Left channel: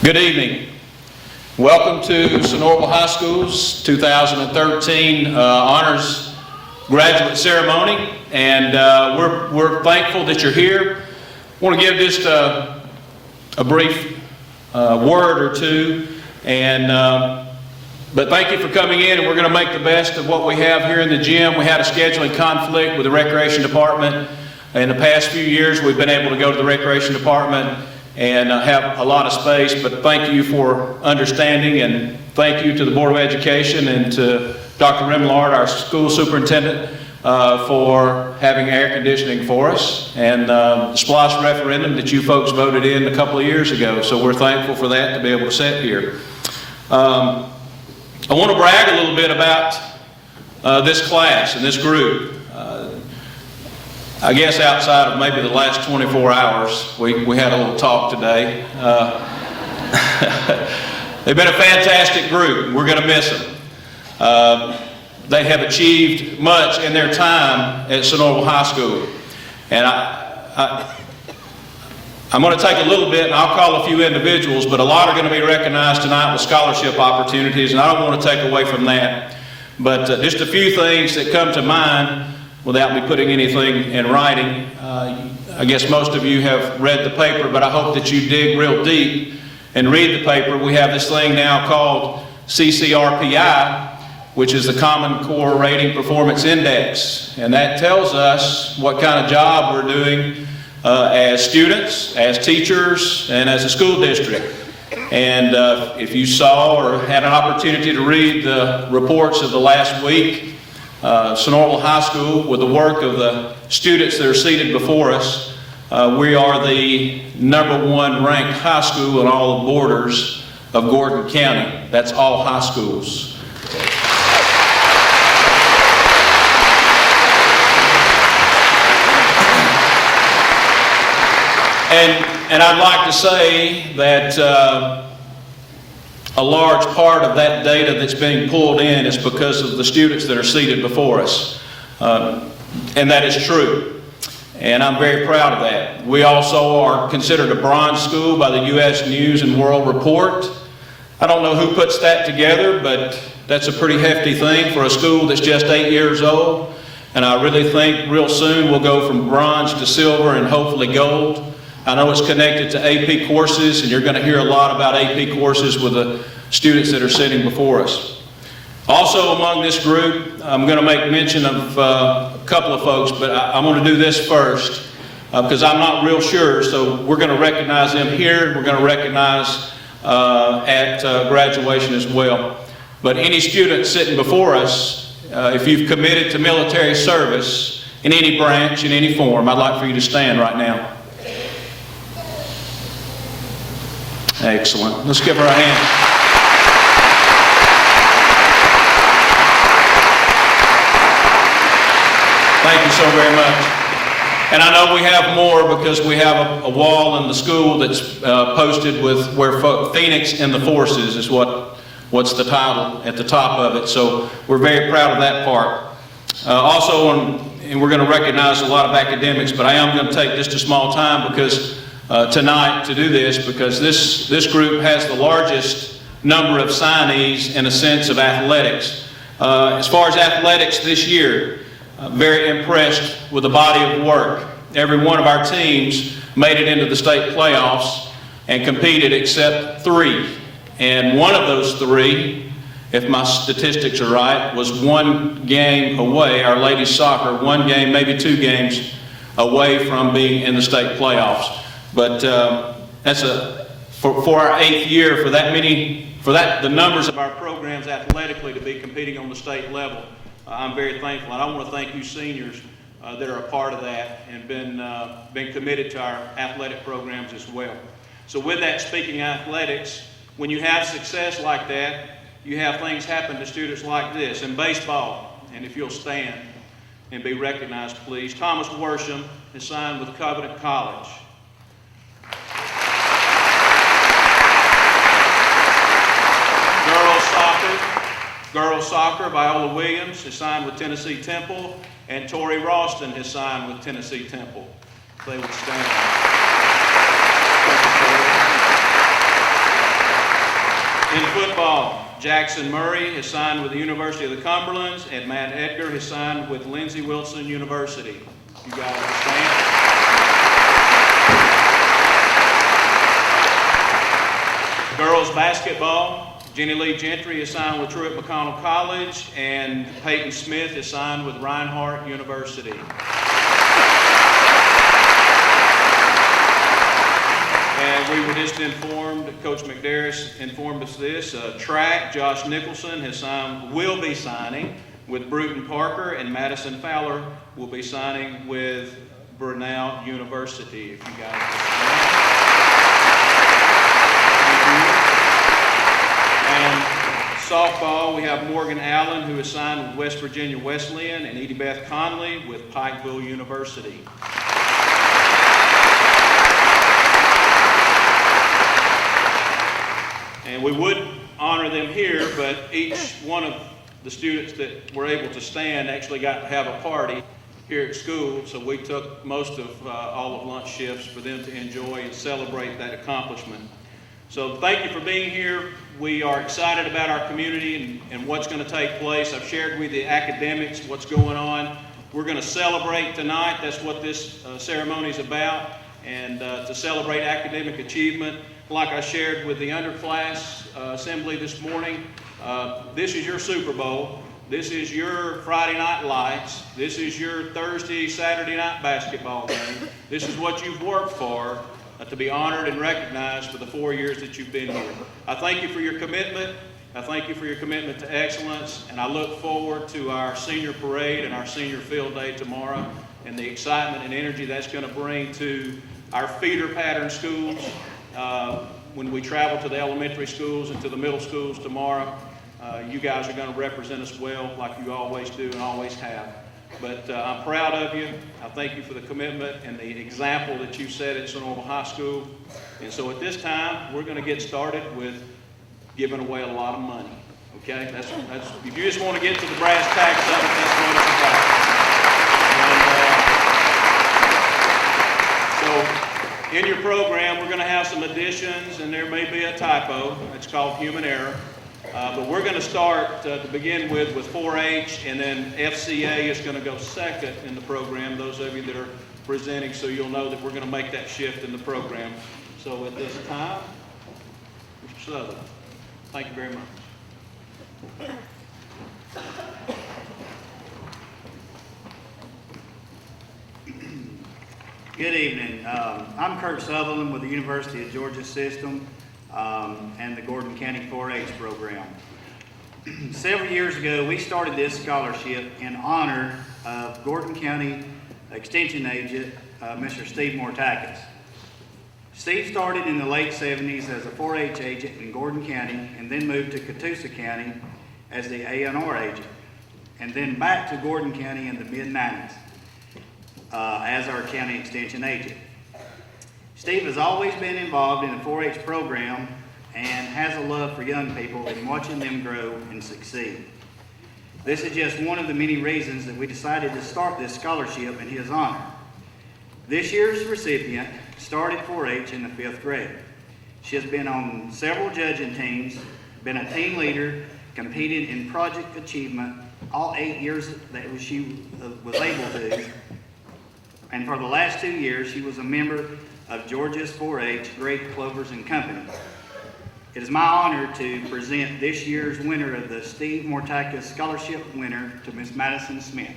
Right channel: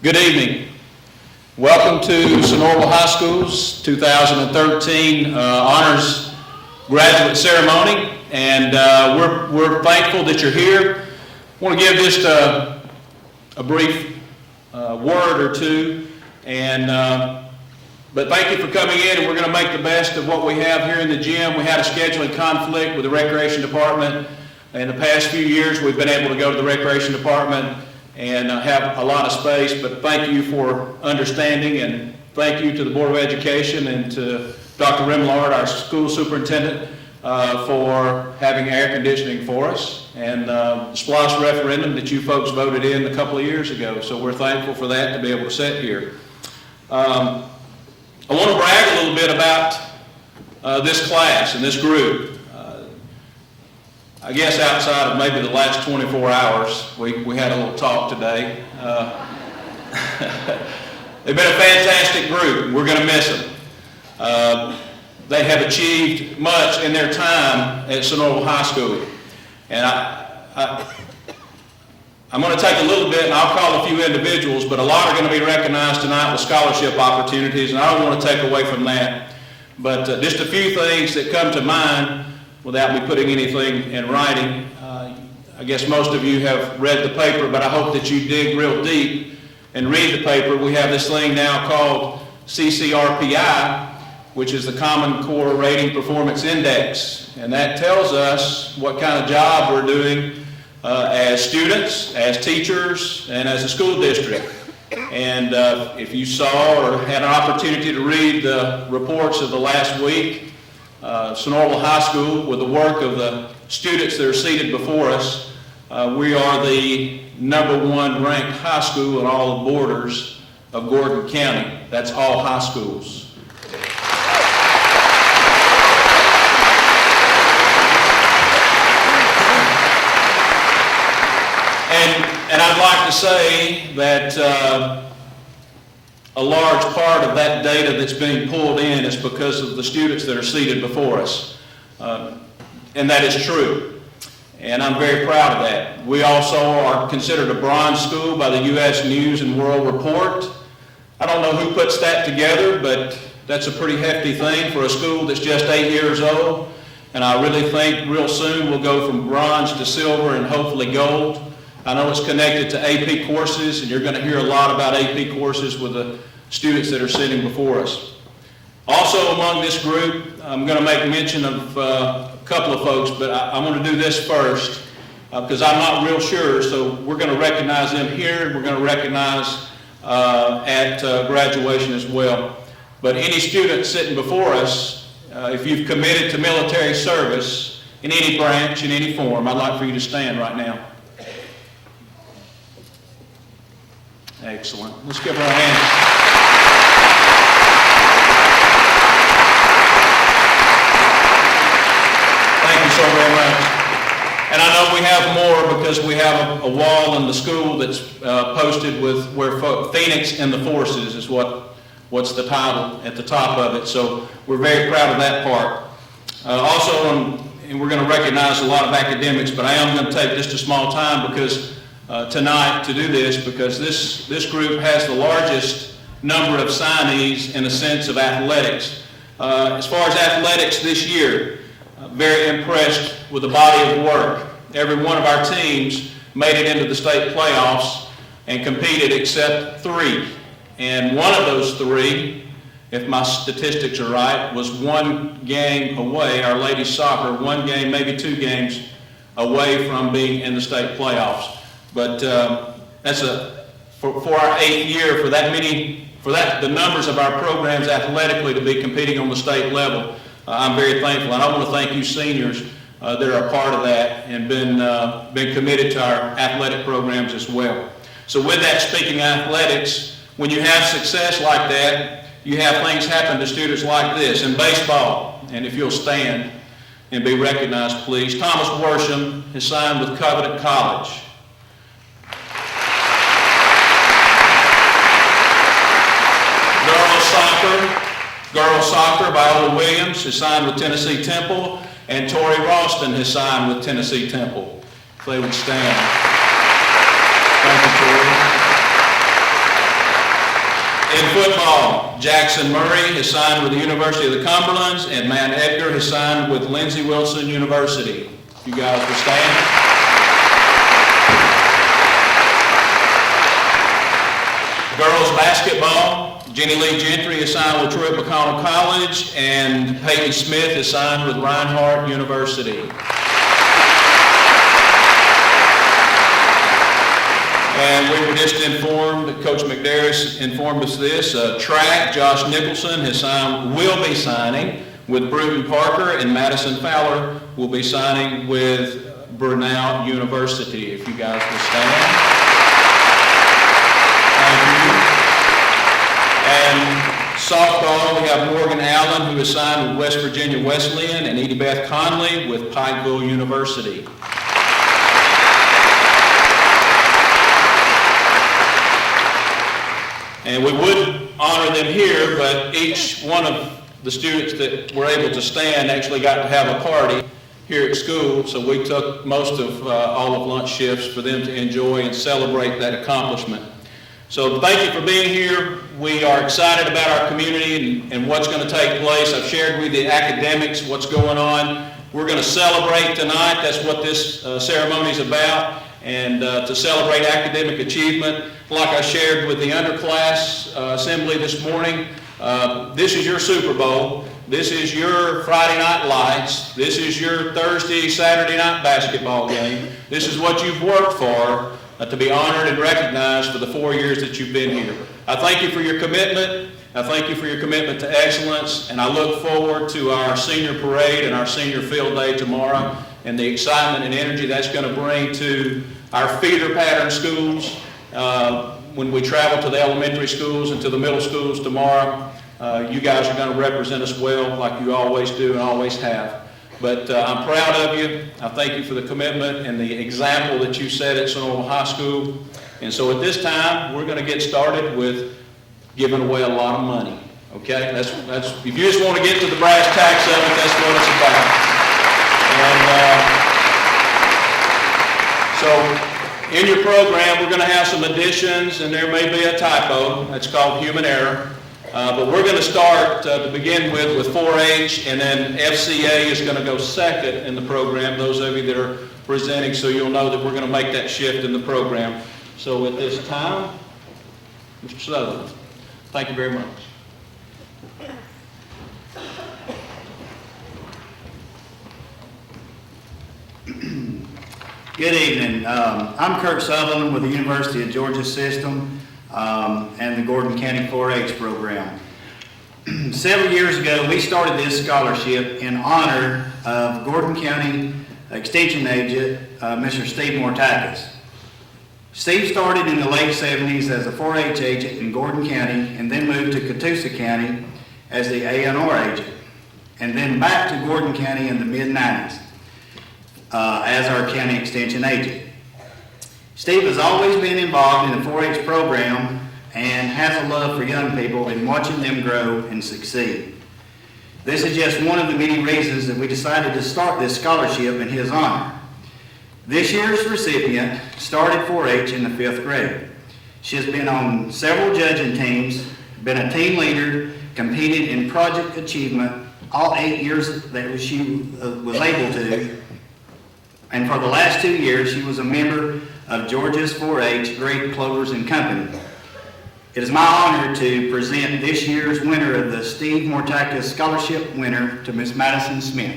Good evening. Welcome to Sonoraville High School's 2013 Honors Graduate Ceremony, and we're thankful that you're here. I want to give just a brief word or two, but thank you for coming in, and we're going to make the best of what we have here in the gym. We had a scheduling conflict with the Recreation Department. In the past few years, we've been able to go to the Recreation Department and have a lot of space, but thank you for understanding, and thank you to the Board of Education and to Dr. Rimlard, our school superintendent, for having air conditioning for us, and the SPLOST referendum that you folks voted in a couple of years ago. So we're thankful for that, to be able to sit here. I want to brag a little bit about this class and this group. I guess outside of maybe the last 24 hours, we had a little talk today. They've been a fantastic group. We're going to miss them. They have achieved much in their time at Sonoraville High School. And I'm going to take a little bit, and I'll call a few individuals, but a lot are going to be recognized tonight with scholarship opportunities, and I don't want to take away from that. But just a few things that come to mind without me putting anything in writing. I guess most of you have read the paper, but I hope that you dig real deep and read the paper. We have this thing now called CCRPI, which is the Common Core Rating Performance Index, and that tells us what kind of job we're doing as students, as teachers, and as a school district. And if you saw or had an opportunity to read the reports of the last week, Sonoraville High School, with the work of the students that are seated before us, we are the #1 ranked high school on all the borders of Gordon County. That's all high schools. And I'd like to say that a large part of that data that's being pulled in is because of the students that are seated before us. And that is true. And I'm very proud of that. We also are considered a bronze school by the U.S. News and World Report. I don't know who puts that together, but that's a pretty hefty thing for a school that's just 8 years old. And I really think real soon we'll go from bronze to silver and hopefully gold. I know it's connected to AP courses, and you're going to hear a lot about AP courses with the students that are sitting before us. Also among this group, I'm going to make mention of a couple of folks, but I'm going to do this first because I'm not real sure, so we're going to recognize them here. We're going to recognize at graduation as well. But any student sitting before us, if you've committed to military service in any branch, in any form, I'd like for you to stand right now. Excellent. Let's give her a hand. Thank you so very much. And I know we have more because we have a wall in the school that's posted with where Phoenix and the Forces is what's the title at the top of it. So we're very proud of that part. And we're going to recognize a lot of academics, but I am going to take just a small time because tonight to do this, because this group has the largest number of signees in a sense of athletics. As far as athletics this year, very impressed with the body of work. Every one of our teams made it into the state playoffs and competed except 3. And one of those 3, if my statistics are right, was 1 game away, our ladies soccer, 1 game, maybe 2 games away from being in the state playoffs. But that's for our 8th year, the numbers of our programs athletically to be competing on the state level. I'm very thankful, and I want to thank you seniors that are a part of that and been committed to our athletic programs as well. So with that, speaking of athletics, when you have success like that, you have things happen to students like this. In baseball, and if you'll stand and be recognized, please, Thomas Worsham has signed with Covenant College. Girls soccer, Viola Williams has signed with Tennessee Temple, and Tori Ralston has signed with Tennessee Temple. If they would stand. Thank you, Tori. In football, Jackson Murray has signed with the University of the Cumberlands, and Matt Edgar has signed with Lindsey Wilson University. You guys will stand. Girls basketball, Jenny Lee Gentry is signed with Truett McConnell College, and Peyton Smith is signed with Reinhardt University. And we were just informed, Coach McDarris informed us this, track, Josh Nicholson will be signing with Bruton Parker, and Madison Fowler will be signing with Brenau University. If you guys will stand. And softball, we have Morgan Allen, who is signed with West Virginia Wesleyan, and Edie Beth Conley with Pikeville University. And we would honor them here, but each one of the students that were able to stand actually got to have a party here at school, so we took most of all of lunch shifts for them to enjoy and celebrate that accomplishment. So thank you for being here. We are excited about our community and what's going to take place. I've shared with you the academics, what's going on. We're going to celebrate tonight. That's what this ceremony is about, and to celebrate academic achievement. Like I shared with the underclass assembly this morning, this is your Super Bowl. This is your Friday night lights. This is your Thursday, Saturday night basketball game. This is what you've worked for. To be honored and recognized for the 4 years that you've been here. I thank you for your commitment. I thank you for your commitment to excellence, and I look forward to our senior parade and our senior field day tomorrow and the excitement and energy that's going to bring to our feeder pattern schools when we travel to the elementary schools and to the middle schools tomorrow. You guys are going to represent us well like you always do and always have. But I'm proud of you. I thank you for the commitment and the example that you set at Sonoma High School. And so at this time, we're going to get started with giving away a lot of money. Okay? That's if you just want to get to the brass tacks of it, that's what it's about. So in your program, we're going to have some additions, and there may be a typo. That's called human error. But we're going to start to begin with 4-H, and then FCA is going to go second in the program, those of you that are presenting, so you'll know that we're going to make that shift in the program. So at this time, Mr. Sutherland, thank you very much. Good evening. I'm Kurt Sutherland with the University of Georgia System and the Gordon County 4-H program. Several years ago, we started this scholarship in honor of Gordon County Extension Agent, Mr. Steve Mortakis. Steve started in the late 70s as a 4-H agent in Gordon County and then moved to Catoosa County as the A&R agent, and then back to Gordon County in the mid-90s. as our county extension agent. Steve has always been involved in the 4-H program and has a love for young people and watching them grow and succeed. This is just one of the many reasons that we decided to start this scholarship in his honor. This year's recipient started 4-H in the 5th grade. She has been on several judging teams, been a team leader, competed in project achievement all 8 years that she was able to, and for the last 2 years she was a member of Georgia's 4-H Great Clovers and Company. It is my honor to present this year's winner of the Steve Mortakis Scholarship winner to Miss Madison Smith.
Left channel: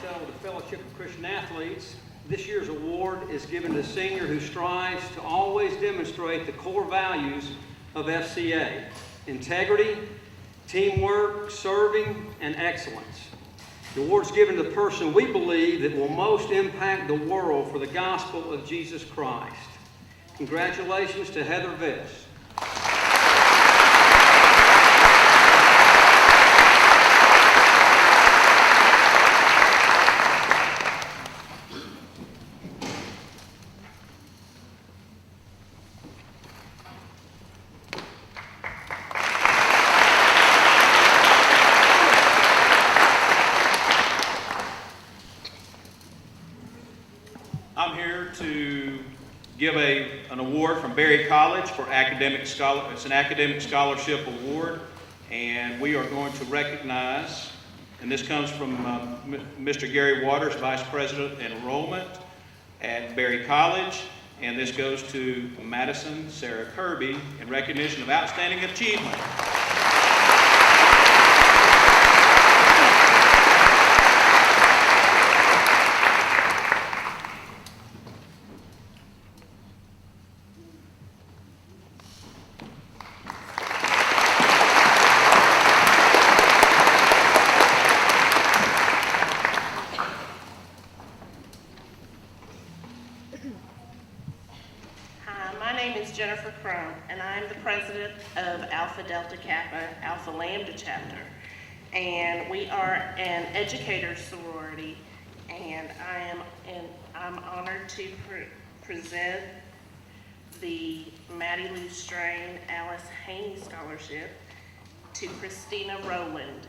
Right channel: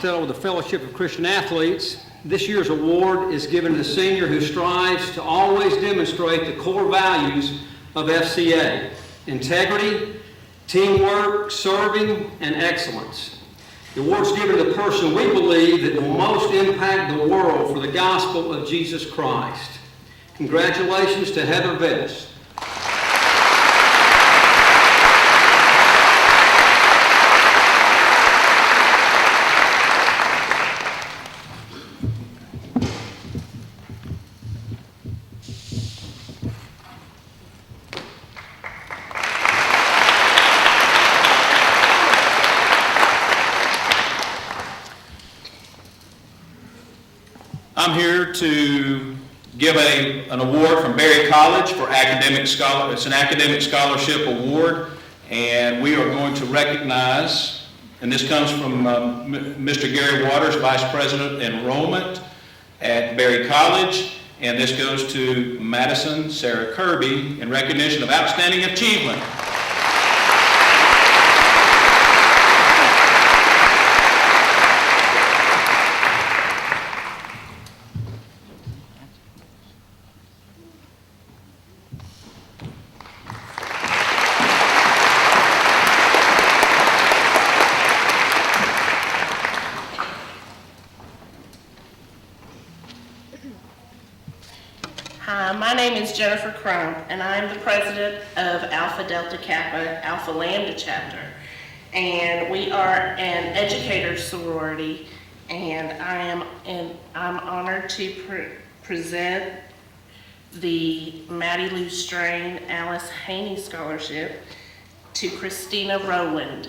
With the Fellowship of Christian Athletes. This year's award is given to a senior who strives to always demonstrate the core values of FCA: integrity, teamwork, serving, and excellence. The award's given to the person we believe that will most impact the world for the gospel of Jesus Christ. Congratulations to Heather Vettis. I'm here to give an award from Berry College for academic scholar. It's an academic scholarship award, and we are going to recognize, and this comes from Mr. Gary Waters, Vice President Enrollment at Berry College, and this goes to Madison Sarah Kirby in recognition of outstanding achievement. Hi, my name is Jennifer Crump, and I'm the president of Alpha Delta Kappa Alpha Lambda chapter. And we are an educator sorority, and I'm honored to present the Maddie Lou Strain Alice Haney Scholarship to Christina Rowland.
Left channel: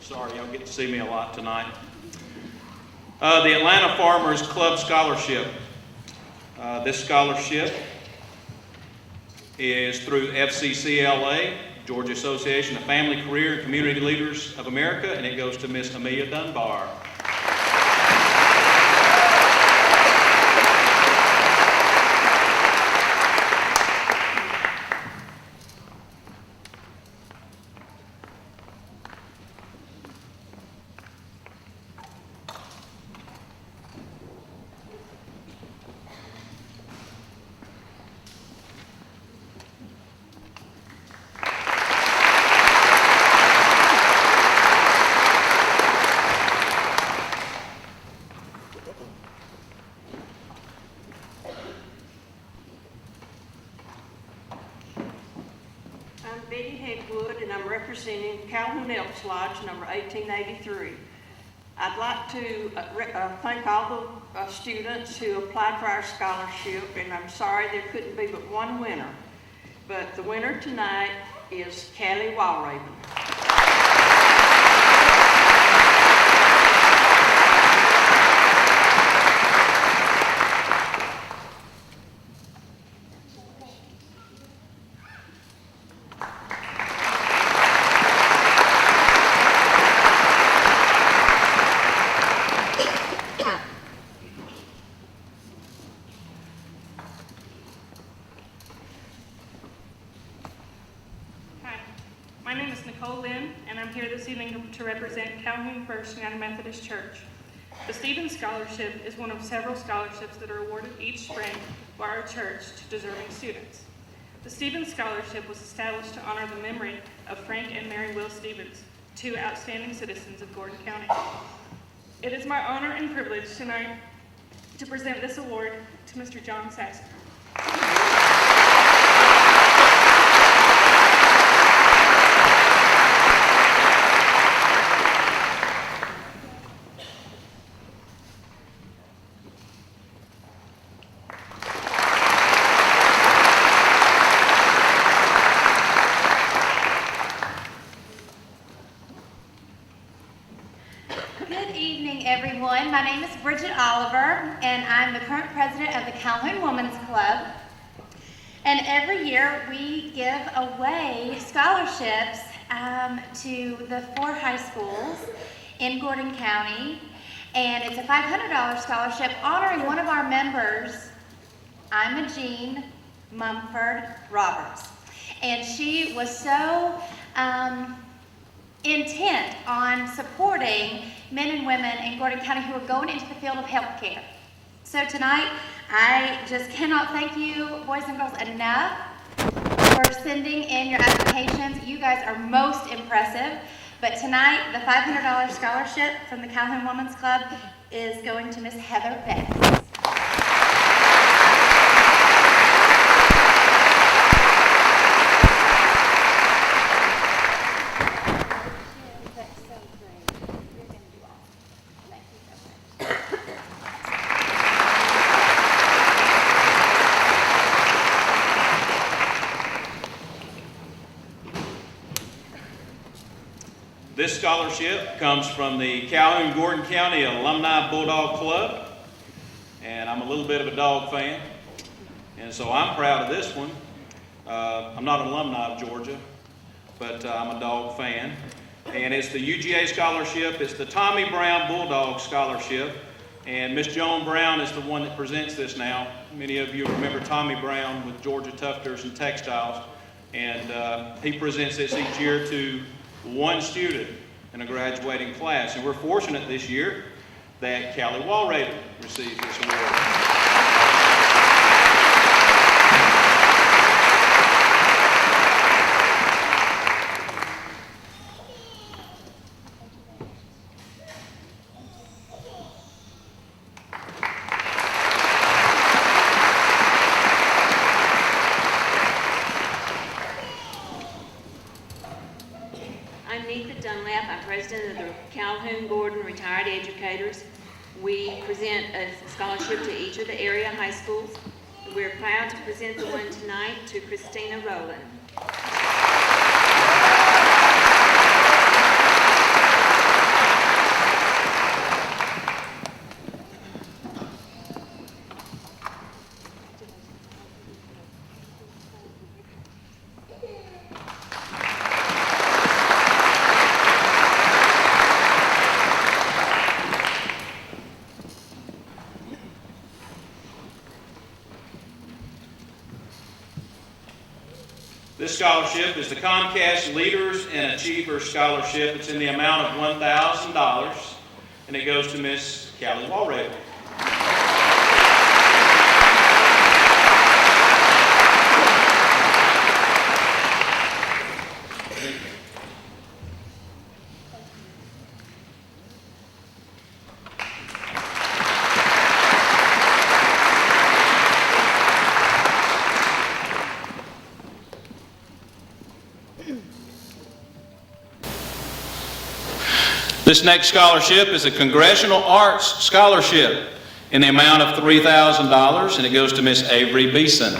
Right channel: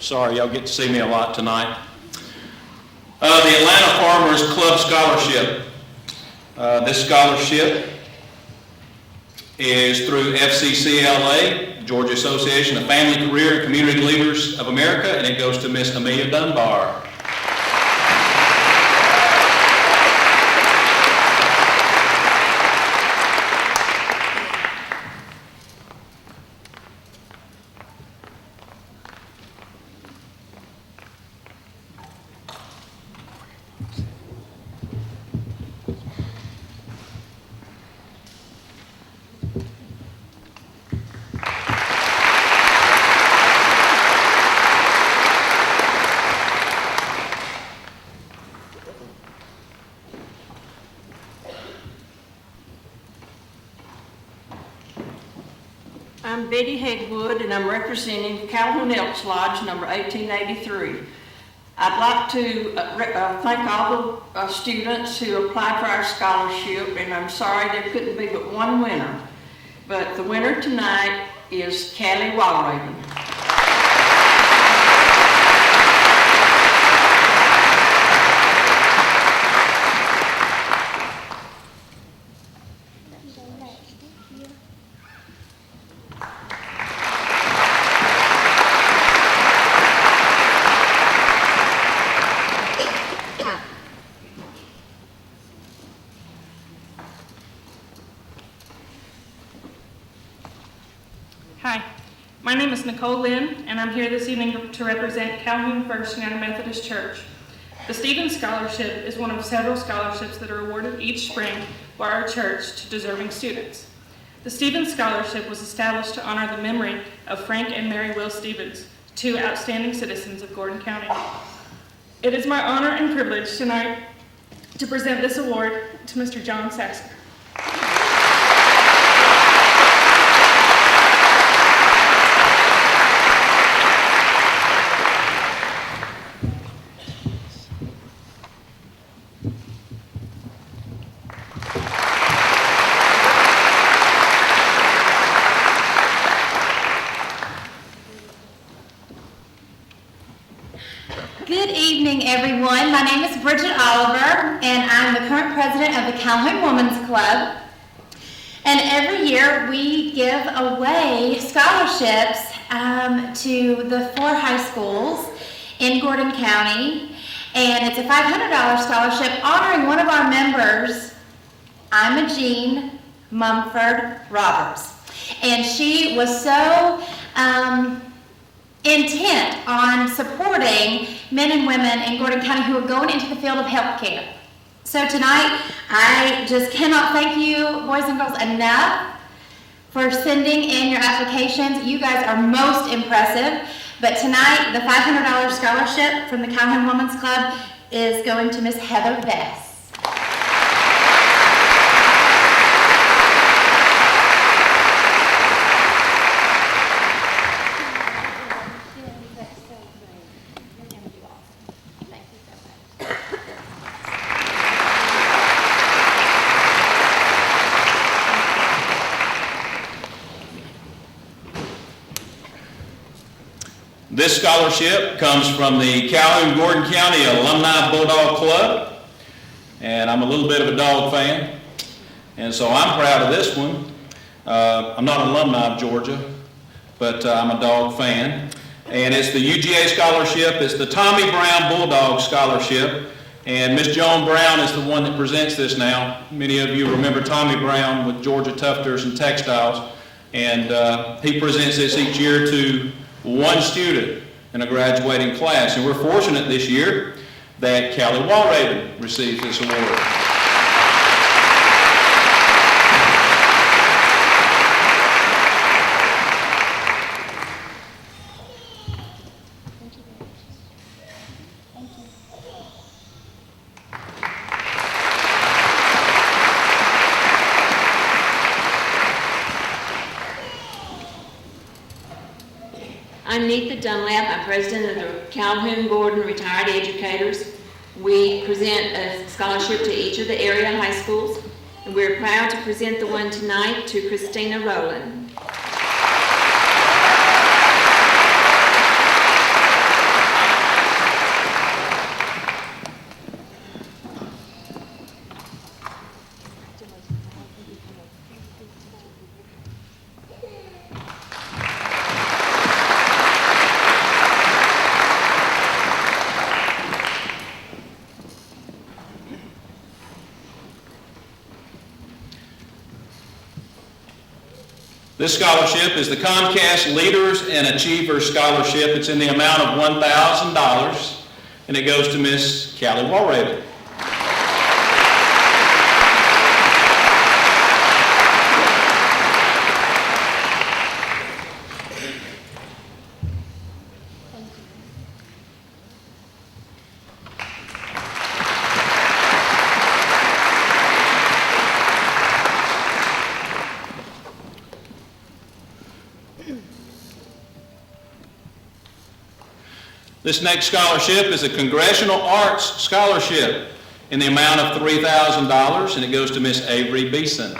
Sorry, y'all get to see me a lot tonight. The Atlanta Farmers Club Scholarship. This scholarship is through FCCLA, Georgia Association of Family, Career, and Community Leaders of America, and it goes to Miss Amelia Dunbar. I'm Betty Hegwood, and I'm representing Calhoun Elks Lodge number 1883. I'd like to thank all the students who applied for our scholarship, and I'm sorry there couldn't be but one winner. But the winner tonight is Callie Walraven. is Nicole Lynn, and I'm here this evening to represent Calhoun First United Methodist Church. The Stevens Scholarship is one of several scholarships that are awarded each spring by our church to deserving students. The Stevens Scholarship was established to honor the memory of Frank and Mary Will Stevens, two outstanding citizens of Gordon County. It is my honor and privilege tonight to present this award to Mr. John Sasker. Good evening, everyone. My name is Bridget Oliver, and I'm the current president of the Calhoun Women's Club. And every year we give away scholarships to the 4 high schools in Gordon County. And it's a $500 scholarship honoring one of our members, Imogene Mumford Roberts. And she was so intent on supporting men and women in Gordon County who are going into the field of healthcare. So tonight, I just cannot thank you, boys and girls, enough for sending in your applications. You guys are most impressive. But tonight, the $500 scholarship from the Calhoun Women's Club is going to Miss Heather Vest. This scholarship comes from the Calhoun Gordon County Alumni Bulldog Club, and I'm a little bit of a dog fan, and so I'm proud of this one. I'm not an alumni of Georgia, but I'm a dog fan, and it's the UGA scholarship. It's the Tommy Brown Bulldog Scholarship, and Miss Joan Brown is the one that presents this now. Many of you remember Tommy Brown with Georgia Tufters and Textiles, and he presents this each year to one student in a graduating class. And we're fortunate this year that Callie Walraven received this award. I'm Neetha Dunlap. I'm president of the Calhoun Gordon Retired Educators. We present a scholarship to each of the area high schools, and we're proud to present the one tonight to Christina Rowland. This scholarship is the Comcast Leaders and Achievers Scholarship. It's in the amount of $1,000, and it goes to Miss Callie Walraven. This next scholarship is a Congressional Arts Scholarship in the amount of $3,000, and it goes to Miss Avery Beeson.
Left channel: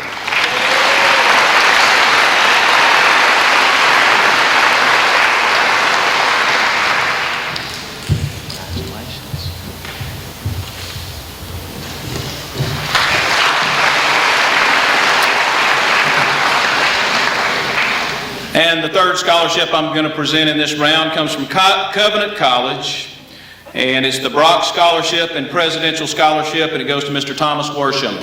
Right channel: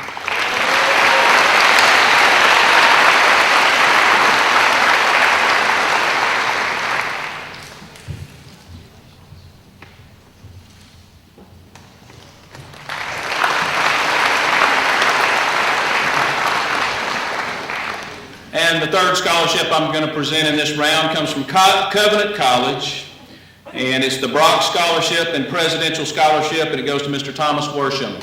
And the third scholarship I'm going to present in this round comes from Covenant College, and it's the Brock Scholarship and Presidential Scholarship, and it goes to Mr. Thomas Worsham.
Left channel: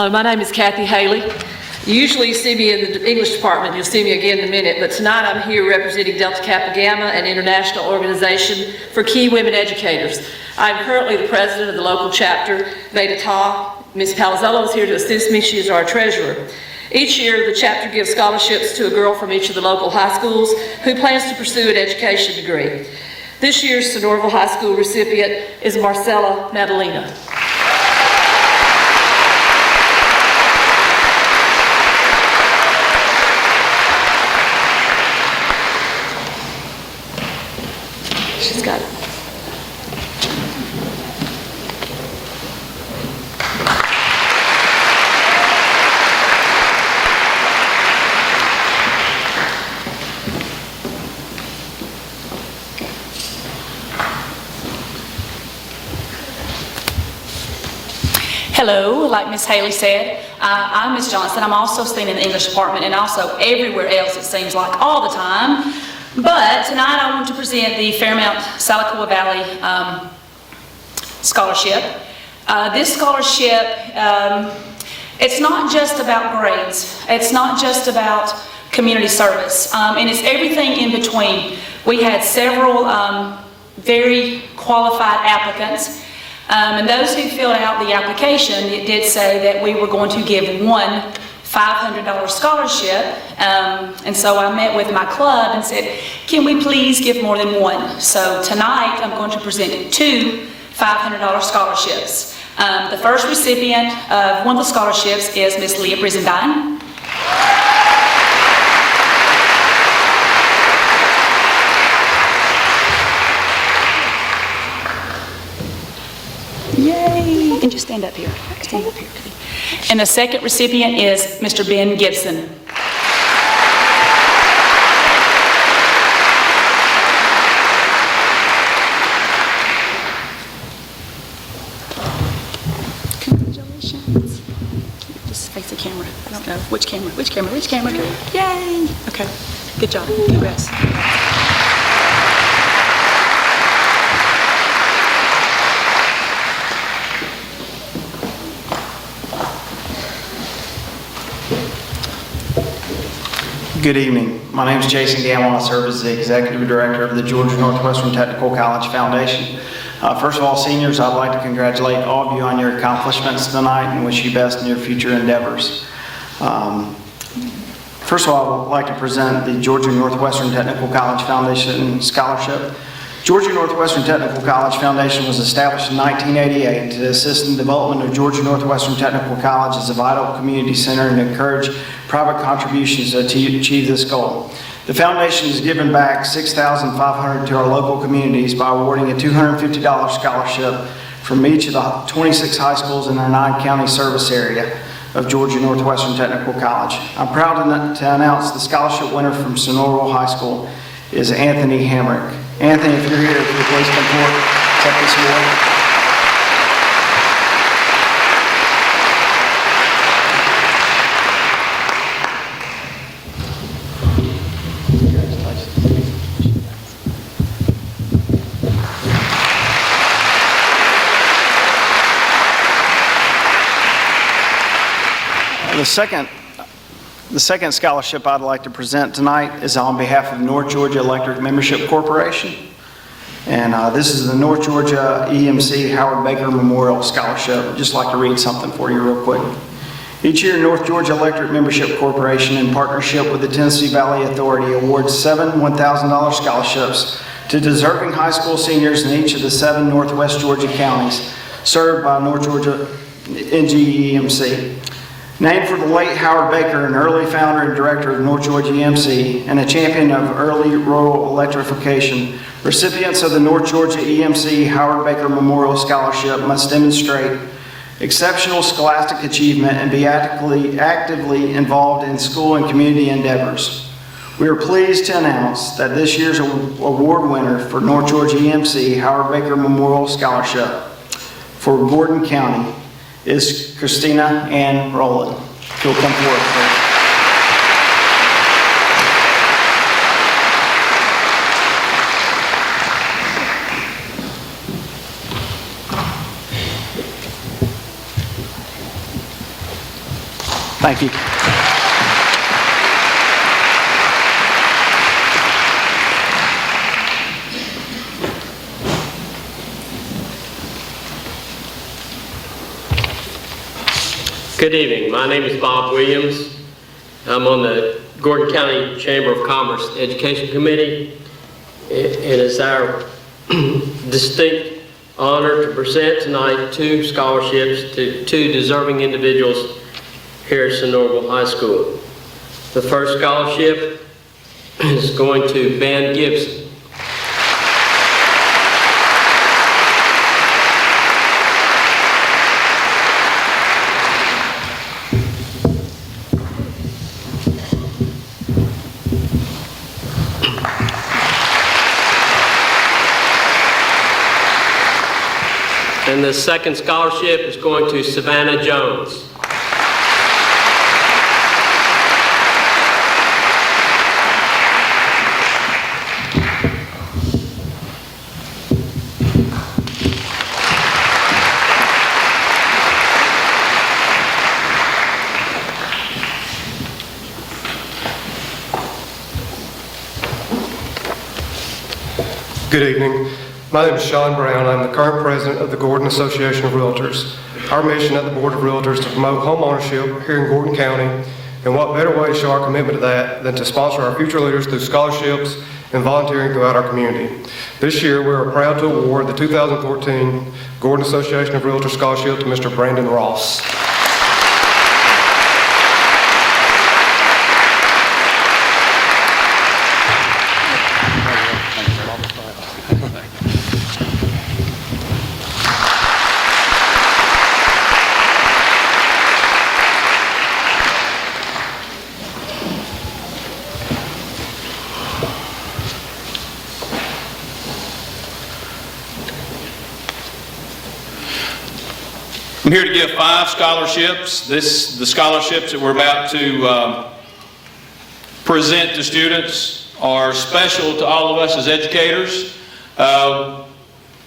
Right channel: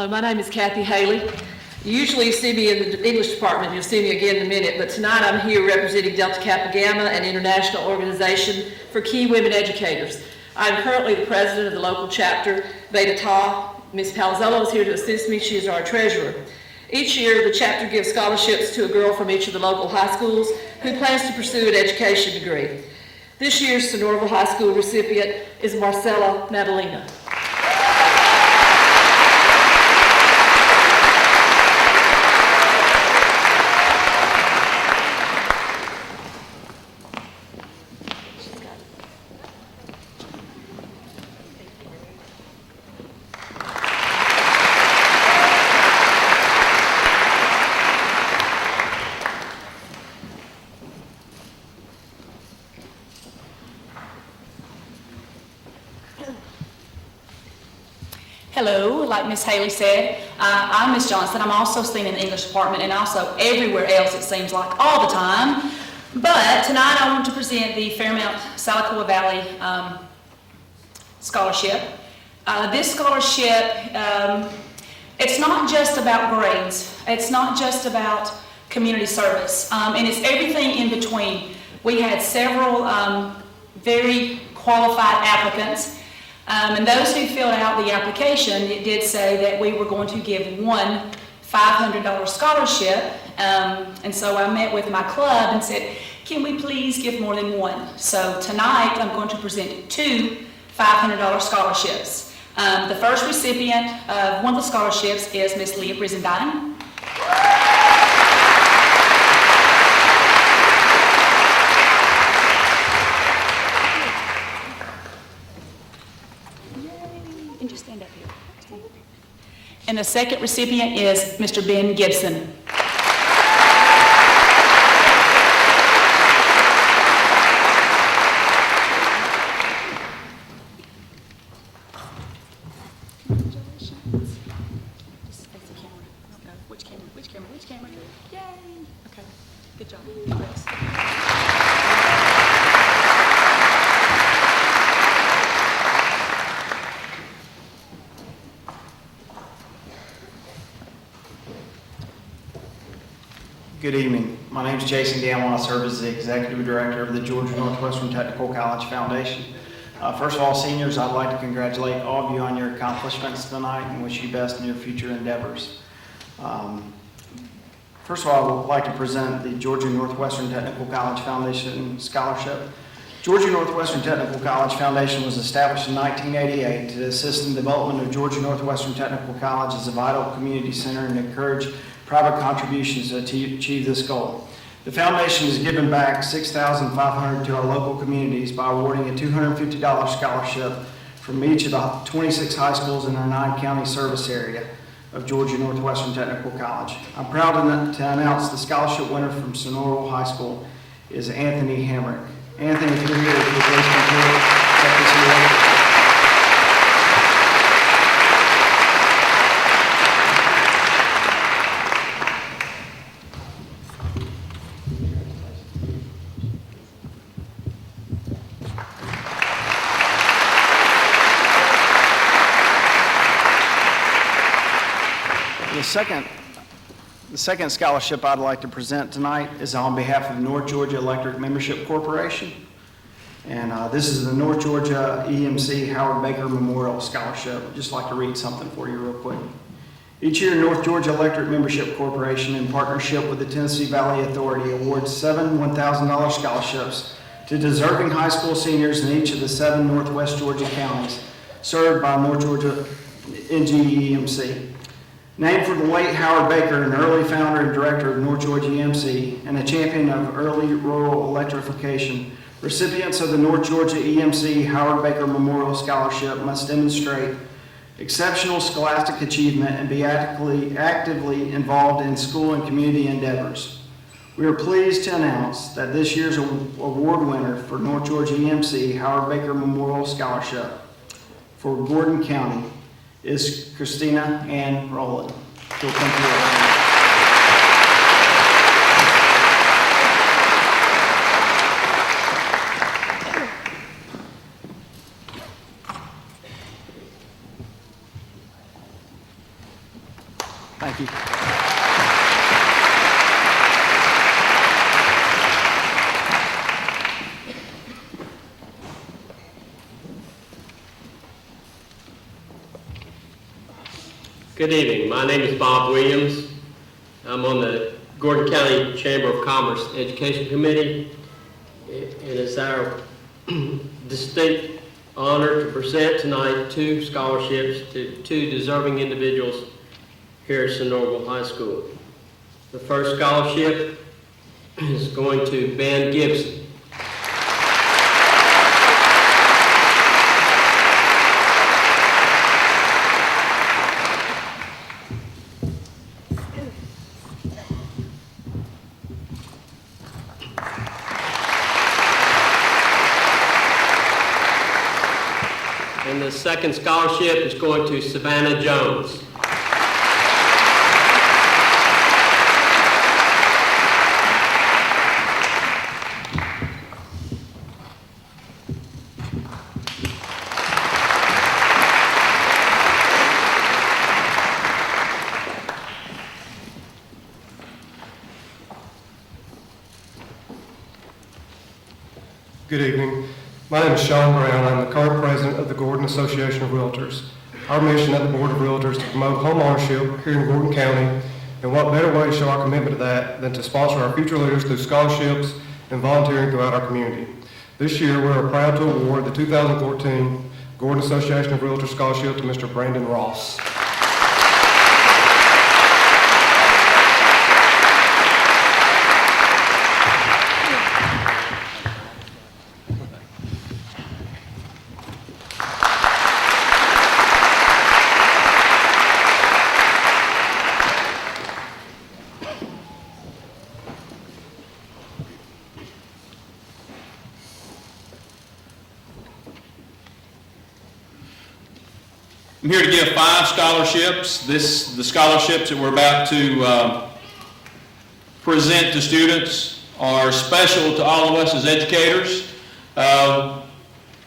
Hello, my name is Kathy Haley. You usually see me in the English department. You'll see me again in a minute, but tonight I'm here representing Delta Kappa Gamma, an international organization for key women educators. I'm currently the president of the local chapter, Beta Tau. Ms. Palazzello is here to assist me. She is our treasurer. Each year, the chapter gives scholarships to a girl from each of the local high schools who plans to pursue an education degree. This year's Sonoraville High School recipient is Marcella Natalina. She's got it. Hello, like Miss Haley said, I'm Miss Johnson. I'm also seen in the English department and also everywhere else, it seems like, all the time. But tonight I want to present the Fairmount South Valley Scholarship. This scholarship, it's not just about grades. It's not just about community service, and it's everything in between. We had several very qualified applicants. And those who filled out the application, it did say that we were going to give one $500 scholarship. And so I met with my club and said, can we please give more than one? So tonight I'm going to present two $500 scholarships. The first recipient of one of the scholarships is Miss Leah Brizendine. Yay! And just stand up here. Stand up here. And the second recipient is Mr. Ben Gibson. Congratulations. Just face the camera. I don't know. Which camera? Which camera? Which camera? Yay! Okay. Good job. Congrats. Good evening. My name is Jason Gamble. I serve as the Executive Director of the Georgia Northwestern Technical College Foundation. First of all, seniors, I'd like to congratulate all of you on your accomplishments tonight and wish you best in your future endeavors. First of all, I'd like to present the Georgia Northwestern Technical College Foundation Scholarship. Georgia Northwestern Technical College Foundation was established in 1988 to assist in the development of Georgia Northwestern Technical College as a vital community center and encourage private contributions to achieve this goal. The foundation has given back $6,500 to our local communities by awarding a $250 scholarship from each of the 26 high schools in our 9-county service area of Georgia Northwestern Technical College. I'm proud to announce the scholarship winner from Sonoraville High School is Anthony Hamrick. Anthony, if you're here, please come forward. Accept this award. The second scholarship I'd like to present tonight is on behalf of North Georgia Electric Membership Corporation. And this is the North Georgia EMC Howard Baker Memorial Scholarship. I'd just like to read something for you real quick. Each year, North Georgia Electric Membership Corporation, in partnership with the Tennessee Valley Authority, awards 7 $1,000 scholarships to deserving high school seniors in each of the 7 Northwest Georgia counties served by North Georgia NGEMC. Named for the late Howard Baker, an early founder and director of North Georgia EMC and a champion of early rural electrification, recipients of the North Georgia EMC Howard Baker Memorial Scholarship must demonstrate exceptional scholastic achievement and be actively involved in school and community endeavors. We are pleased to announce that this year's award winner for North Georgia EMC Howard Baker Memorial Scholarship for Gordon County is Christina Ann Rowland. She'll come forward. Thank you. Good evening. My name is Bob Williams. I'm on the Gordon County Chamber of Commerce Education Committee. It is our distinct honor to present tonight 2 scholarships to 2 deserving individuals here at Sonoraville High School. The first scholarship is going to Ben Gibson. And the second scholarship is going to Savannah Jones. Good evening. My name is Sean Brown. I'm the current president of the Gordon Association of Realtors. Our mission at the Board of Realtors is to promote home ownership here in Gordon County, and what better way to show our commitment to that than to sponsor our future leaders through scholarships and volunteering throughout our community. This year, we are proud to award the 2014 Gordon Association of Realtors Scholarship to Mr. Brandon Ross. I'm here to give 5 scholarships. The scholarships that we're about to present to students are special to all of us as educators.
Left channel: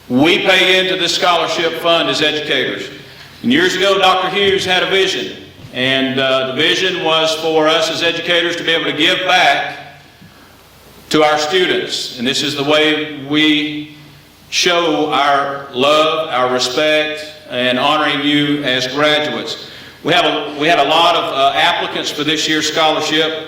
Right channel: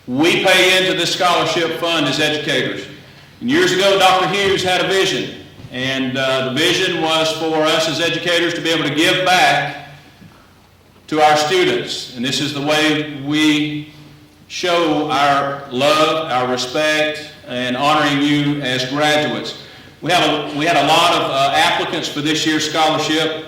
We pay into this scholarship fund as educators. And years ago, Dr. Hughes had a vision, and the vision was for us as educators to be able to give back to our students. And this is the way we show our love, our respect, and honoring you as graduates. We had a lot of applicants for this year's scholarship,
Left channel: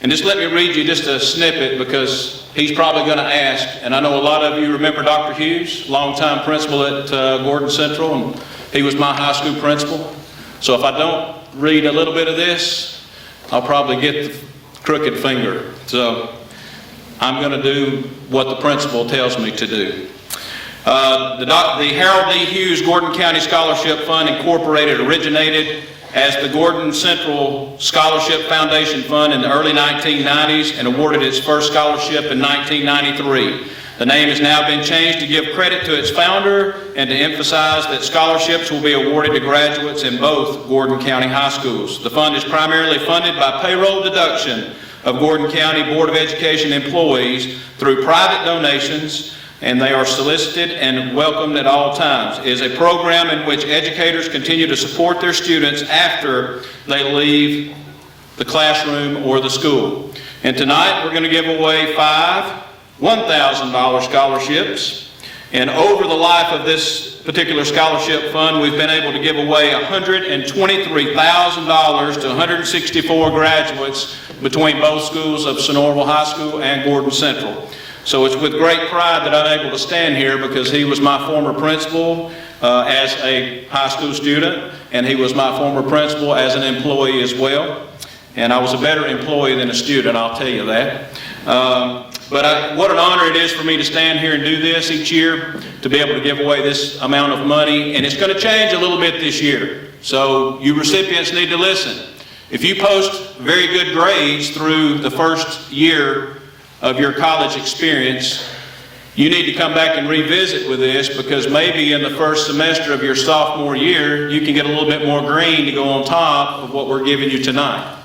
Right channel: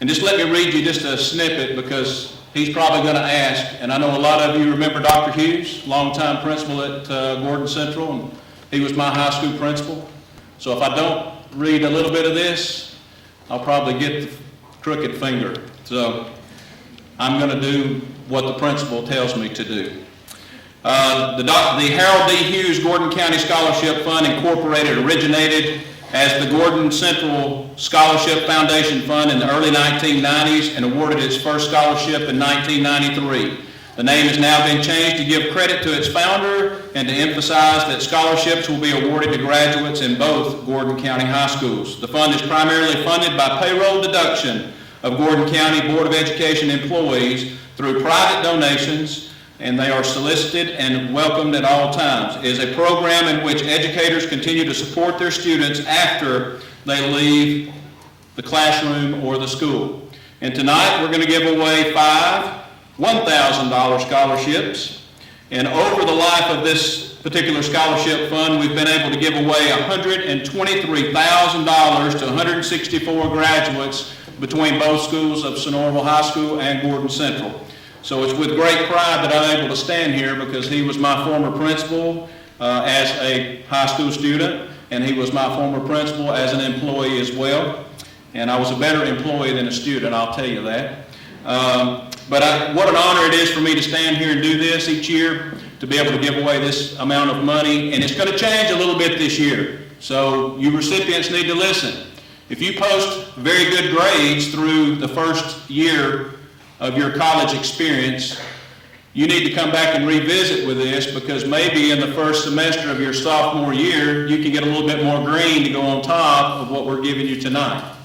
and just let me read you just a snippet because he's probably going to ask, and I know a lot of you remember Dr. Hughes, longtime principal at Gordon Central, and he was my high school principal. So if I don't read a little bit of this, I'll probably get the crooked finger. So I'm going to do what the principal tells me to do. The Harold D. Hughes Gordon County Scholarship Fund Incorporated originated as the Gordon Central Scholarship Foundation Fund in the early 1990s and awarded its first scholarship in 1993. The name has now been changed to give credit to its founder and to emphasize that scholarships will be awarded to graduates in both Gordon County high schools. The fund is primarily funded by payroll deduction of Gordon County Board of Education employees through private donations, and they are solicited and welcomed at all times. It is a program in which educators continue to support their students after they leave the classroom or the school. And tonight we're going to give away 5 $1,000 scholarships. And over the life of this particular scholarship fund, we've been able to give away $123,000 to 164 graduates between both schools of Sonoraville High School and Gordon Central. So it's with great pride that I'm able to stand here because he was my former principal as a high school student, and he was my former principal as an employee as well. And I was a better employee than a student, I'll tell you that. What an honor it is for me to stand here and do this each year, to be able to give away this amount of money. And it's going to change a little bit this year. So you recipients need to listen. If you post very good grades through the first year of your college experience, you need to come back and revisit with this, because maybe in the first semester of your sophomore year, you can get a little bit more green to go on top of what we're giving you tonight.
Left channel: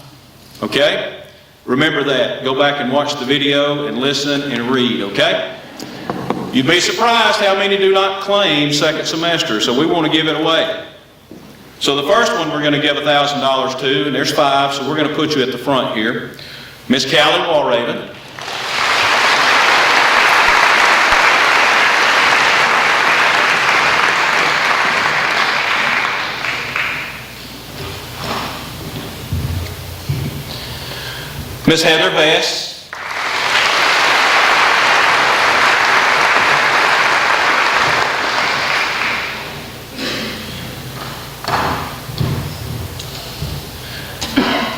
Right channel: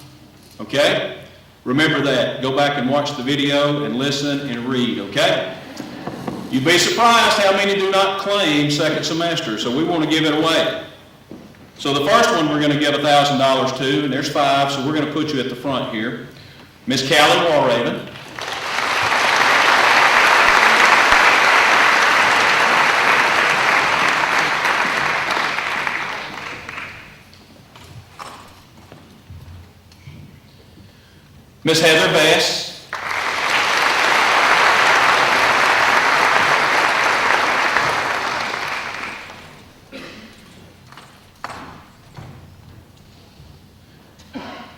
Okay? Remember that. Go back and watch the video and listen and read, okay? You'd be surprised how many do not claim second semester, so we want to give it away. So the first one we're going to give $1,000 to, and there's 5, so we're going to put you at the front here. Miss Callie Walraven. Miss Heather Bass.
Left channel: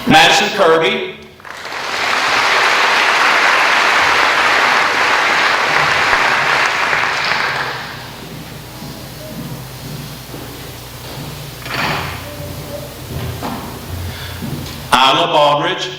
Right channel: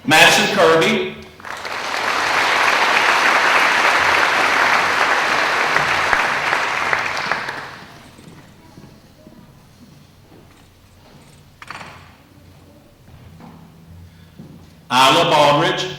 Madison Kirby. Isla Baldridge.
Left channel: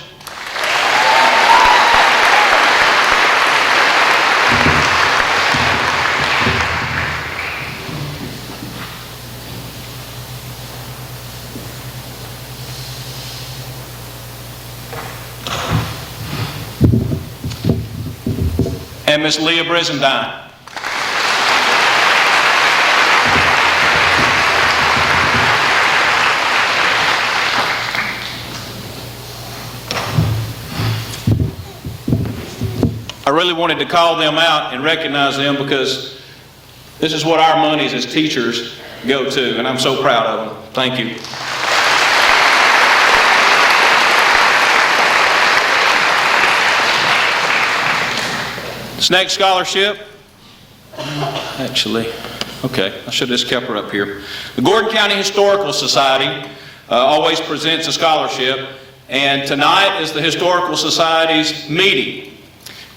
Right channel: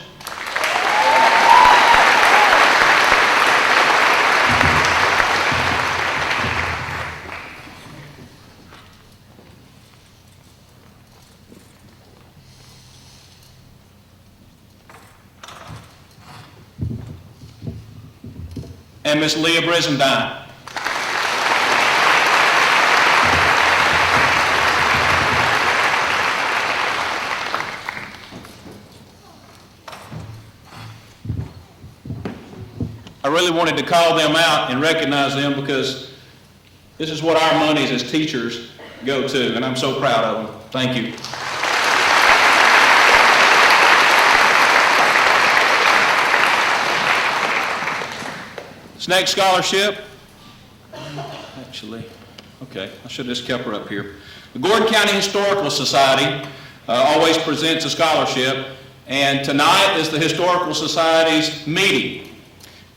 And Miss Leah Brizendine. I really wanted to call them out and recognize them because this is what our monies as teachers go to, and I'm so proud of them. Thank you. This next scholarship, actually, okay, I should have just kept her up here. The Gordon County Historical Society always presents a scholarship, and tonight is the Historical Society's meeting.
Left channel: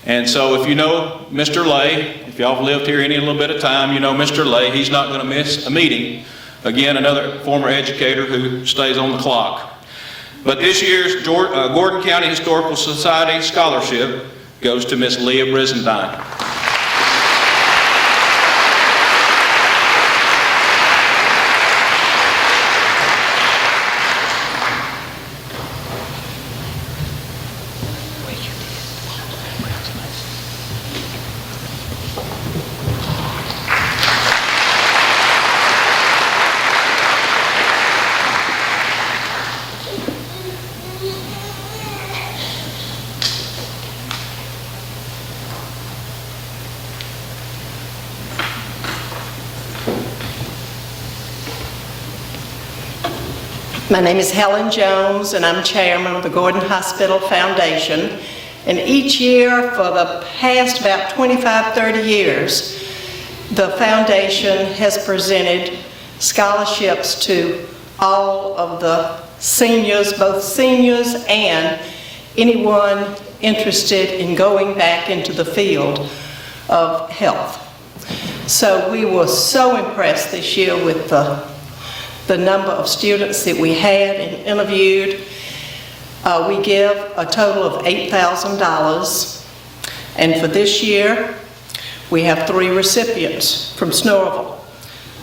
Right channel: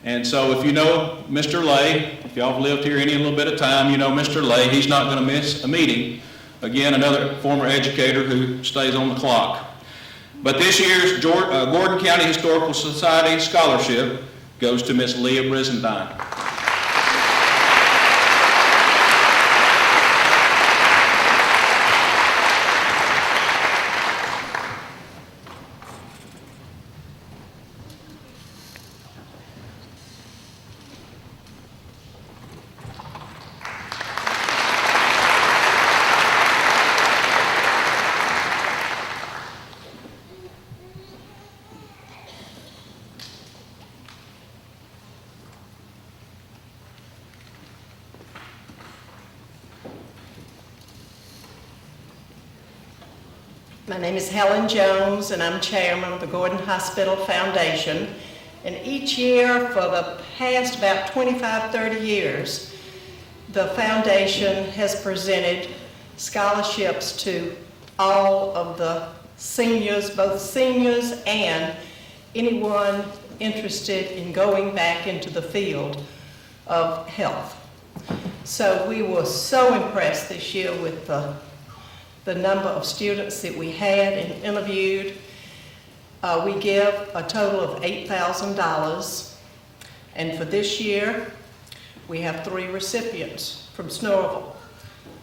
And so if you know Mr. Lay, if y'all have lived here any little bit of time, you know Mr. Lay, he's not going to miss a meeting. Again, another former educator who stays on the clock. But this year's Gordon County Historical Society scholarship goes to Miss Leah Brizendine. My name is Helen Jones, and I'm chairman of the Gordon Hospital Foundation. And each year for the past about 25, 30 years, the foundation has presented scholarships to all of the seniors, both seniors and anyone interested in going back into the field of health. So we were so impressed this year with the number of students that we had and interviewed. We give a total of $8,000. And for this year, we have 3 recipients from Snorville.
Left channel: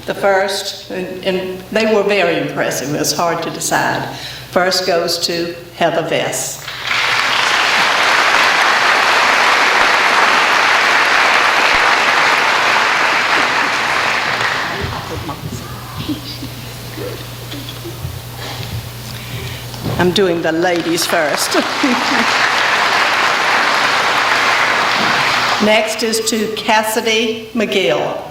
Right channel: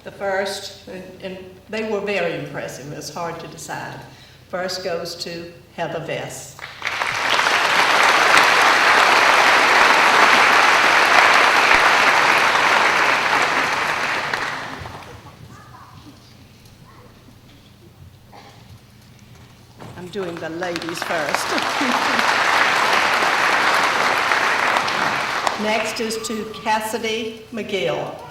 The first, and they were very impressive, it was hard to decide. First goes to Heather Vess. I'm doing the ladies first. Next is to Cassidy McGill.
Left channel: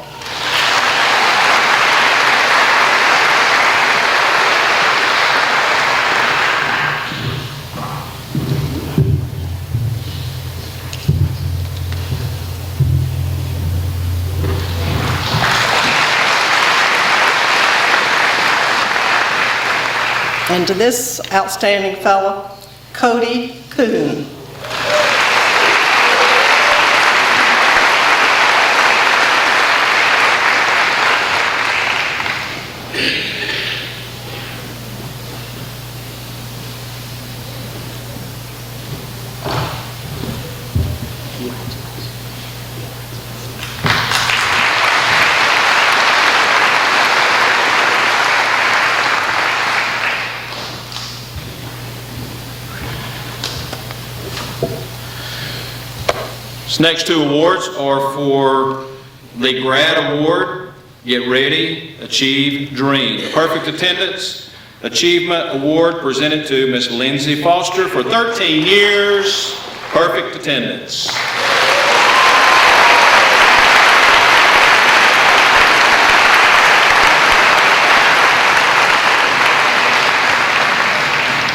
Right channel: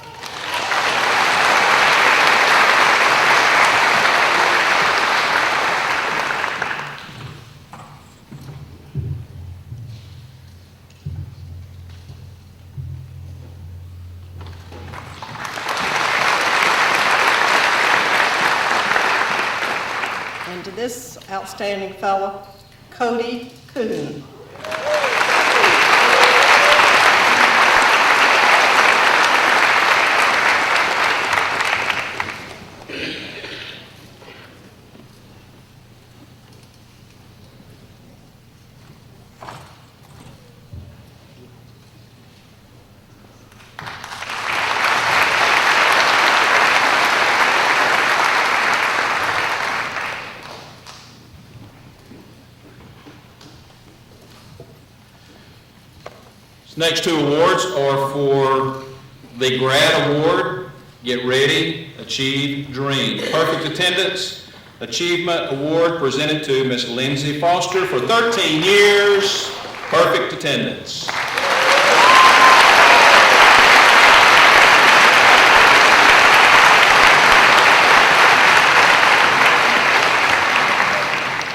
And to this outstanding fellow, Cody Kuhn. These next 2 awards are for the Grad Award, Get Ready, Achieve, Dream. Perfect attendance, Achievement Award presented to Ms. Lindsay Foster for 13 years, perfect attendance.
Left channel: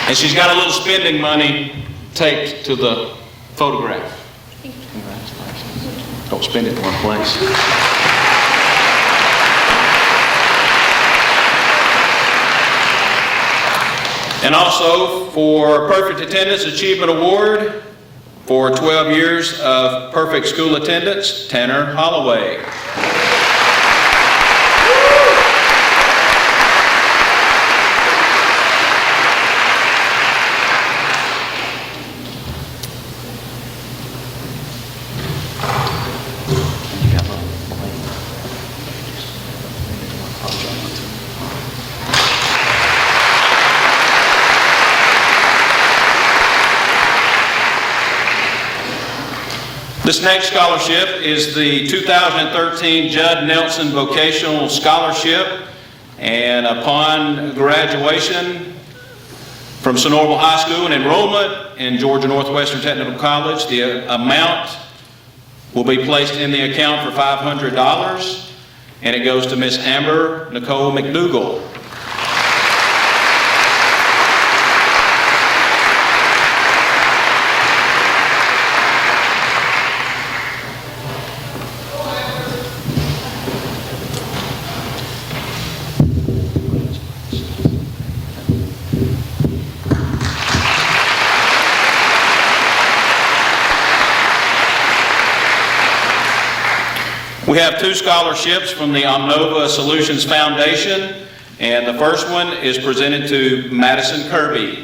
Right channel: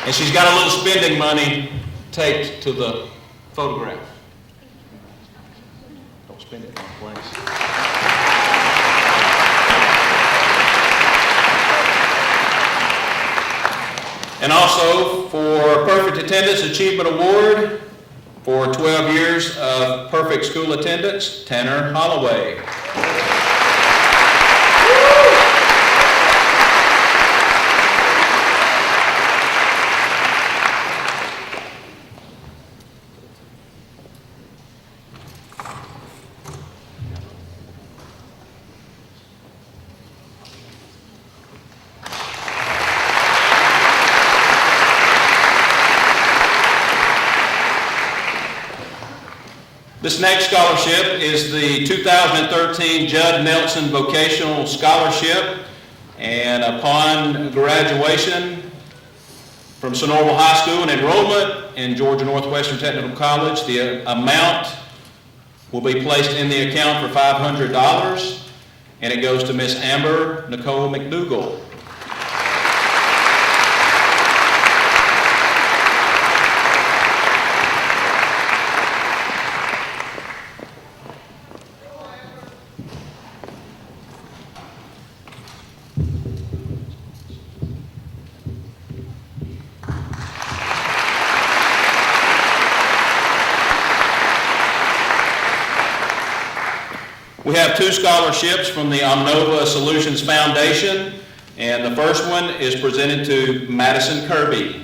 And she's got a little spending money taped to the photograph. Don't spend it in one place. And also for Perfect Attendance Achievement Award for 12 years of perfect school attendance, Tanner Holloway. This next scholarship is the 2013 Judd Nelson Vocational Scholarship, and upon graduation from Sonoraville High School and enrollment in Georgia Northwestern Technical College, the amount will be placed in the account for $500, and it goes to Miss Amber Nicole McDougall. We have two scholarships from the Omnova Solutions Foundation, and the first one is presented to Madison Kirby.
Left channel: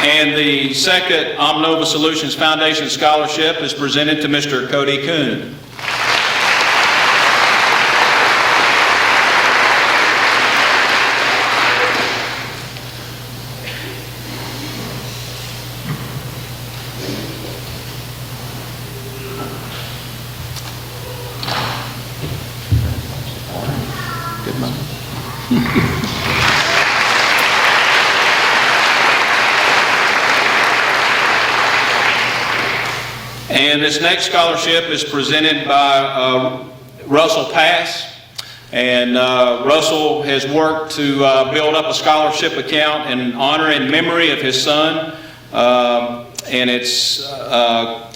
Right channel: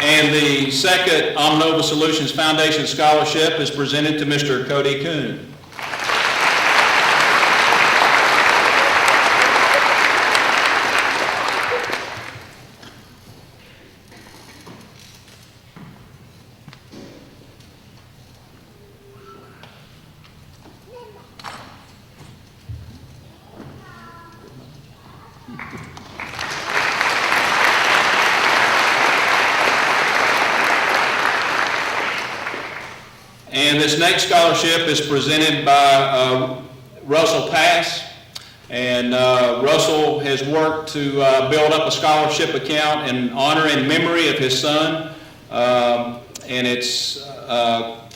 And the second Omnova Solutions Foundation Scholarship is presented to Mr. Cody Kuhn. Good money. And this next scholarship is presented by Russell Pass. And Russell has worked to build up a scholarship account in honor and memory of his son. And it's, I'll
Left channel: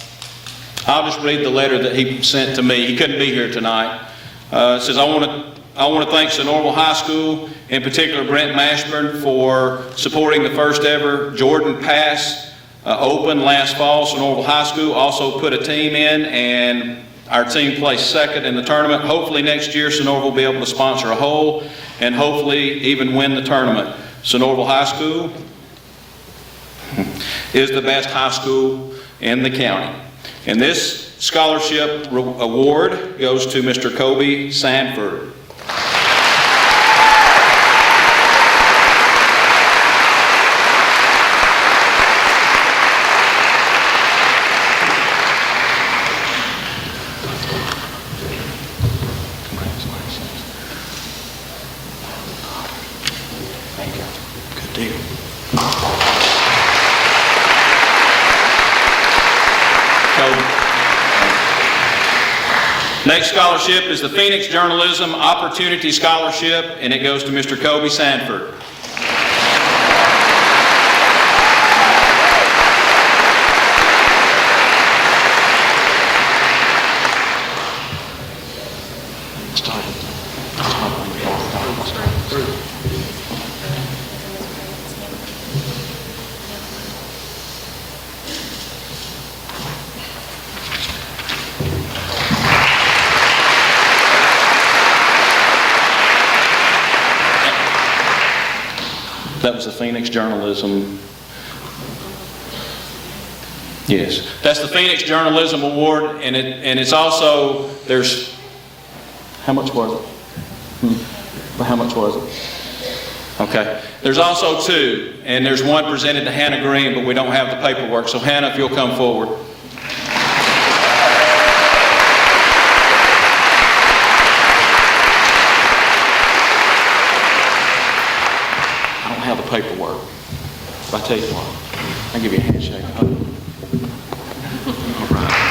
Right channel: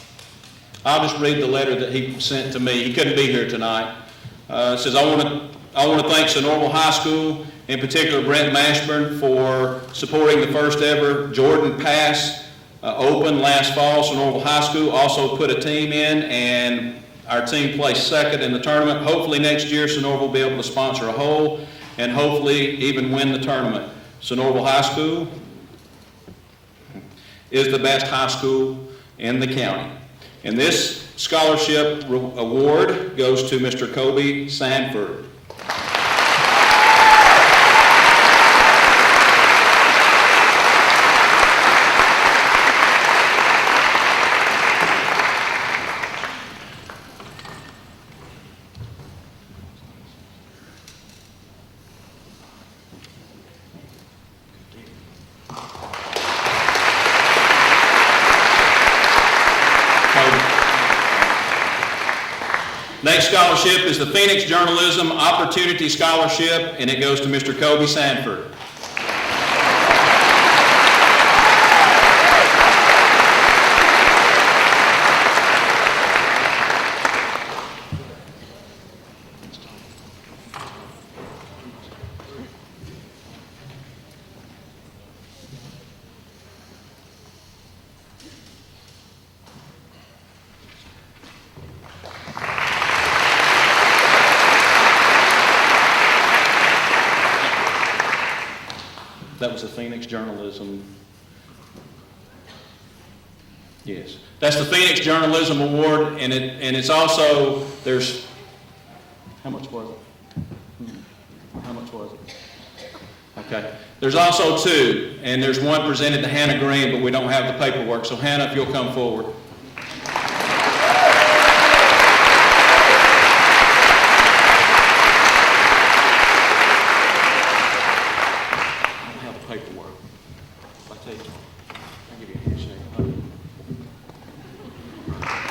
just read the letter that he sent to me. He couldn't be here tonight. It says, I want to thank Sonoraville High School, in particular Brent Mashburn, for supporting the first ever Jordan Pass Open last fall. Sonoraville High School also put a team in, and our team placed second in the tournament. Hopefully next year Sonoraville will be able to sponsor a whole and hopefully even win the tournament. Sonoraville High School is the best high school in the county. And this scholarship award goes to Mr. Kobe Sanford. Next scholarship is the Phoenix Journalism Opportunity Scholarship, and it goes to Mr. Kobe Sanford. That was the Phoenix Journalism. Yes, that's the Phoenix Journalism Award, and it's also, there's How much was it? Well, how much was it? Okay. There's also two, and there's one presented to Hannah Green, but we don't have the paperwork. So Hannah, if you'll come forward. I don't have the paperwork. If I tell you what, I'll give you a handshake. All right.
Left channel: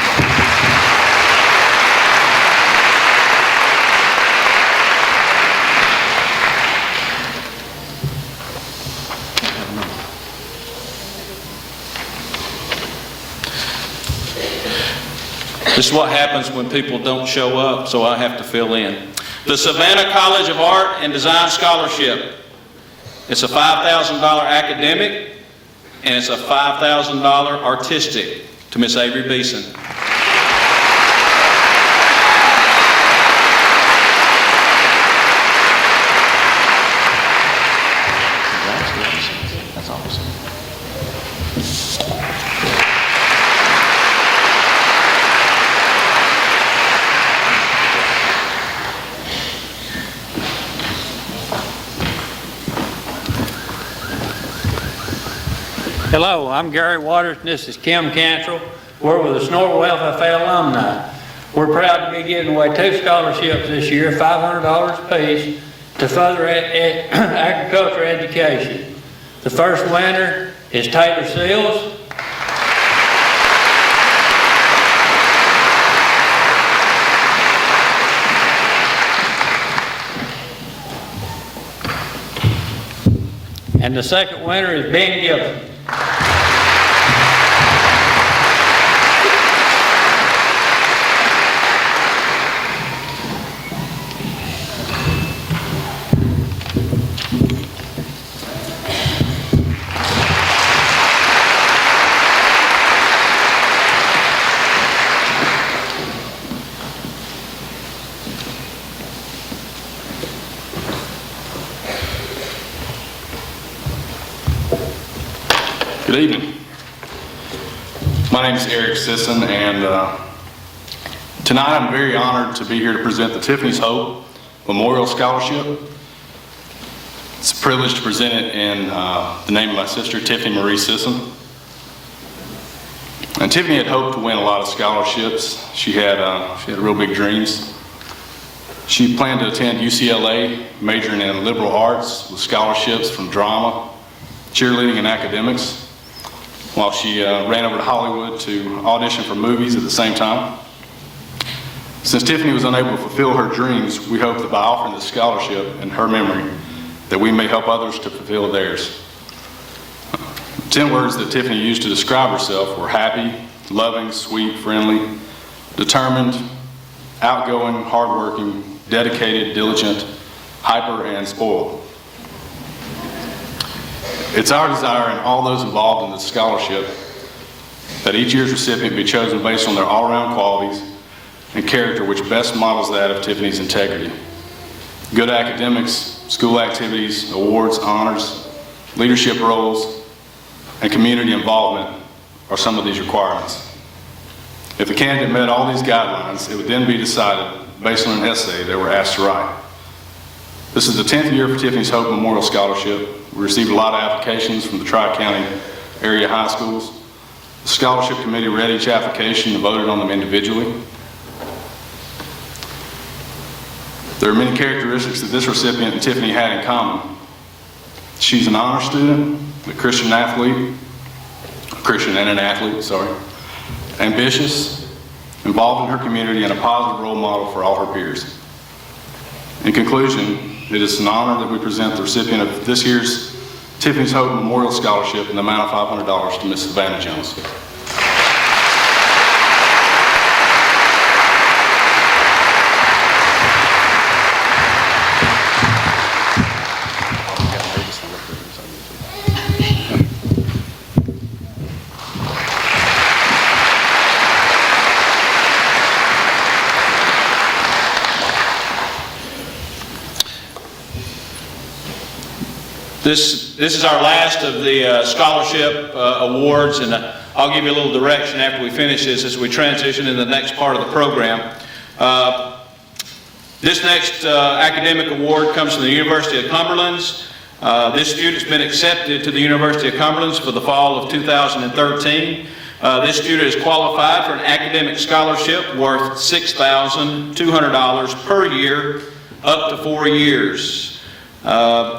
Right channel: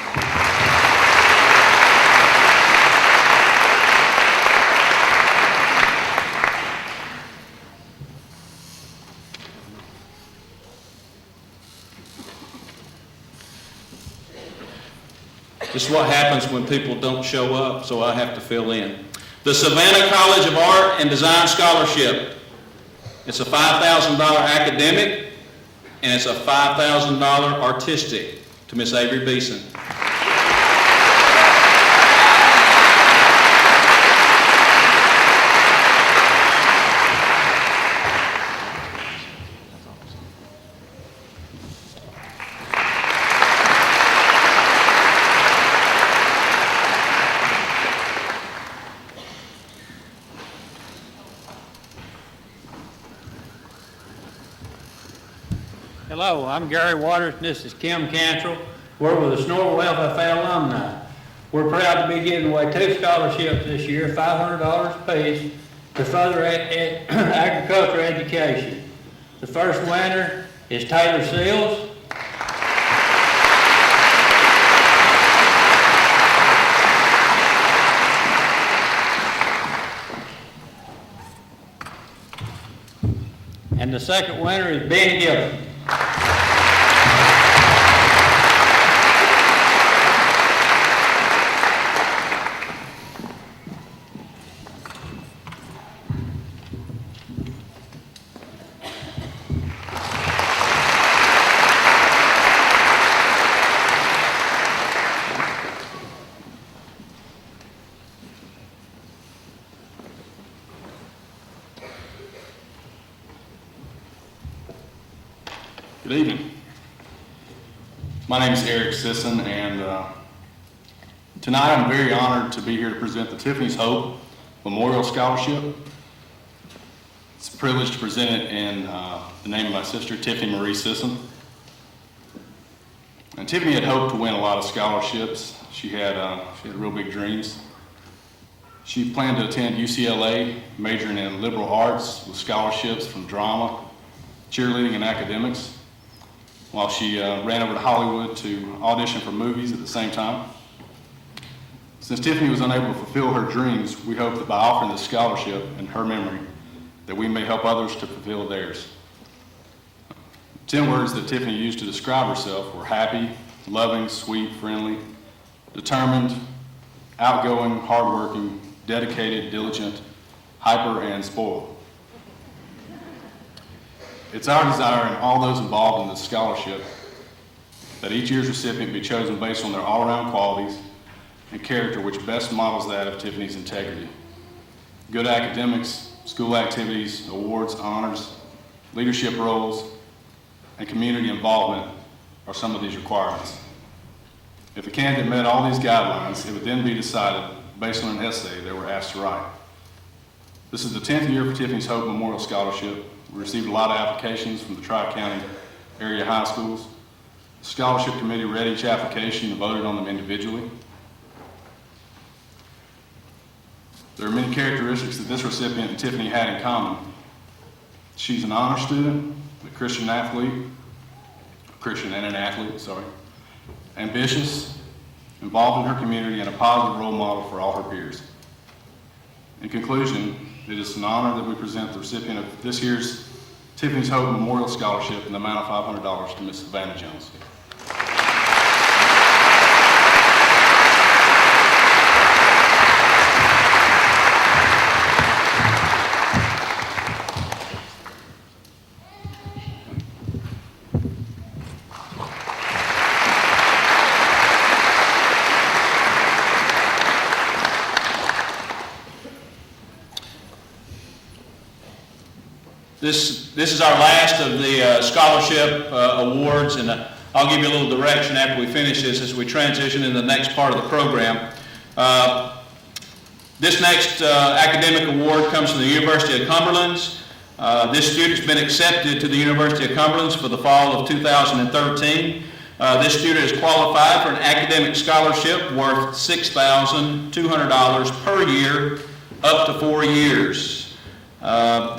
This is what happens when people don't show up, so I have to fill in. The Savannah College of Art and Design Scholarship. It's a $5,000 academic, and it's a $5,000 artistic to Miss Avery Beeson. That's awesome. Hello, I'm Gary Waters, and this is Kim Cantrell. We're with the Snorkel FFA alumni. We're proud to be giving away 2 scholarships this year, $500 apiece, to further agriculture education. The first winner is Taylor Seals. And the second winner is Ben Gibson. Good evening. My name is Eric Sisson, and tonight I'm very honored to be here to present the Tiffany's Hope Memorial Scholarship. It's a privilege to present it in the name of my sister, Tiffany Marie Sisson. And Tiffany had hoped to win a lot of scholarships. She had real big dreams. She planned to attend UCLA, majoring in liberal arts with scholarships from drama, cheerleading, and academics, while she ran over to Hollywood to audition for movies at the same time. Since Tiffany was unable to fulfill her dreams, we hope that by offering this scholarship in her memory, that we may help others to fulfill theirs. 10 words that Tiffany used to describe herself were happy, loving, sweet, friendly, determined, outgoing, hardworking, dedicated, diligent, hyper, and spoiled. It's our desire and all those involved in this scholarship that each year's recipient be chosen based on their all-around qualities and character which best models that of Tiffany's integrity. Good academics, school activities, awards, honors, leadership roles, and community involvement are some of these requirements. If the candidate met all these guidelines, it would then be decided based on an essay they were asked to write. This is the 10th year for Tiffany's Hope Memorial Scholarship. We received a lot of applications from the Tri-County area high schools. The scholarship committee read each application and voted on them individually. There are many characteristics that this recipient and Tiffany had in common. She's an honor student, a Christian and an athlete, ambitious, involved in her community, and a positive role model for all her peers. In conclusion, it is an honor that we present the recipient of this year's Tiffany's Hope Memorial Scholarship in the amount of $500 to Ms. Savannah Jones. This is our last of the scholarship awards, and I'll give you a little direction after we finish this as we transition into the next part of the program. This next academic award comes from the University of Cumberland's. This student's been accepted to the University of Cumberland's for the fall of 2013. This student is qualified for an academic scholarship worth $6,200 per year, up to 4 years.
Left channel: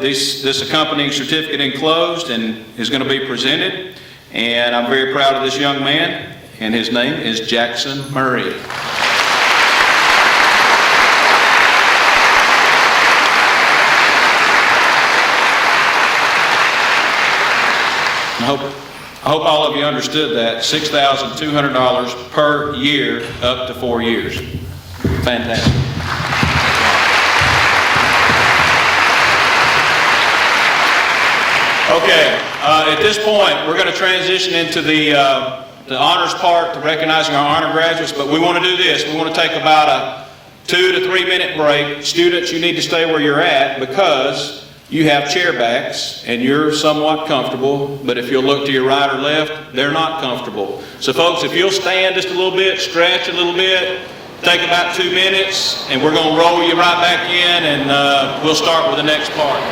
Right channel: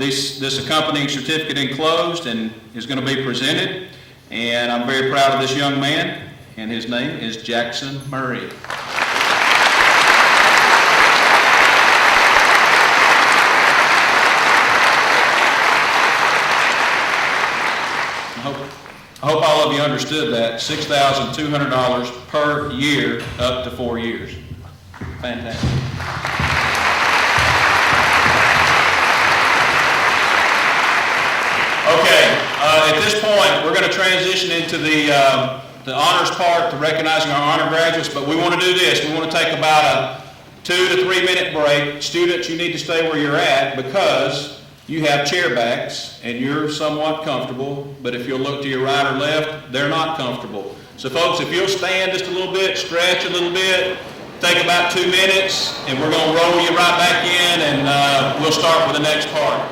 This accompanying certificate enclosed and is going to be presented, and I'm very proud of this young man, and his name is Jackson Murray. I hope all of you understood that. $6,200 per year, up to 4 years. Fantastic. Okay, at this point, we're going to transition into the honors part to recognizing our honor graduates, but we want to do this. We want to take about a 2 to 3 minute break. Students, you need to stay where you're at because you have chair backs and you're somewhat comfortable, but if you'll look to your right or left, they're not comfortable. So folks, if you'll stand just a little bit, stretch a little bit, take about 2 minutes, and we're going to roll you right back in, and we'll start with the next part.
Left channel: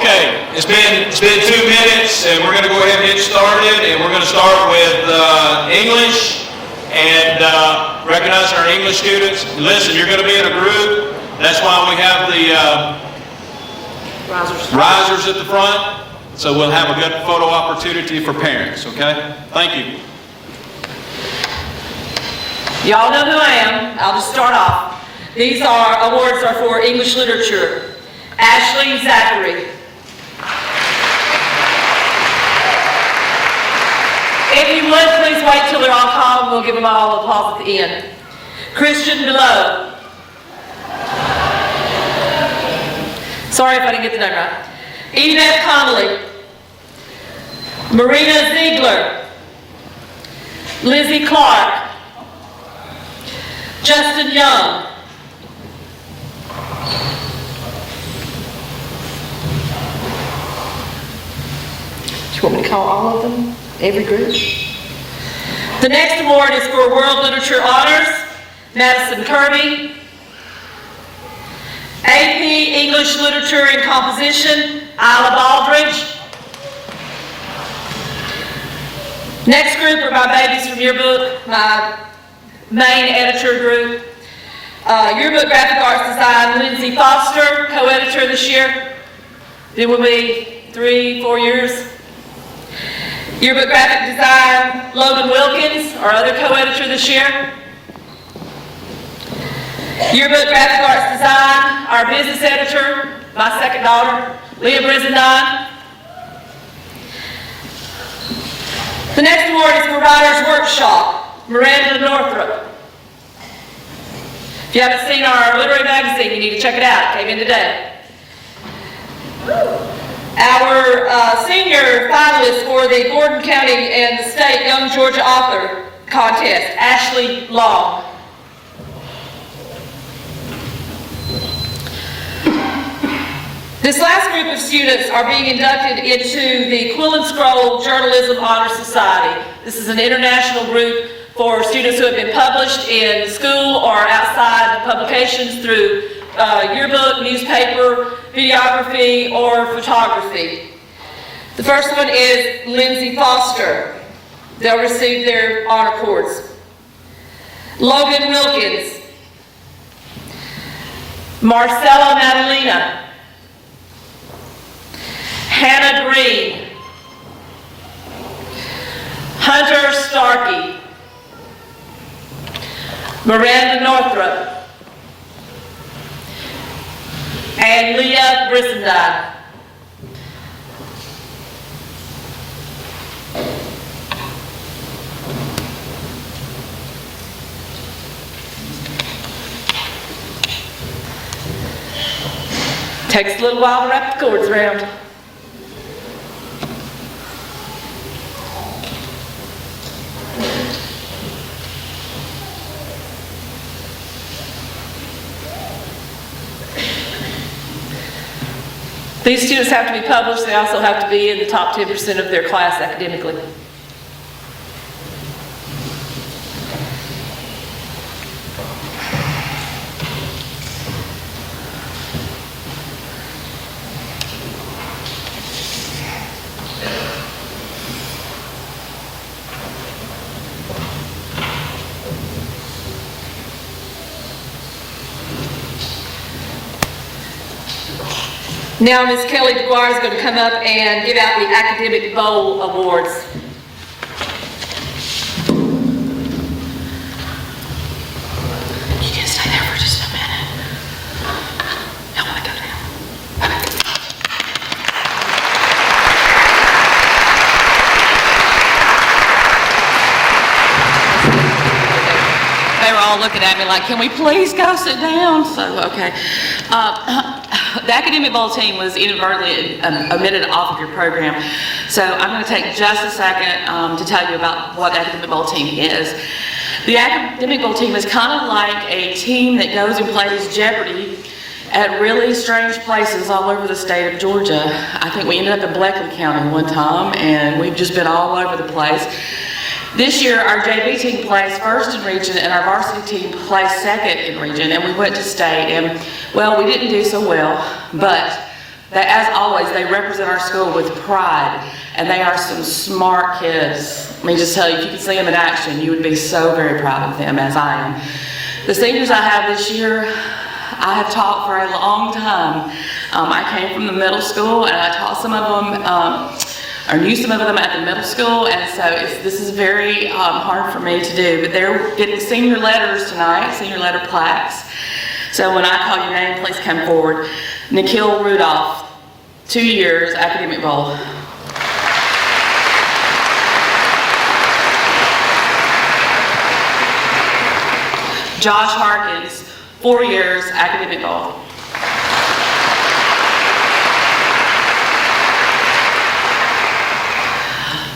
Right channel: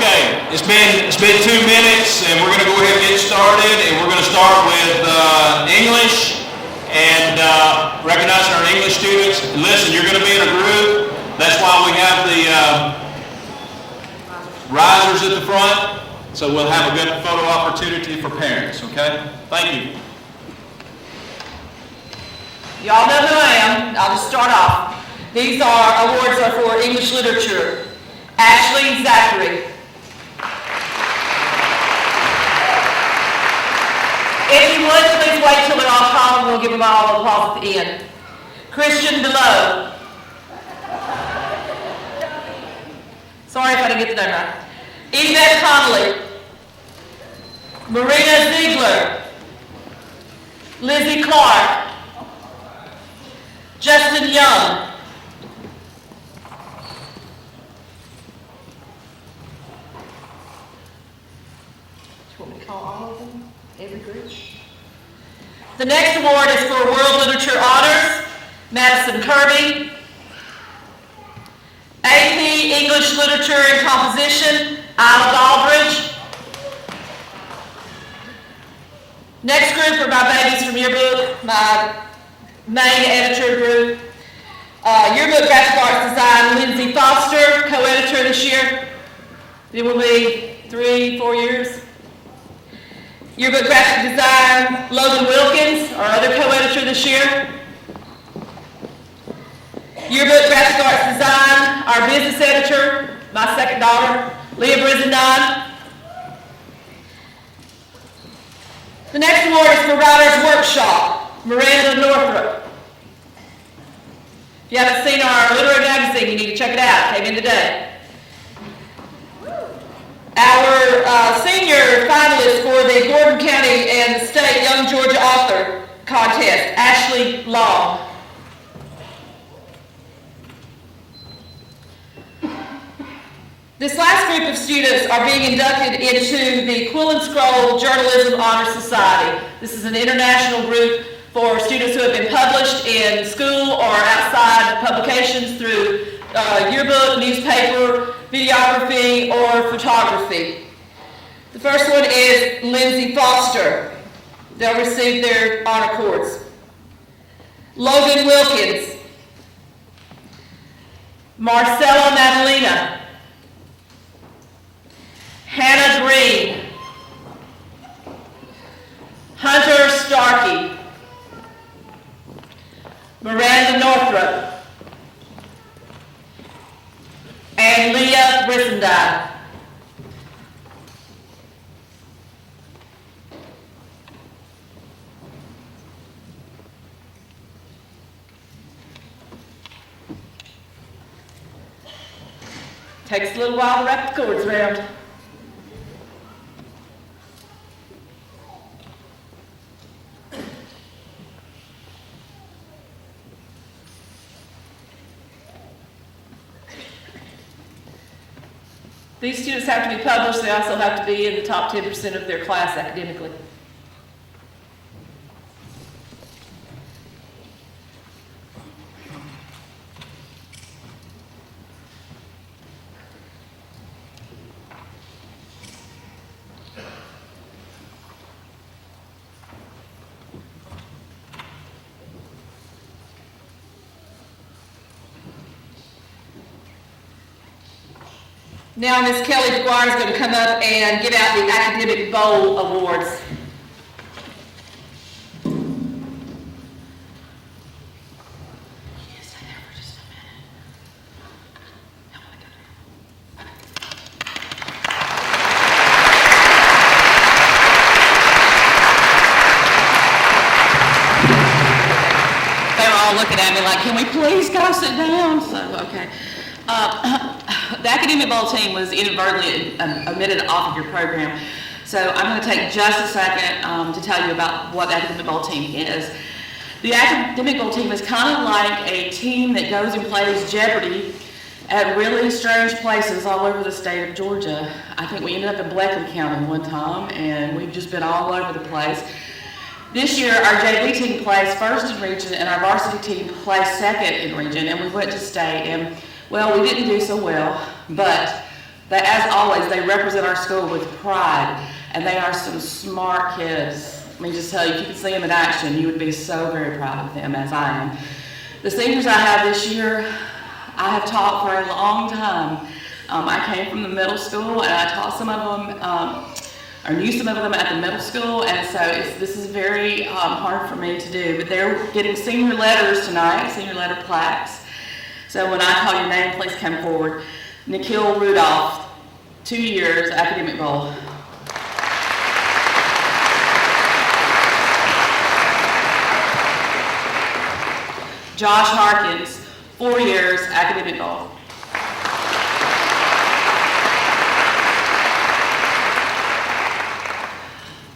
Okay, it's been 2 minutes, and we're going to go ahead and get started, and we're going to start with English. And recognize our English students. Listen, you're going to be in a group. That's why we have the risers at the front. So we'll have a good photo opportunity for parents, okay? Thank you. Y'all know who I am. I'll just start off. These awards are for English literature. Ashley Zachary. If you would, please wait till they're all called. We'll give them all applause at the end. Christian DeLoe. Sorry if I didn't get that right. Yvette Connolly. Marina Ziegler. Lizzie Clark. Justin Young. Do you want me to call all of them? Every group? The next award is for World Literature Honors, Madison Kirby. AP English Literature and Composition, Isla Baldridge. Next group are my babies from Yearbook, my main editor group. Yearbook Graphic Arts Design, Lindsay Foster, co-editor this year. It will be 3-4 years. Yearbook Graphic Design, Logan Wilkins, our other co-editor this year. Yearbook Graphic Arts Design, our business editor, my second daughter, Leah Brizendine. The next award is for Writers Workshop, Miranda Northrop. If you haven't seen our literary magazine, you need to check it out. It came in today. Our senior finalist for the Gordon County and State Young Georgia Author Contest, Ashley Long. This last group of students are being inducted into the Quill and Scroll Journalism Honor Society. This is an international group for students who have been published in school or outside publications through yearbook, newspaper, videography, or photography. The first one is Lindsay Foster. They'll receive their honor cords. Logan Wilkins. Marcella Madalena. Hannah Green. Hunter Starkey. Miranda Northrop. And Leah Brizendine. Takes a little while to wrap the cords around. These students have to be published. They also have to be in the top 10% of their class academically. Now Ms. Kelly Dwyer is going to come up and give out the Academic Bowl Awards. You can stay there for just a minute. I want to go down. They're all looking at me like, can we please go sit down? So, okay. The Academic Bowl team was inadvertently omitted off of your program. So I'm going to take just a second to tell you about what the Academic Bowl team is. The Academic Bowl team is kind of like a team that goes and plays Jeopardy at really strange places all over the state of Georgia. I think we ended up in Blakeney County one time, and we've just been all over the place. This year, our JV team placed first in region, and our varsity team placed second in region, and we went to state. And, well, we didn't do so well, but as always, they represent our school with pride, and they are some smart kids. Let me just tell you, if you could see them in action, you would be so very proud of them, as I am. The seniors I have this year, I have taught for a long time. I came from the middle school, and I taught some of them, or knew some of them at the middle school, and so this is very hard for me to do. But they're getting senior letters tonight, senior letter plaques. So when I call your name, please come forward. Nikhil Rudolph, 2 years, Academic Bowl. Josh Harkins, 4 years, Academic Bowl.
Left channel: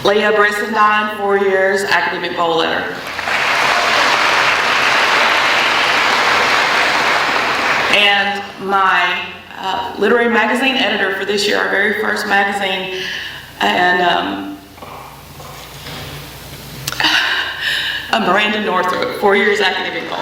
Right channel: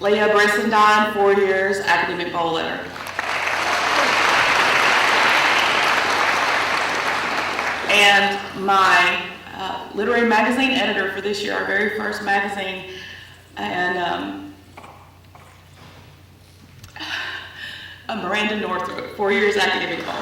Leah Brissendine, 4 years, Academic Bowl letter. And my literary magazine editor for this year, our very first magazine, and Miranda Northrop, 4 years, Academic Bowl.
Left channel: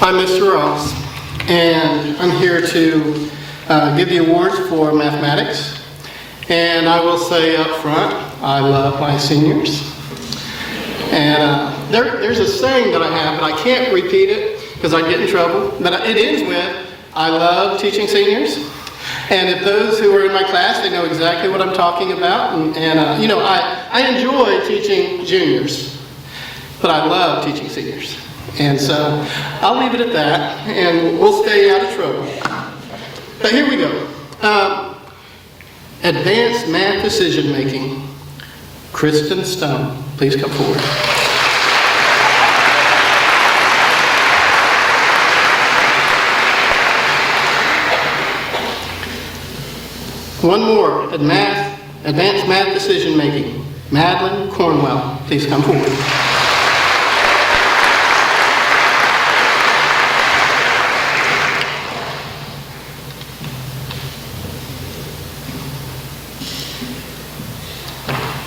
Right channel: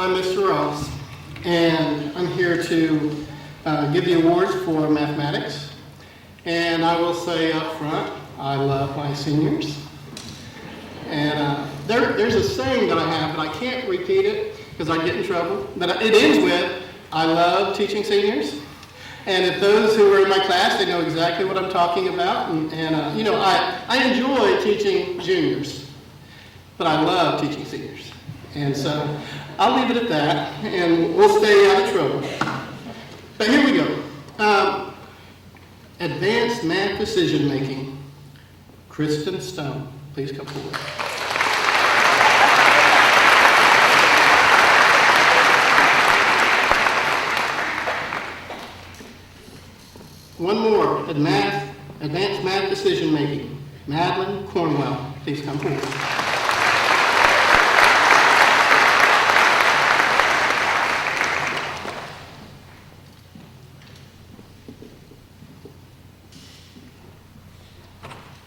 I'm Mr. Ross, and I'm here to give the awards for mathematics. And I will say up front, I love my seniors. And there's a saying that I have, but I can't repeat it because I get in trouble. But it ends with, I love teaching seniors. And if those who are in my class, they know exactly what I'm talking about. And you know, I enjoy teaching juniors, but I love teaching seniors. And so I'll leave it at that, and we'll stay out of trouble. But here we go. Advanced Math Decision Making. Kristen Stone, please come forward. One more, Advanced Math Decision Making. Madeline Cornwell, please come forward.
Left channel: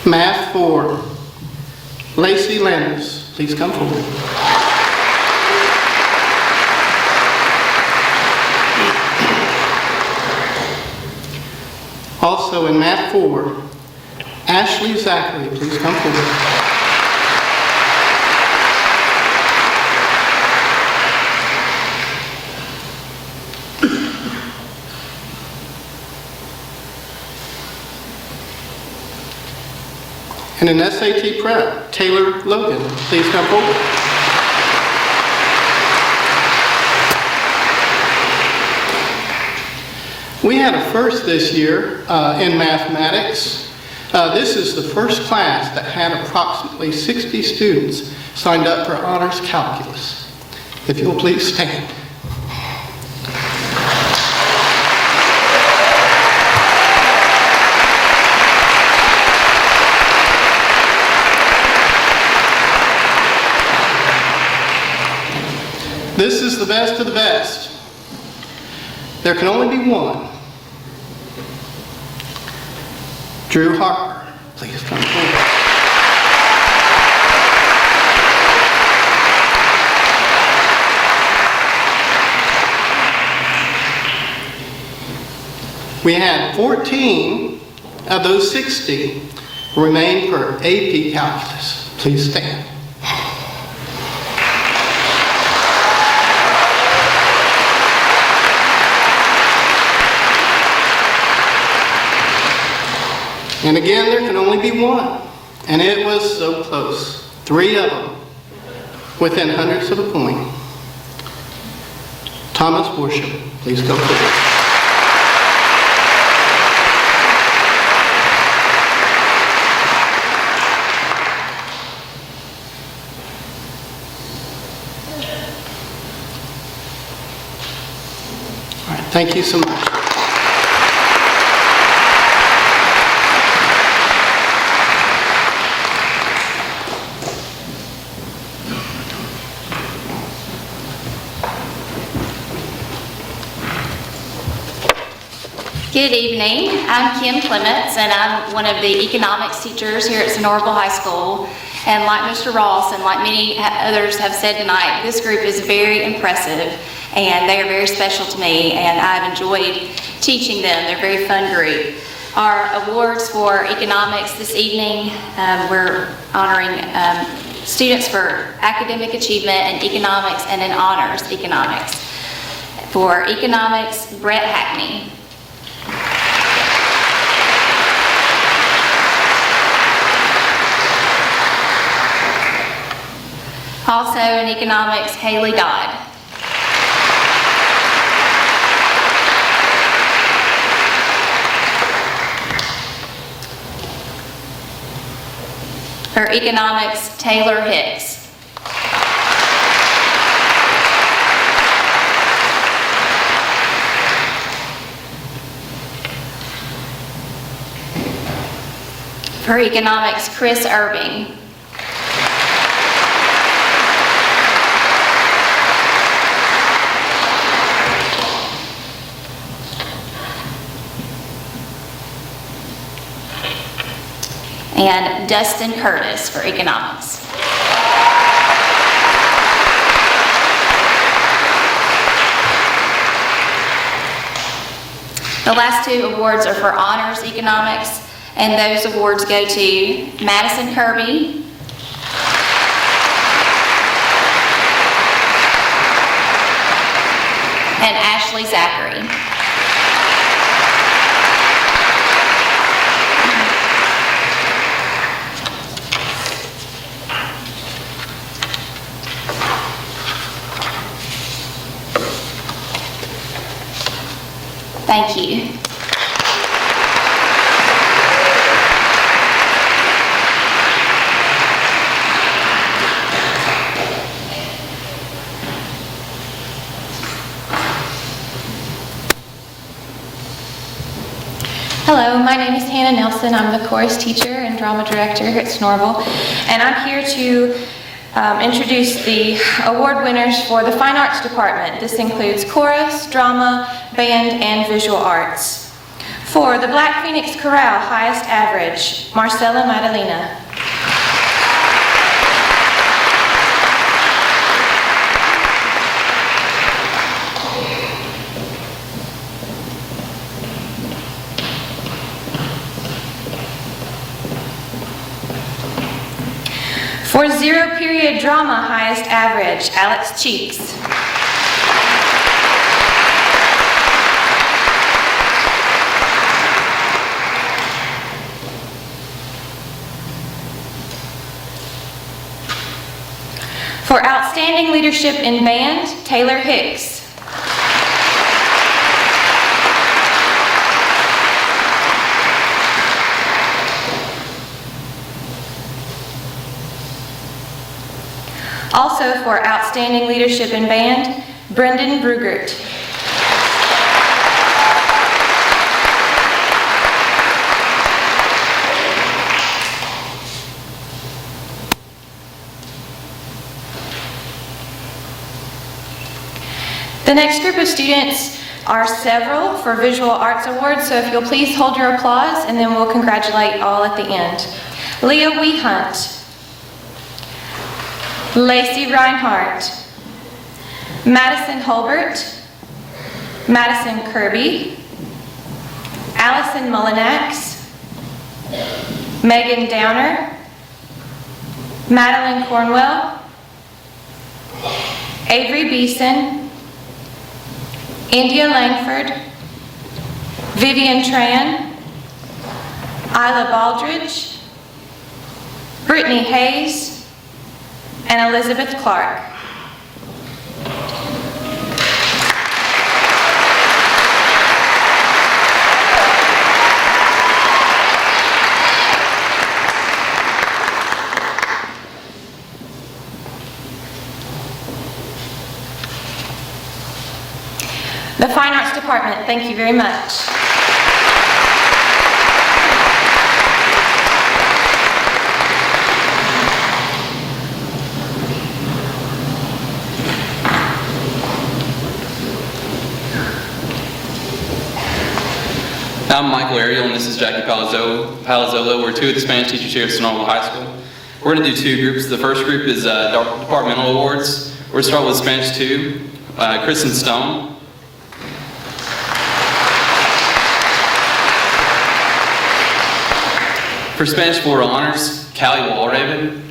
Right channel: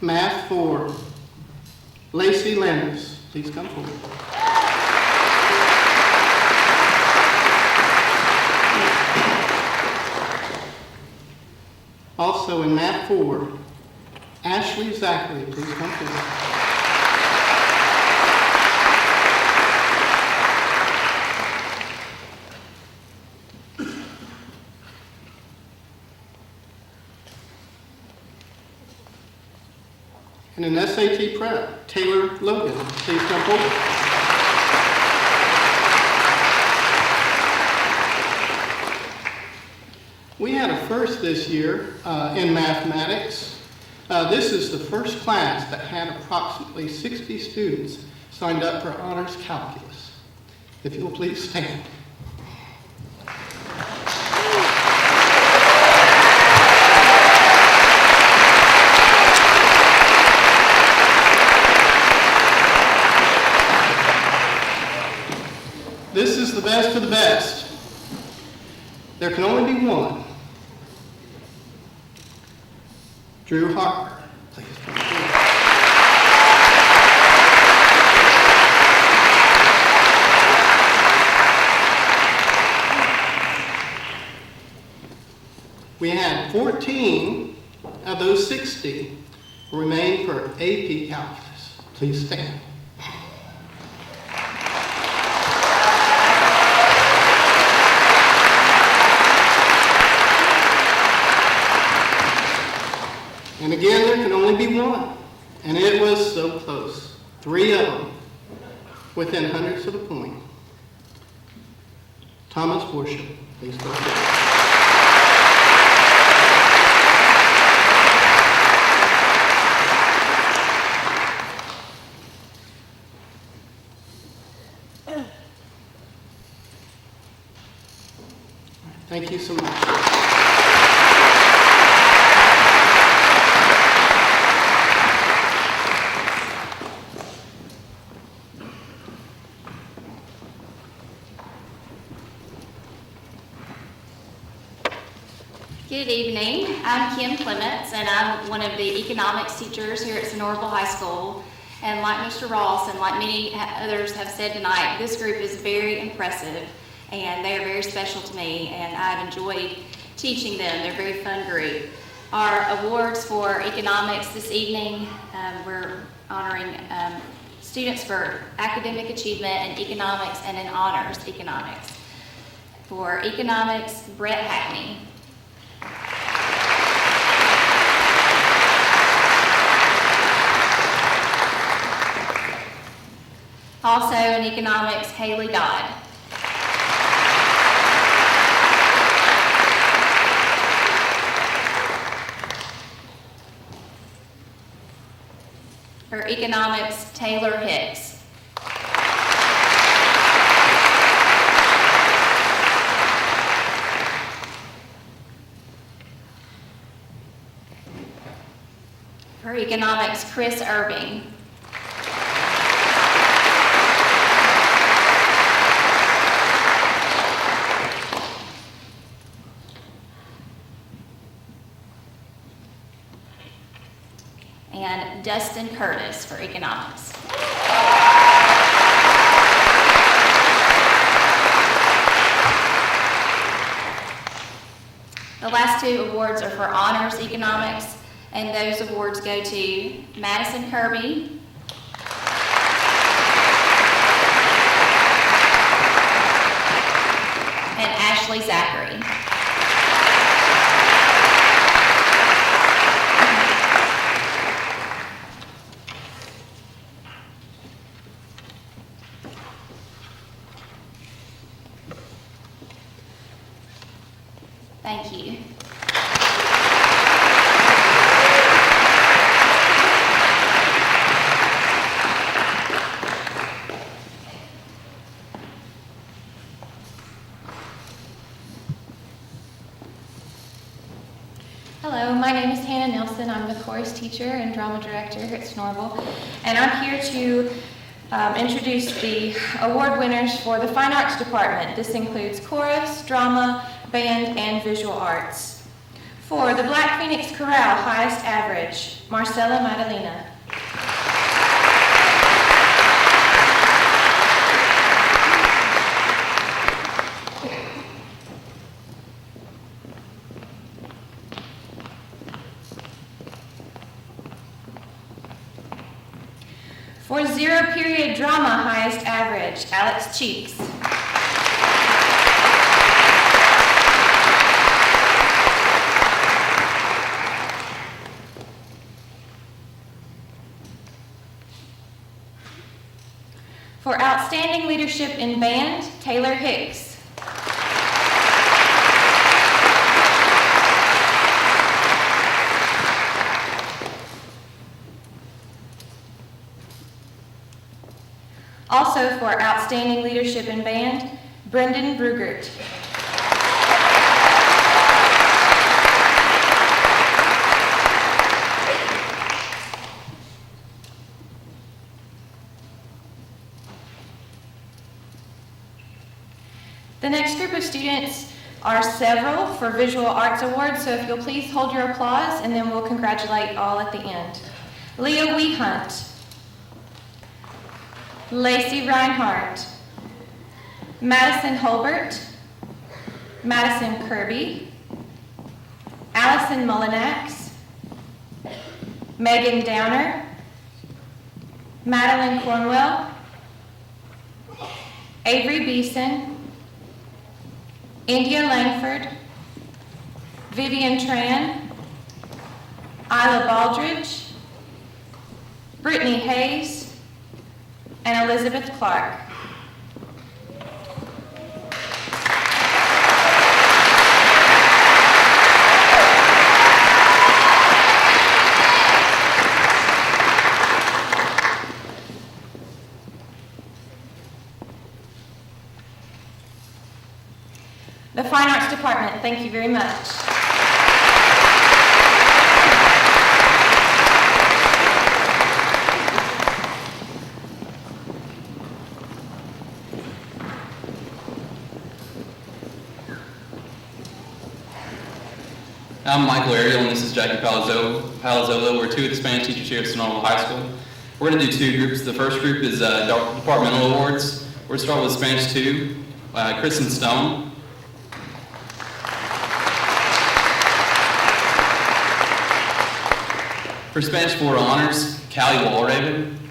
Math 4, Lacey Landers, please come forward. Also in Math 4, Ashley Zachary, please come forward. And in SAT Prep, Taylor Logan, please come forward. We had a first this year in mathematics. This is the first class that had approximately 60 students signed up for honors calculus. If you'll please stand. This is is the best of the best. There can only be one. Drew Harper, please come forward. We had 14 of those 60 remain for AP Calculus. Please stand. And again, there can only be one. And it was so close. 3 of them within hundredths of a point. Thomas Worship, please come forward. All right, thank you so much. Good evening. I'm Kim Clements, and I'm one of the economics teachers here at Sonoraville High School. And like Mr. Ross and like many others have said tonight, this group is very impressive, and they are very special to me, and I've enjoyed teaching them. They're a very fun group. Our awards for economics this evening, we're honoring students for academic achievement in economics and in honors economics. For economics, Brett Hackney. Also in economics, Haley Dodd. For economics, Taylor Hicks. For economics, Chris Irving. And Dustin Curtis for economics. The last 2 awards are for honors economics, and those awards go to Madison Kirby and Ashley Zachary. Thank you. Hello, my name is Hannah Nelson. I'm the chorus teacher and drama director here at Sonoraville, and I'm here to introduce the award winners for the Fine Arts Department. This includes chorus, drama, band, and visual arts. For the Black Phoenix Chorale, highest average, Marcella Madalena. For zero period drama, highest average, Alex Cheeks. For outstanding leadership in band, Taylor Hicks. Also for outstanding leadership in band, Brendan Brugert. next group of students are several for Visual Arts Awards, so if you'll please hold your applause, and then we'll congratulate all at the end. Leah Wehunt, Lacey Reinhardt, Madison Holbert, Madison Kirby, Allison Mullinax, Megan Downer, Madeline Cornwell, Avery Beeson, India Langford, Vivian Tran, Isla Baldridge, Brittany Hayes, and Elizabeth Clark. The Fine Arts Department, thank you very much. I'm Michael Ariel, and this is Jackie Palazzolo. We're two of the Spanish teachers here at Sonoma High School. We're going to do two groups. The first group is departmental awards. We're going to start with Spanish 2, Kristen Stone. For Spanish 4 honors, Callie Walraven.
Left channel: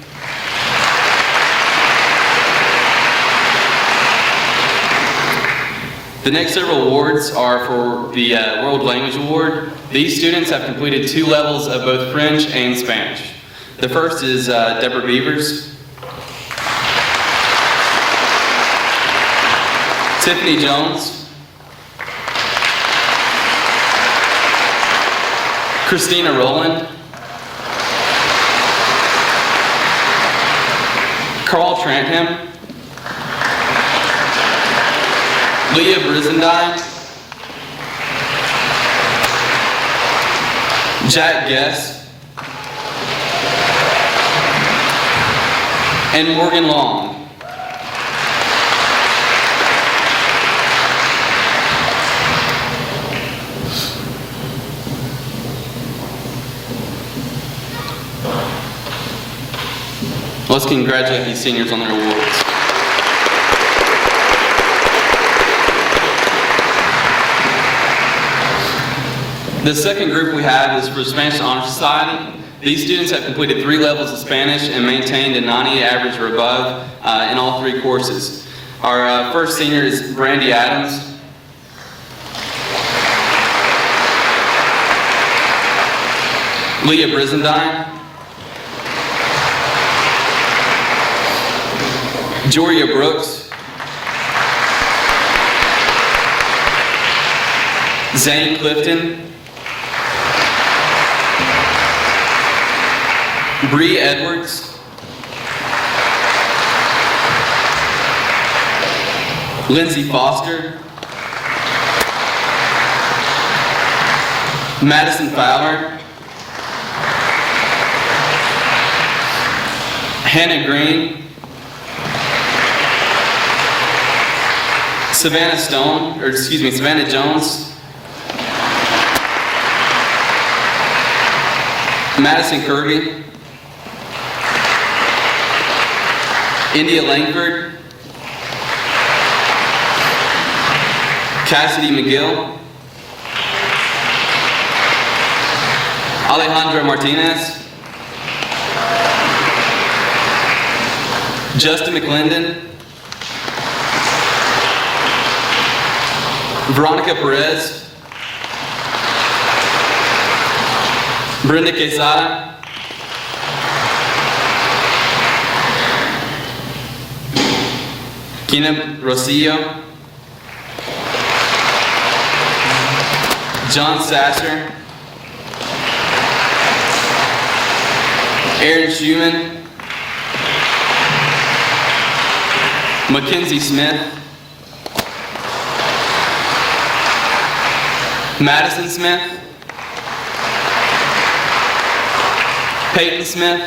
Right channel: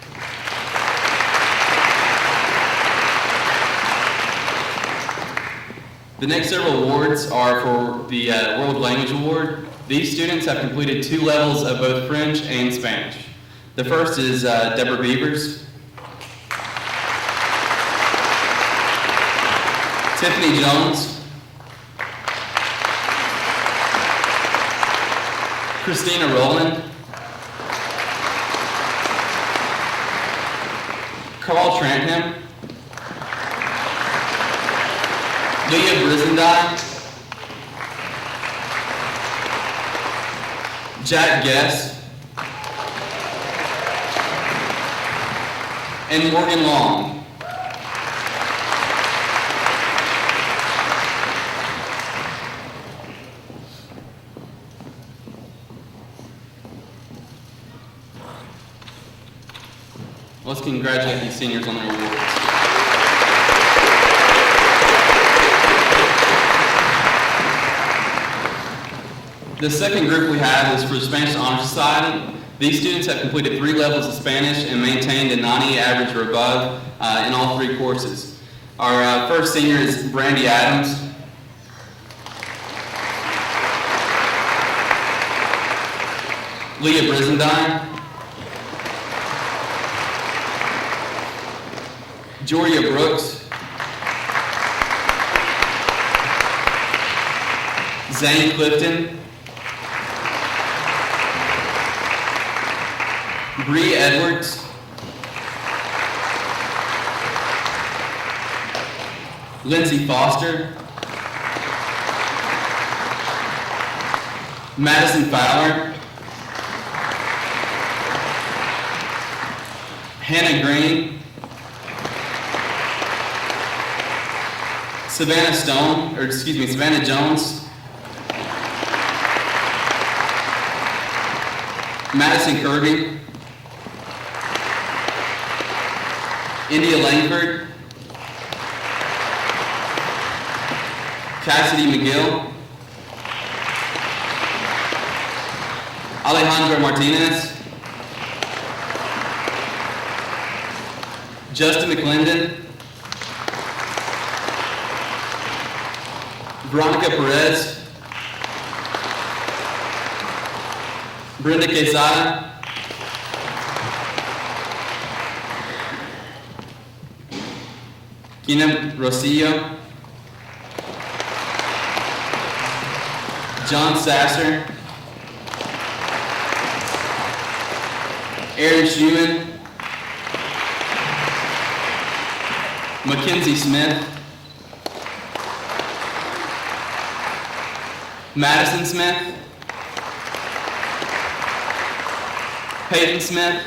The next several awards are for the World Language Award. These students have completed 2 levels of both French and Spanish. The first is Deborah Beavers, Tiffany Jones, Christina Rowland, Carl Tranham, Leah Brizendine, Jack Guess, and Morgan Long. Let's congratulate these seniors on their awards. The second group we have is for Spanish Honor Society. These students have completed 3 levels of Spanish and maintained a 90 average or above in all 3 courses. Our first senior is Brandy Adams. Leah Brizendine. Joria Brooks. Zane Clifton. Bree Edwards. Lindsay Foster. Madison Fowler. Hannah Green. Savannah Jones. Madison Kirby. India Langford. Cassidy McGill. Alejandro Martinez. Justin McClendon. Veronica Perez. Brenda Quesada. Gina Rosillo. John Sasser. Aaron Schumann. Mackenzie Smith. Madison Smith. Peyton Smith.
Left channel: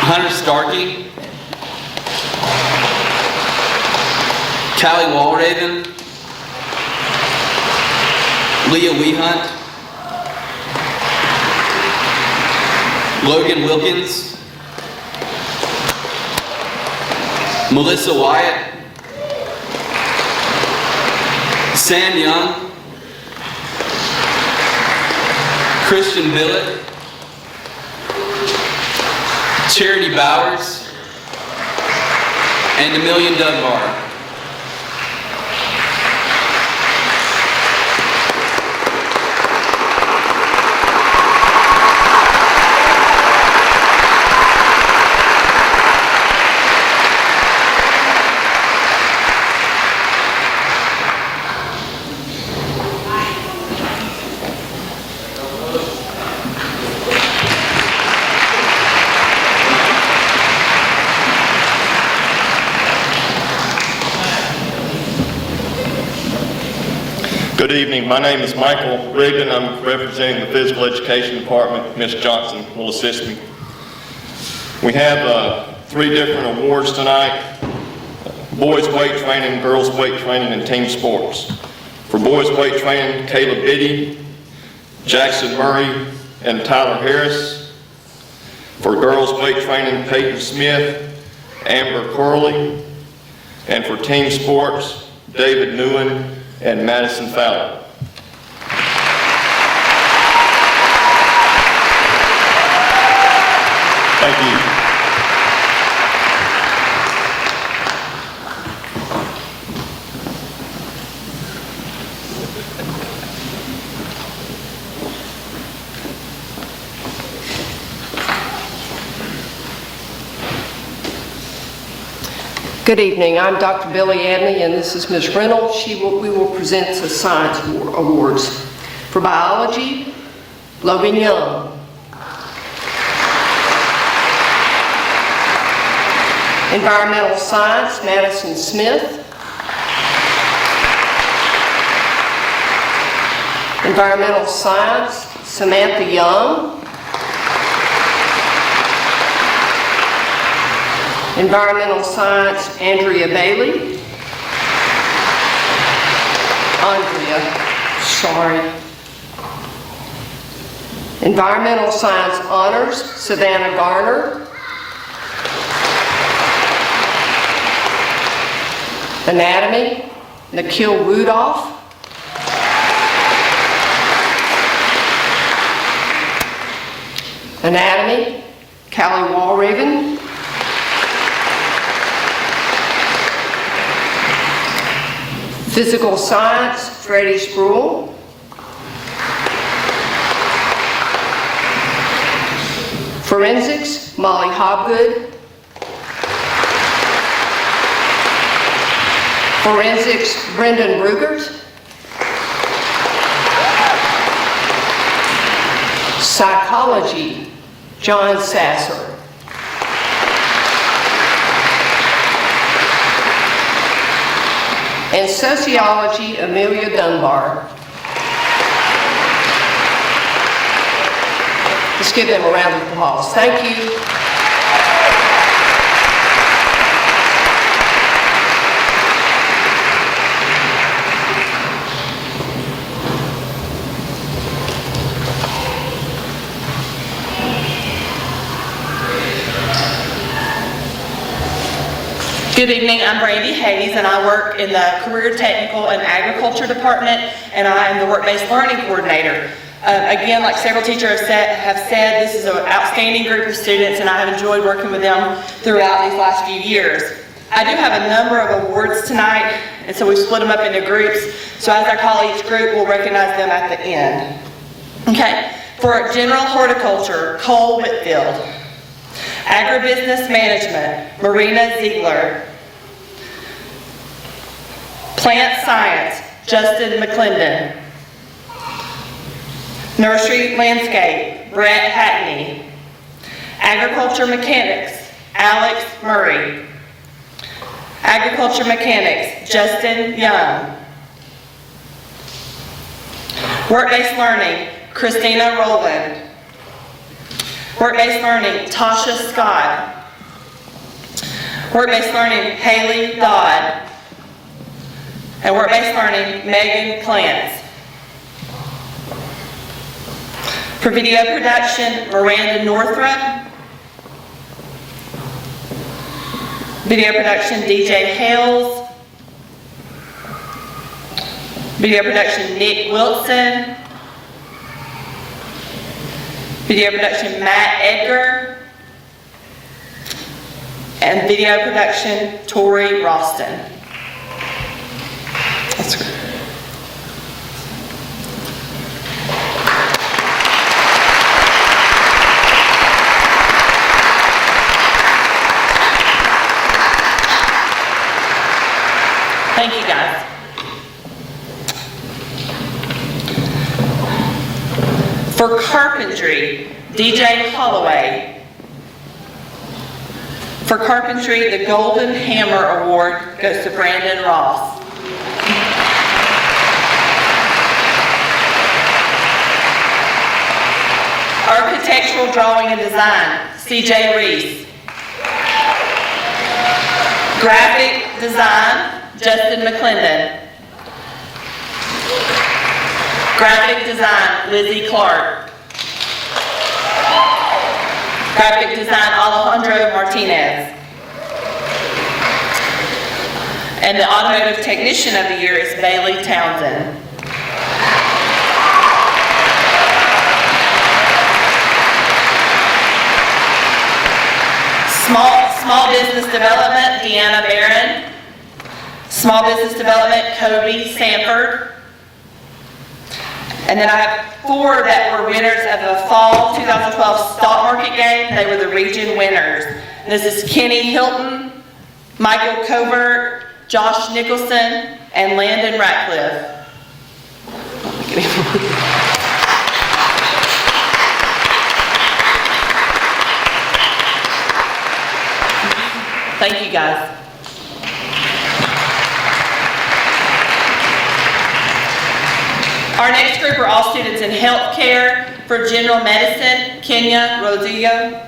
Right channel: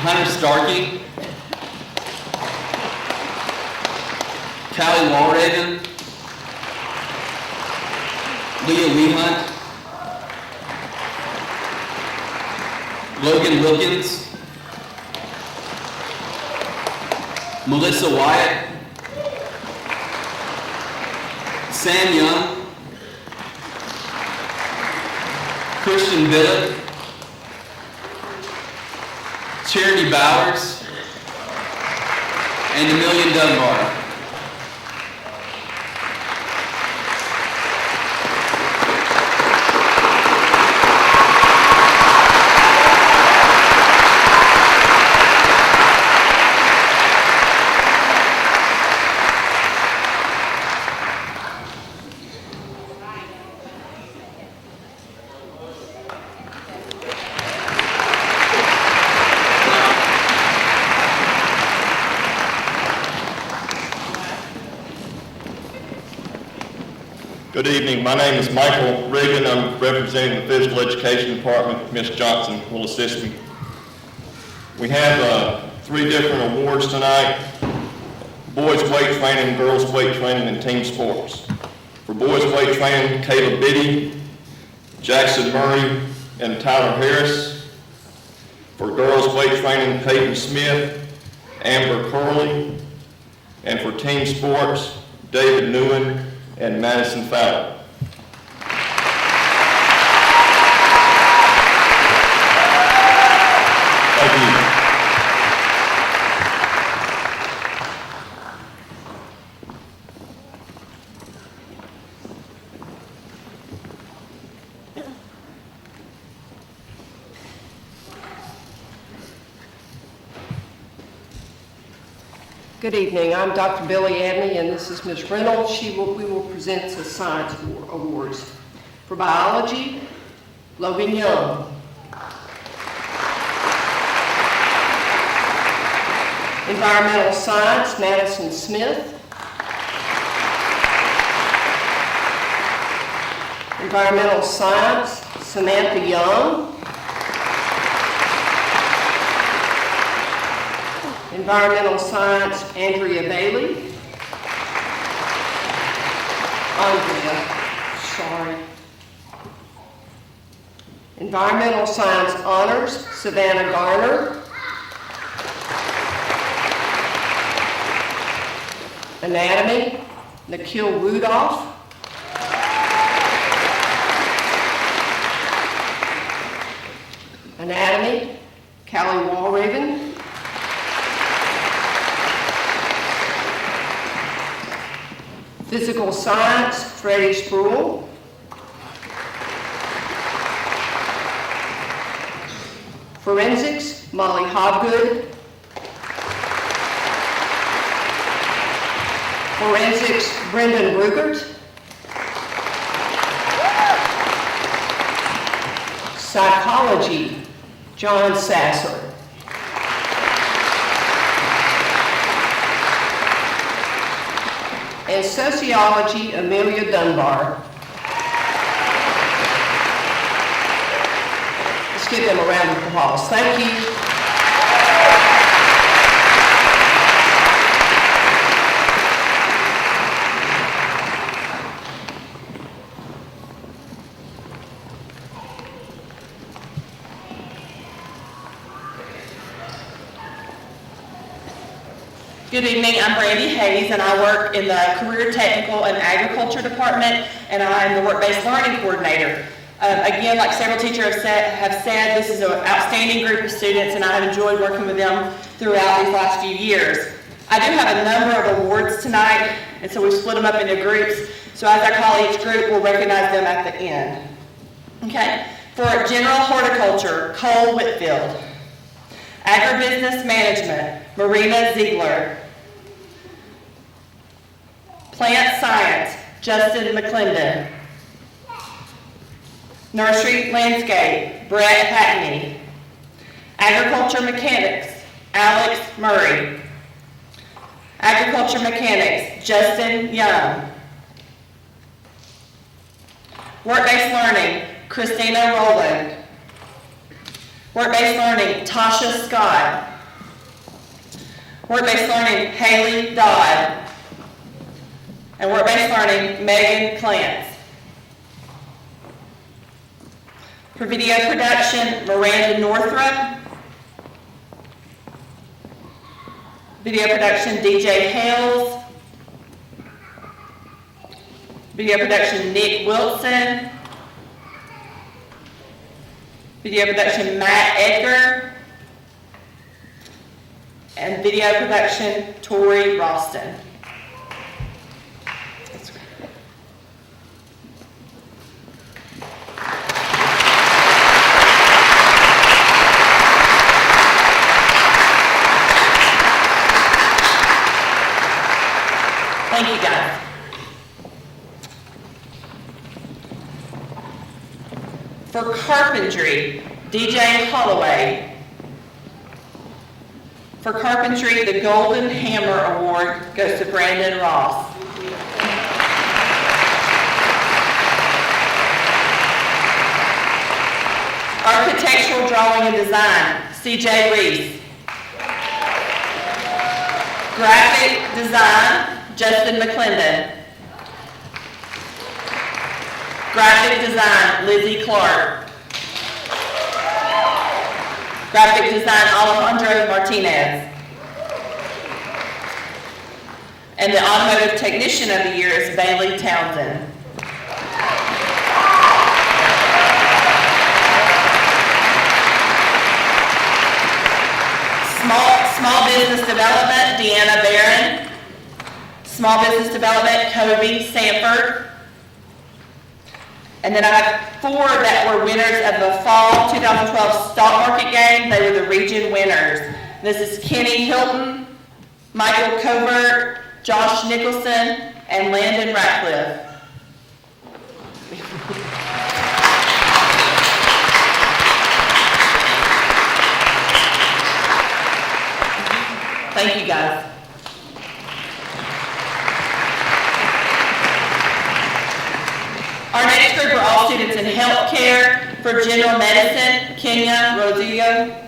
Hunter Starkey. Callie Walraven, Leah Weehunt, Logan Wilkins, Melissa Wyatt, Sam Young, Christian Billett, Charity Bowers, and Amelia Dunbar. Good evening. My name is Michael Regan. I'm representing the Physical Education Department. Ms. Johnson will assist me. We have 3 different awards tonight: boys weight training, girls weight training, and team sports. For boys weight training, Caleb Biddy, Jackson Murray, and Tyler Harris. For girls weight training, Peyton Smith, Amber Curley. And for team sports, David Newen and Madison Fowler. Thank you. Good evening. I'm Dr. Billy Anley, and this is Ms. Reynolds. We will present the Science Awards. For biology, Logan Young. Environmental science, Madison Smith. Environmental science, Samantha Young. Environmental science, Andrea Bailey. Sorry. Environmental science honors, Savannah Garner. Anatomy, Nikhil Wudoff. Anatomy, Callie Walraven. Physical science, Freddie Spruill. Forensics, Molly Hobgood. Forensics, Brendan Rugert. Psychology, John Sasser. And sociology, Amelia Dunbar. Let's give them a round of applause. Thank you. Good evening, I'm Brady Hayes, and I work in the Career Technical and Agriculture Department, and I'm the Work-Based Learning Coordinator. Again, like several teachers have said, this is an outstanding group of students, and I have enjoyed working with them throughout these last few years. I do have a number of awards tonight, and so we split them up into groups, so as I call each group, we'll recognize them at the end. Okay, for General Horticulture, Cole Whitfield. Agribusiness Management, Marina Ziegler. Plant Science, Justin McClendon. Nursery Landscape, Brett Hackney. Agriculture Mechanics, Alex Murray. Agriculture Mechanics, Justin Young. Work-Based Learning, Christina Rowland. Work-Based Learning, Tasha Scott. Work-Based Learning, Haley Dodd. And work-based learning, Megan Clance. For video production, Miranda Northrup. Video production, DJ Hales. Video production, Nick Wilson. Video production, Matt Edgar. And video production, Tori Ralston. That's great. Thank you, guys. For carpentry, DJ Holloway. For carpentry, the Golden Hammer Award goes to Brandon Ross. Architectural drawing and design, CJ Reese. Graphic design, Justin McClendon. Graphic design, Lizzie Clark. Graphic design, Alejandro Martinez. And the automotive technician of the year is Bailey Townsend. Small business development, Deanna Barron. Small business development, Kobe Sanford. And then I have 4 that were winners of the fall 2012 stock market game. They were the region winners. This is Kenny Hilton, Michael Covert, Josh Nicholson, and Landon Ratcliffe. Thank you, guys. Our next group are all students in healthcare. For general medicine, Kenya Rodrigo.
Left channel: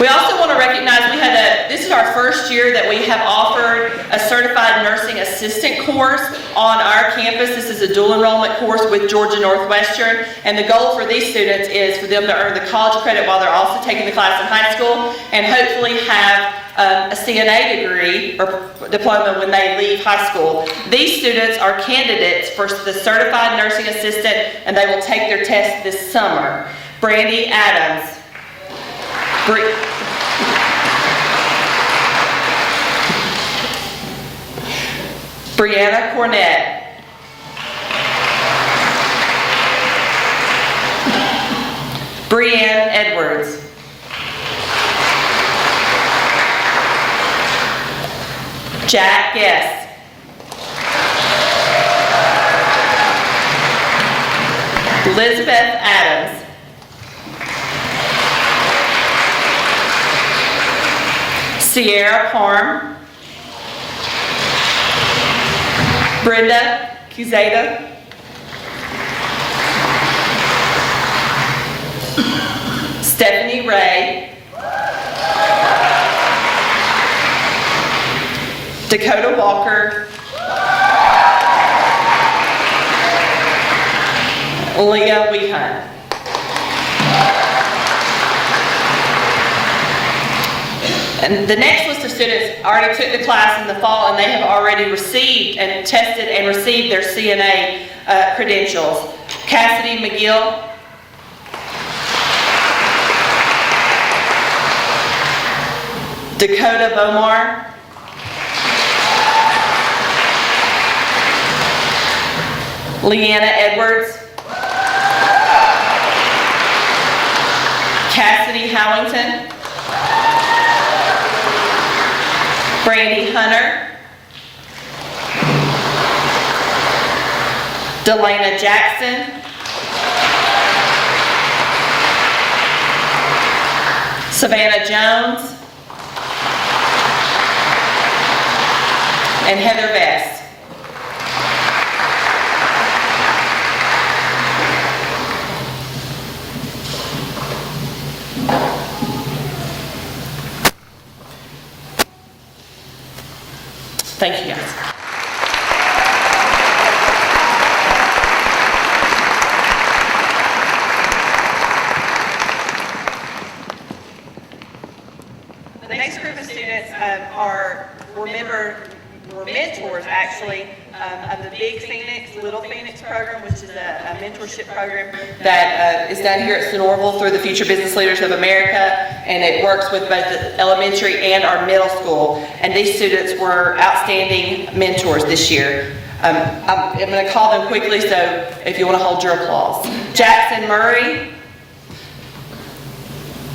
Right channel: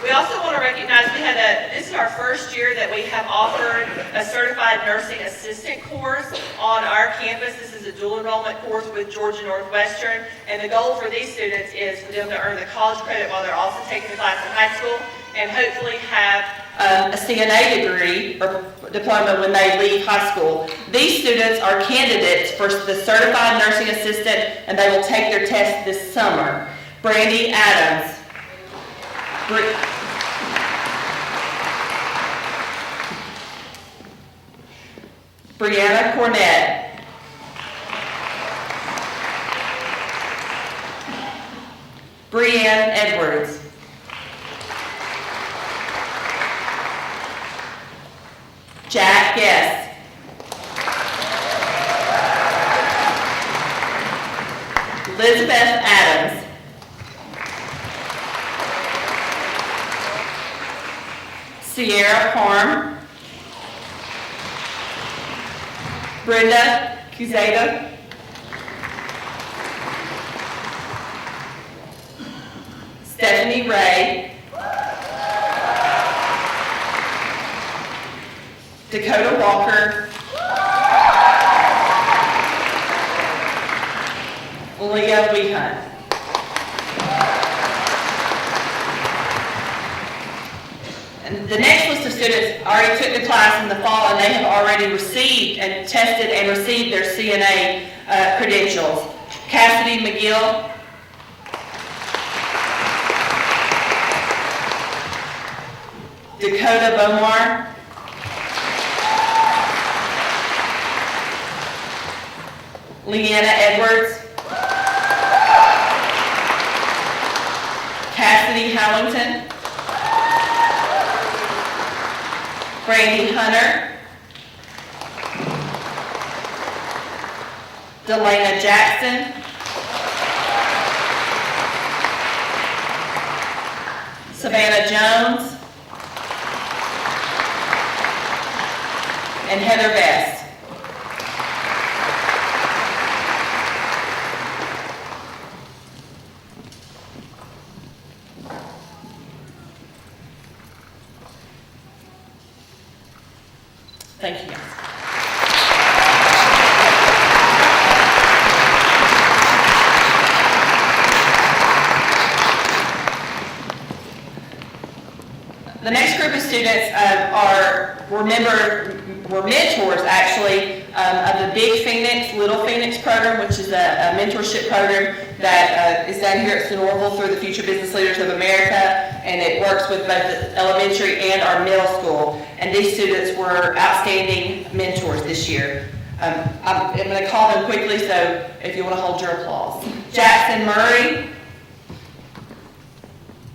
We also want to recognize this is our first year that we have offered a certified nursing assistant course on our campus. This is a dual enrollment course with Georgia Northwestern, and the goal for these students is for them to earn the college credit while they're also taking the class in high school, and hopefully have a CNA degree or diploma when they leave high school. These students are candidates for the certified nursing assistant, and they will take their test this summer. Brandy Adams. Brianna Cornett. Brianne Edwards. Jack Guest. Elizabeth Adams. Sierra Parm. Brenda Cuzada. Stephanie Ray. Dakota Walker. Leah Wehunt. And the next list of students already took the class in the fall, and they have already received and tested and received their CNA credentials. Cassidy McGill. Dakota Bomar. Leanna Edwards. Cassidy Howington. Brandy Hunter. Delana Jackson. Savannah Jones. And Heather Best. Thank you, guys. The next group of students were mentors, actually, of the Big Phoenix, Little Phoenix program, which is a mentorship program that is down here at Sonoraville through the Future Business Leaders of America, and it works with both the elementary and our middle school. And these students were outstanding mentors this year. I'm going to call them quickly, so if you want to hold your applause. Jackson Murray,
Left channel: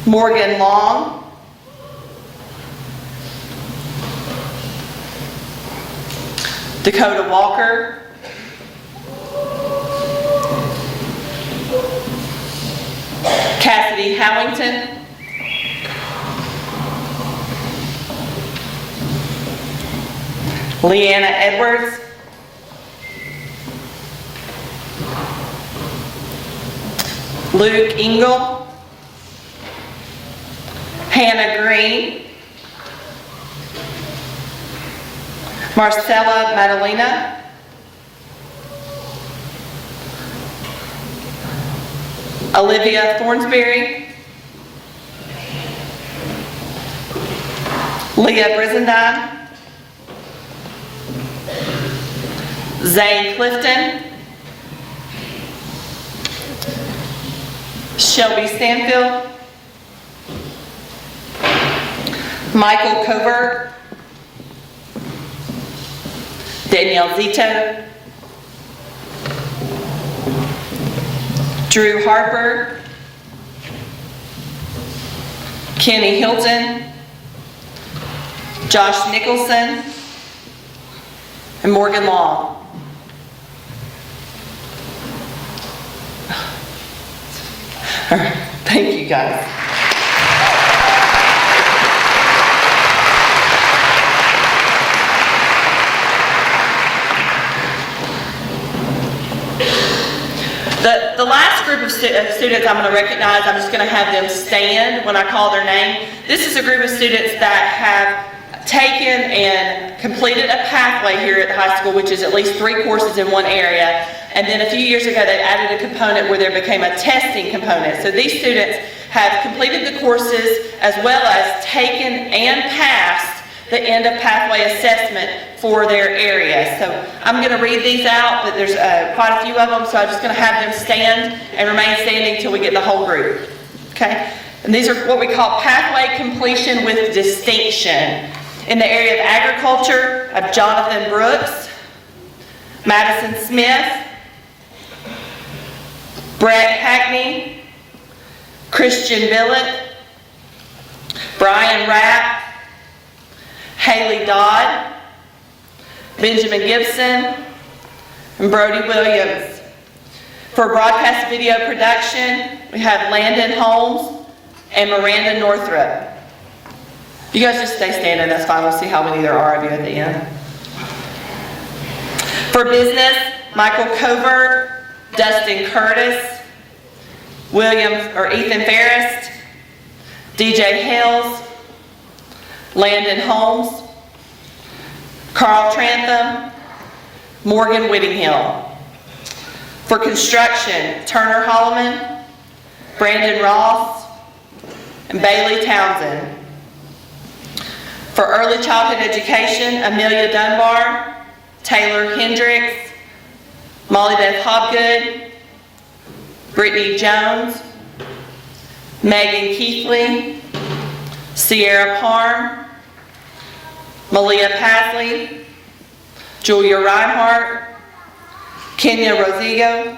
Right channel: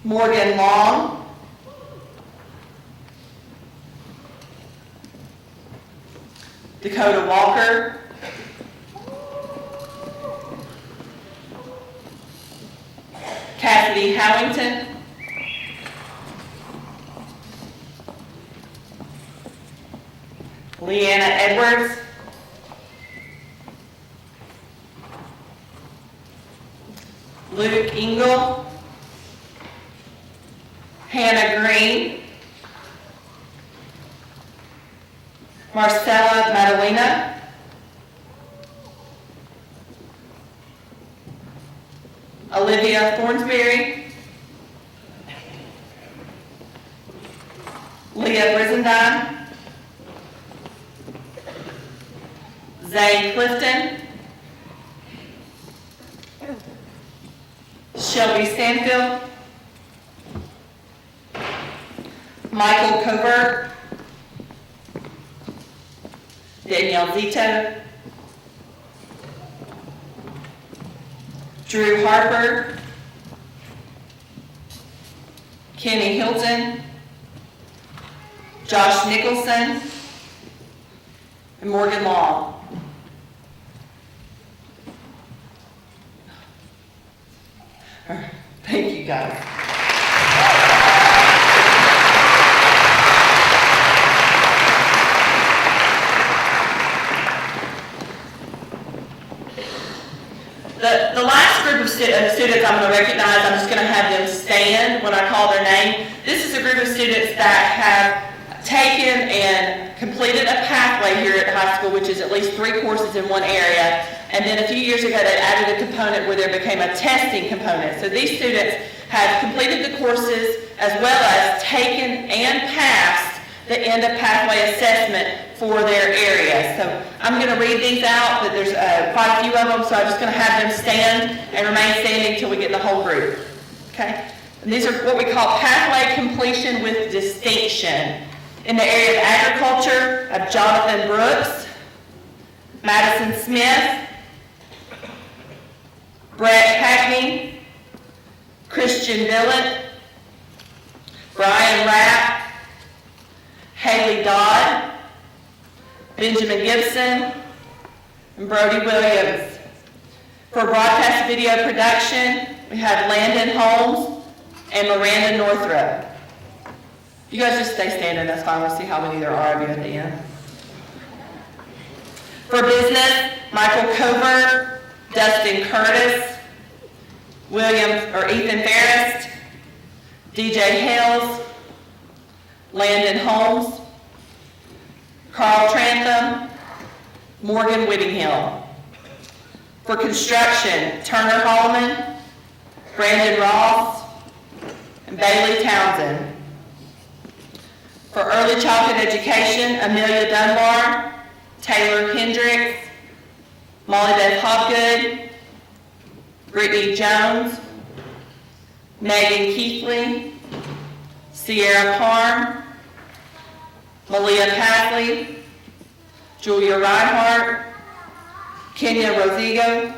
Morgan Long, Dakota Walker, Cassidy Howington, Leanna Edwards, Luke Engel, Hannah Green, Marcella Madalena, Olivia Thornsberry, Leah Brizendine, Zane Clifton, Shelby Stanfield, Michael Covert, Danielle Zito, Drew Harper, Kenny Hilton, Josh Nicholson, and Morgan Long. All right, thank you guys. The last group of students I'm going to recognize, I'm just going to have them stand when I call their name. This is a group of students that have taken and completed a pathway here at the high school, which is at least 3 courses in one area. And then a few years ago, they added a component where there became a testing component. So these students have completed the courses as well as taken and passed the end of pathway assessment for their area. So I'm going to read these out, but there's quite a few of them, so I'm just going to have them stand and remain standing until we get the whole group. Okay? And these are what we call pathway completion with distinction. In the area of agriculture, I have Jonathan Brooks, Madison Smith, Brad Hackney, Christian Billett, Brian Rapp, Haley Dodd, Benjamin Gibson, and Brody Williams. For broadcast video production, we have Landon Holmes and Miranda Northrup. You guys just stay standing, that's fine. We'll see how many there are of you at the end. For business, Michael Covert, Dustin Curtis, Ethan Ferris, DJ Hales, Landon Holmes, Carl Trantham, Morgan Whittinghill. For construction, Turner Holloman, Brandon Ross, and Bailey Townsend. For early childhood education, Amelia Dunbar, Taylor Hendricks, Molly Beth Hopgood, Brittany Jones, Megan Keithley, Sierra Parm, Malia Pasley, Julia Reinhardt, Kenya Rosigo,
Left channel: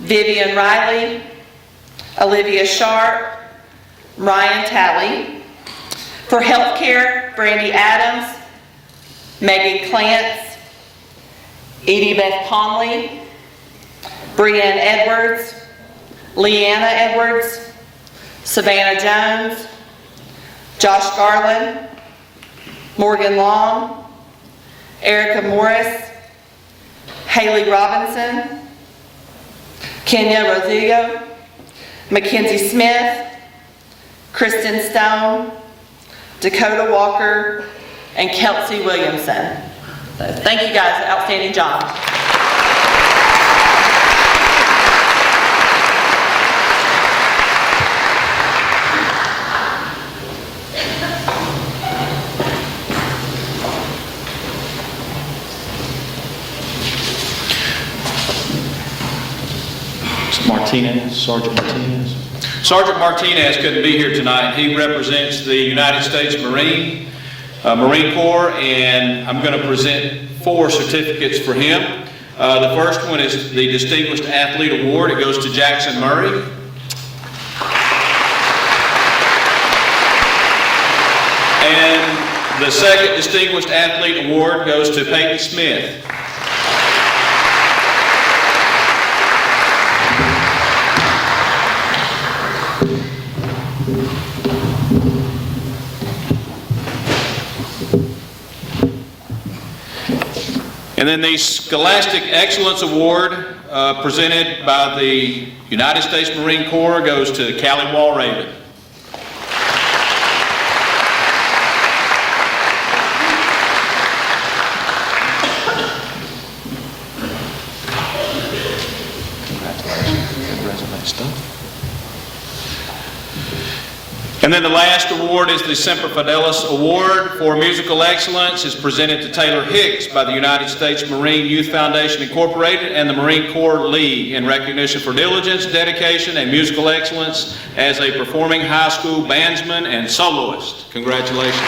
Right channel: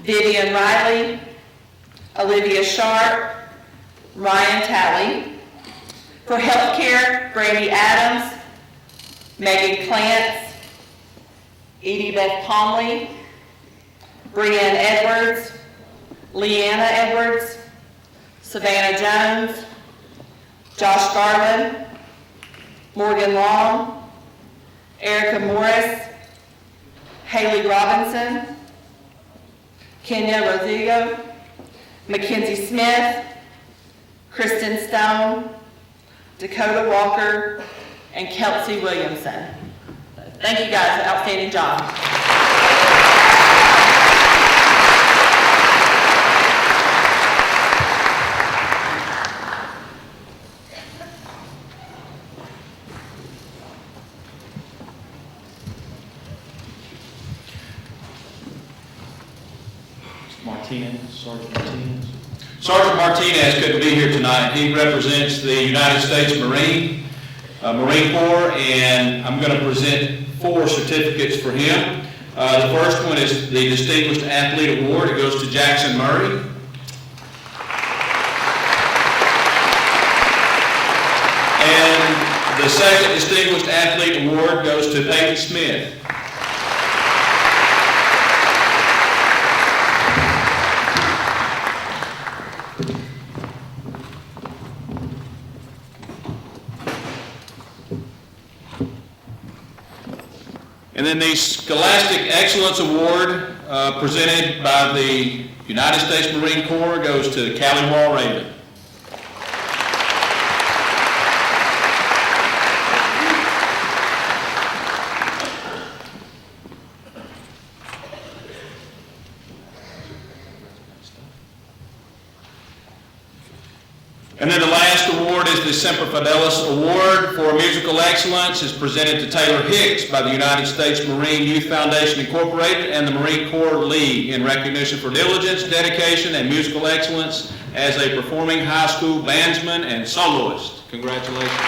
Vivian Riley, Olivia Sharp, Ryan Talley. For healthcare, Brandy Adams, Megan Clance, Edie Beth Conley, Brianne Edwards, Leanna Edwards, Savannah Jones, Josh Garland, Morgan Long, Erica Morris, Haley Robinson, Kenya Rosigo, Mackenzie Smith, Kristen Stone, Dakota Walker, and Kelsey Williamson. So thank you guys, outstanding job. Sergeant Martinez. Sergeant Martinez couldn't be here tonight. He represents the United States Marine Corps, and I'm going to present 4 certificates for him. The first one is the Distinguished Athlete Award. It goes to Jackson Murray. And the second Distinguished Athlete Award goes to Peyton Smith. And then the Scholastic Excellence Award presented by the United States Marine Corps goes to Callie Wall Raven. And then the last award is the Semper Fidelis Award for Musical Excellence. It's presented to Taylor Hicks by the United States Marine Youth Foundation Incorporated and the Marine Corps League in recognition for diligence, dedication, and musical excellence as a performing high school bandsman and soloist. Congratulations.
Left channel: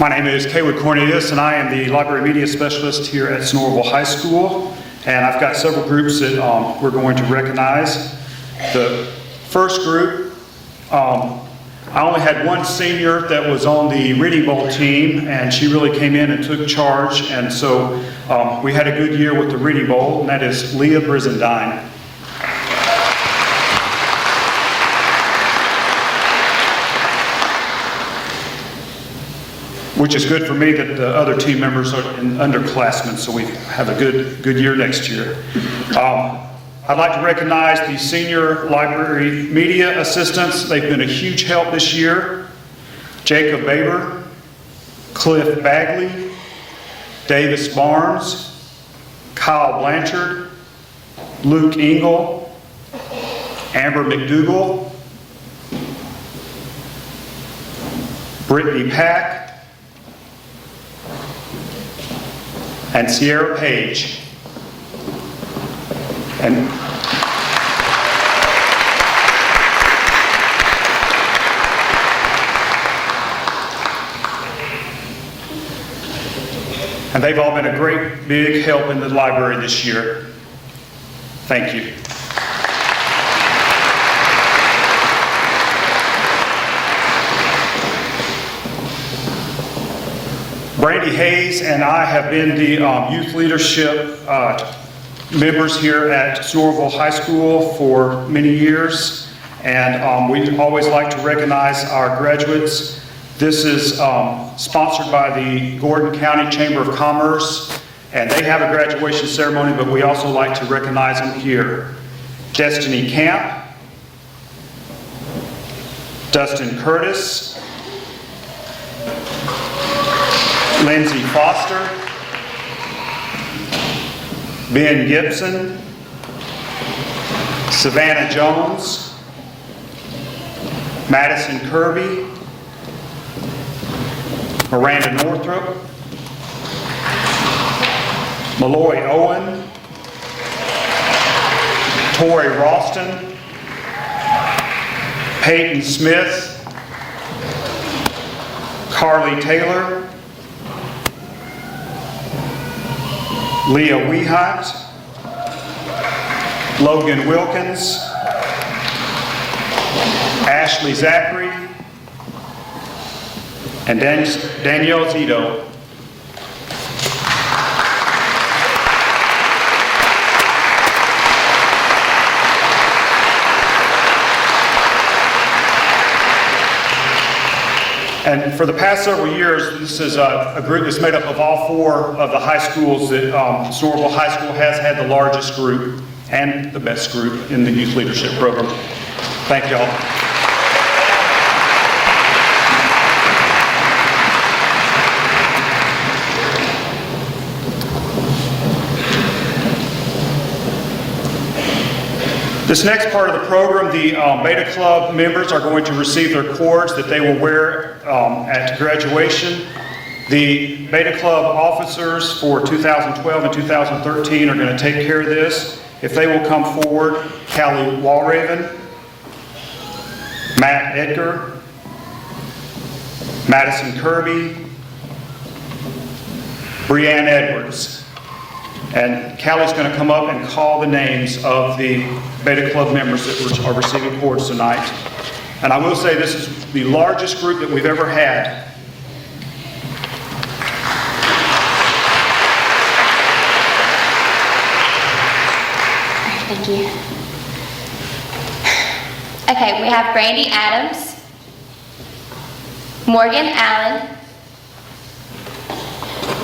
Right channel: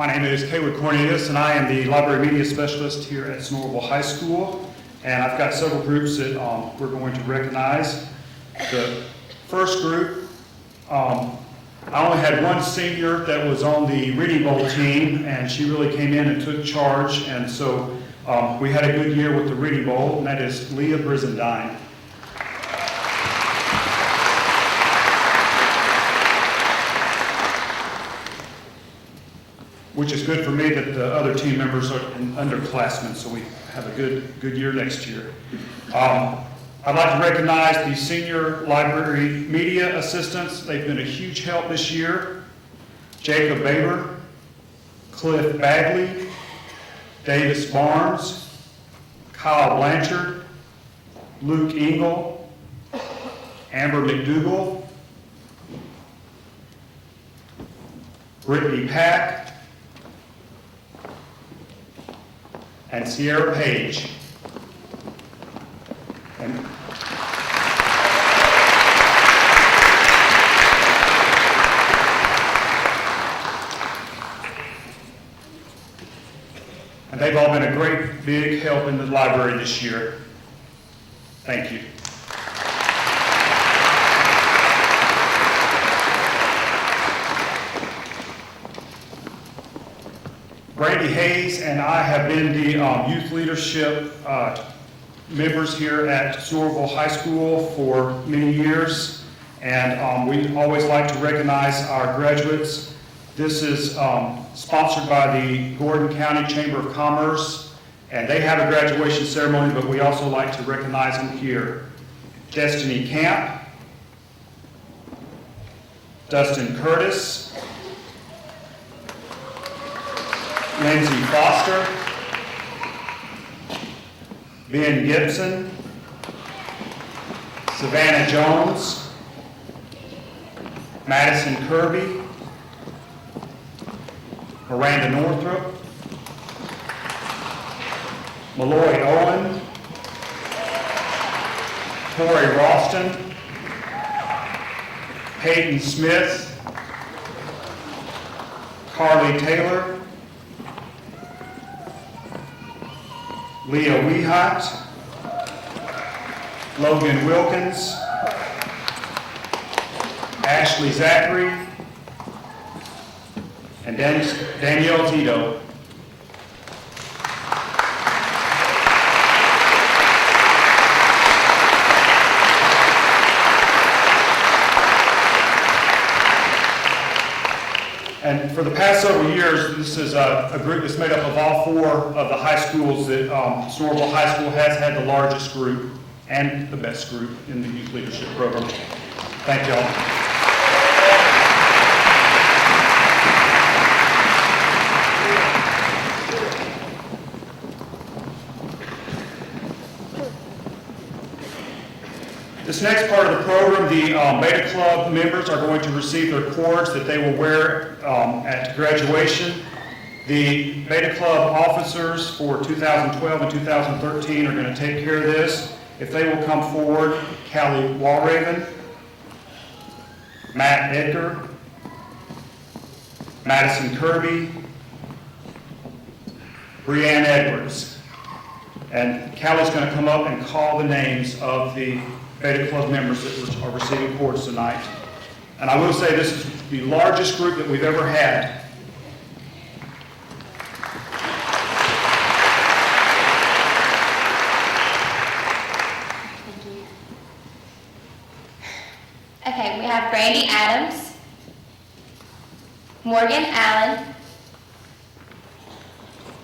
My name is Kaywood Cornelius, and I am the Library Media Specialist here at Snorville High School. And I've got several groups that we're going to recognize. The first group, I only had one senior that was on the Reading Bowl team, and she really came in and took charge. And so we had a good year with the Reading Bowl, and that is Leah Brizendine. Which is good for me that the other team members are underclassmen, so we have a good year next year. I'd like to recognize the senior library media assistants. They've been a huge help this year. Jacob Baber, Cliff Bagley, Davis Barnes, Kyle Blanchard, Luke Engel, Amber McDougall, Brittany Pack, and Sierra Page. And they've all been a great big help in the library this year. Thank you. Brandy Hayes and I have been the youth leadership members here at Snorville High School for many years, and we always like to recognize our graduates. This is sponsored by the Gordon County Chamber of Commerce, and they have a graduation ceremony, but we also like to recognize them here. Destiny Camp, Dustin Curtis, Lindsay Foster, Ben Gibson, Savannah Jones, Madison Kirby, Miranda Northrop, Malloy Owen, Tori Ralston, Peyton Smith, Carly Taylor, Leah Weehot, Logan Wilkins, Ashley Zachary, and Danielle Zito. And for the past several years, this is a group that's made up of all 4 of the high schools that Snorville High School has had the largest group and the best group in the youth leadership program. Thank you all. This next part of the program, the Beta Club members are going to receive their cords that they will wear at graduation. The Beta Club officers for 2012 and 2013 are going to take care of this. If they will come forward, Callie Walraven, Matt Edgar, Madison Kirby, Brianne Edwards. And Callie's going to come up and call the names of the Beta Club members that are receiving cords tonight. And I will say this is the largest group that we've ever had. Thank you. Okay, we have Brady Adams, Morgan Allen,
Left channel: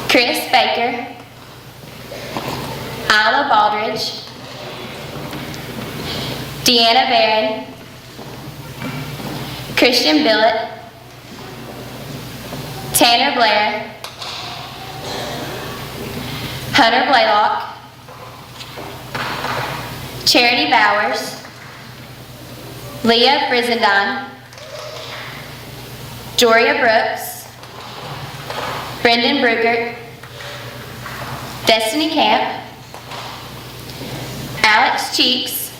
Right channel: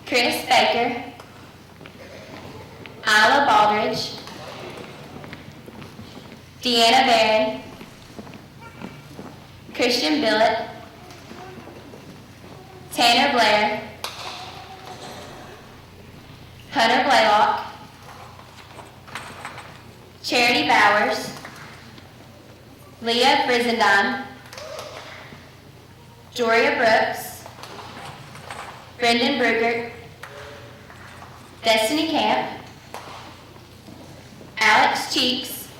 Chris Baker, Isla Baldridge, Deanna Barron, Christian Billett, Tanner Blair, Hunter Blaylock, Charity Bowers, Leah Brizendine, Joria Brooks, Brendan Brugert, Destiny Camp, Alex Cheeks,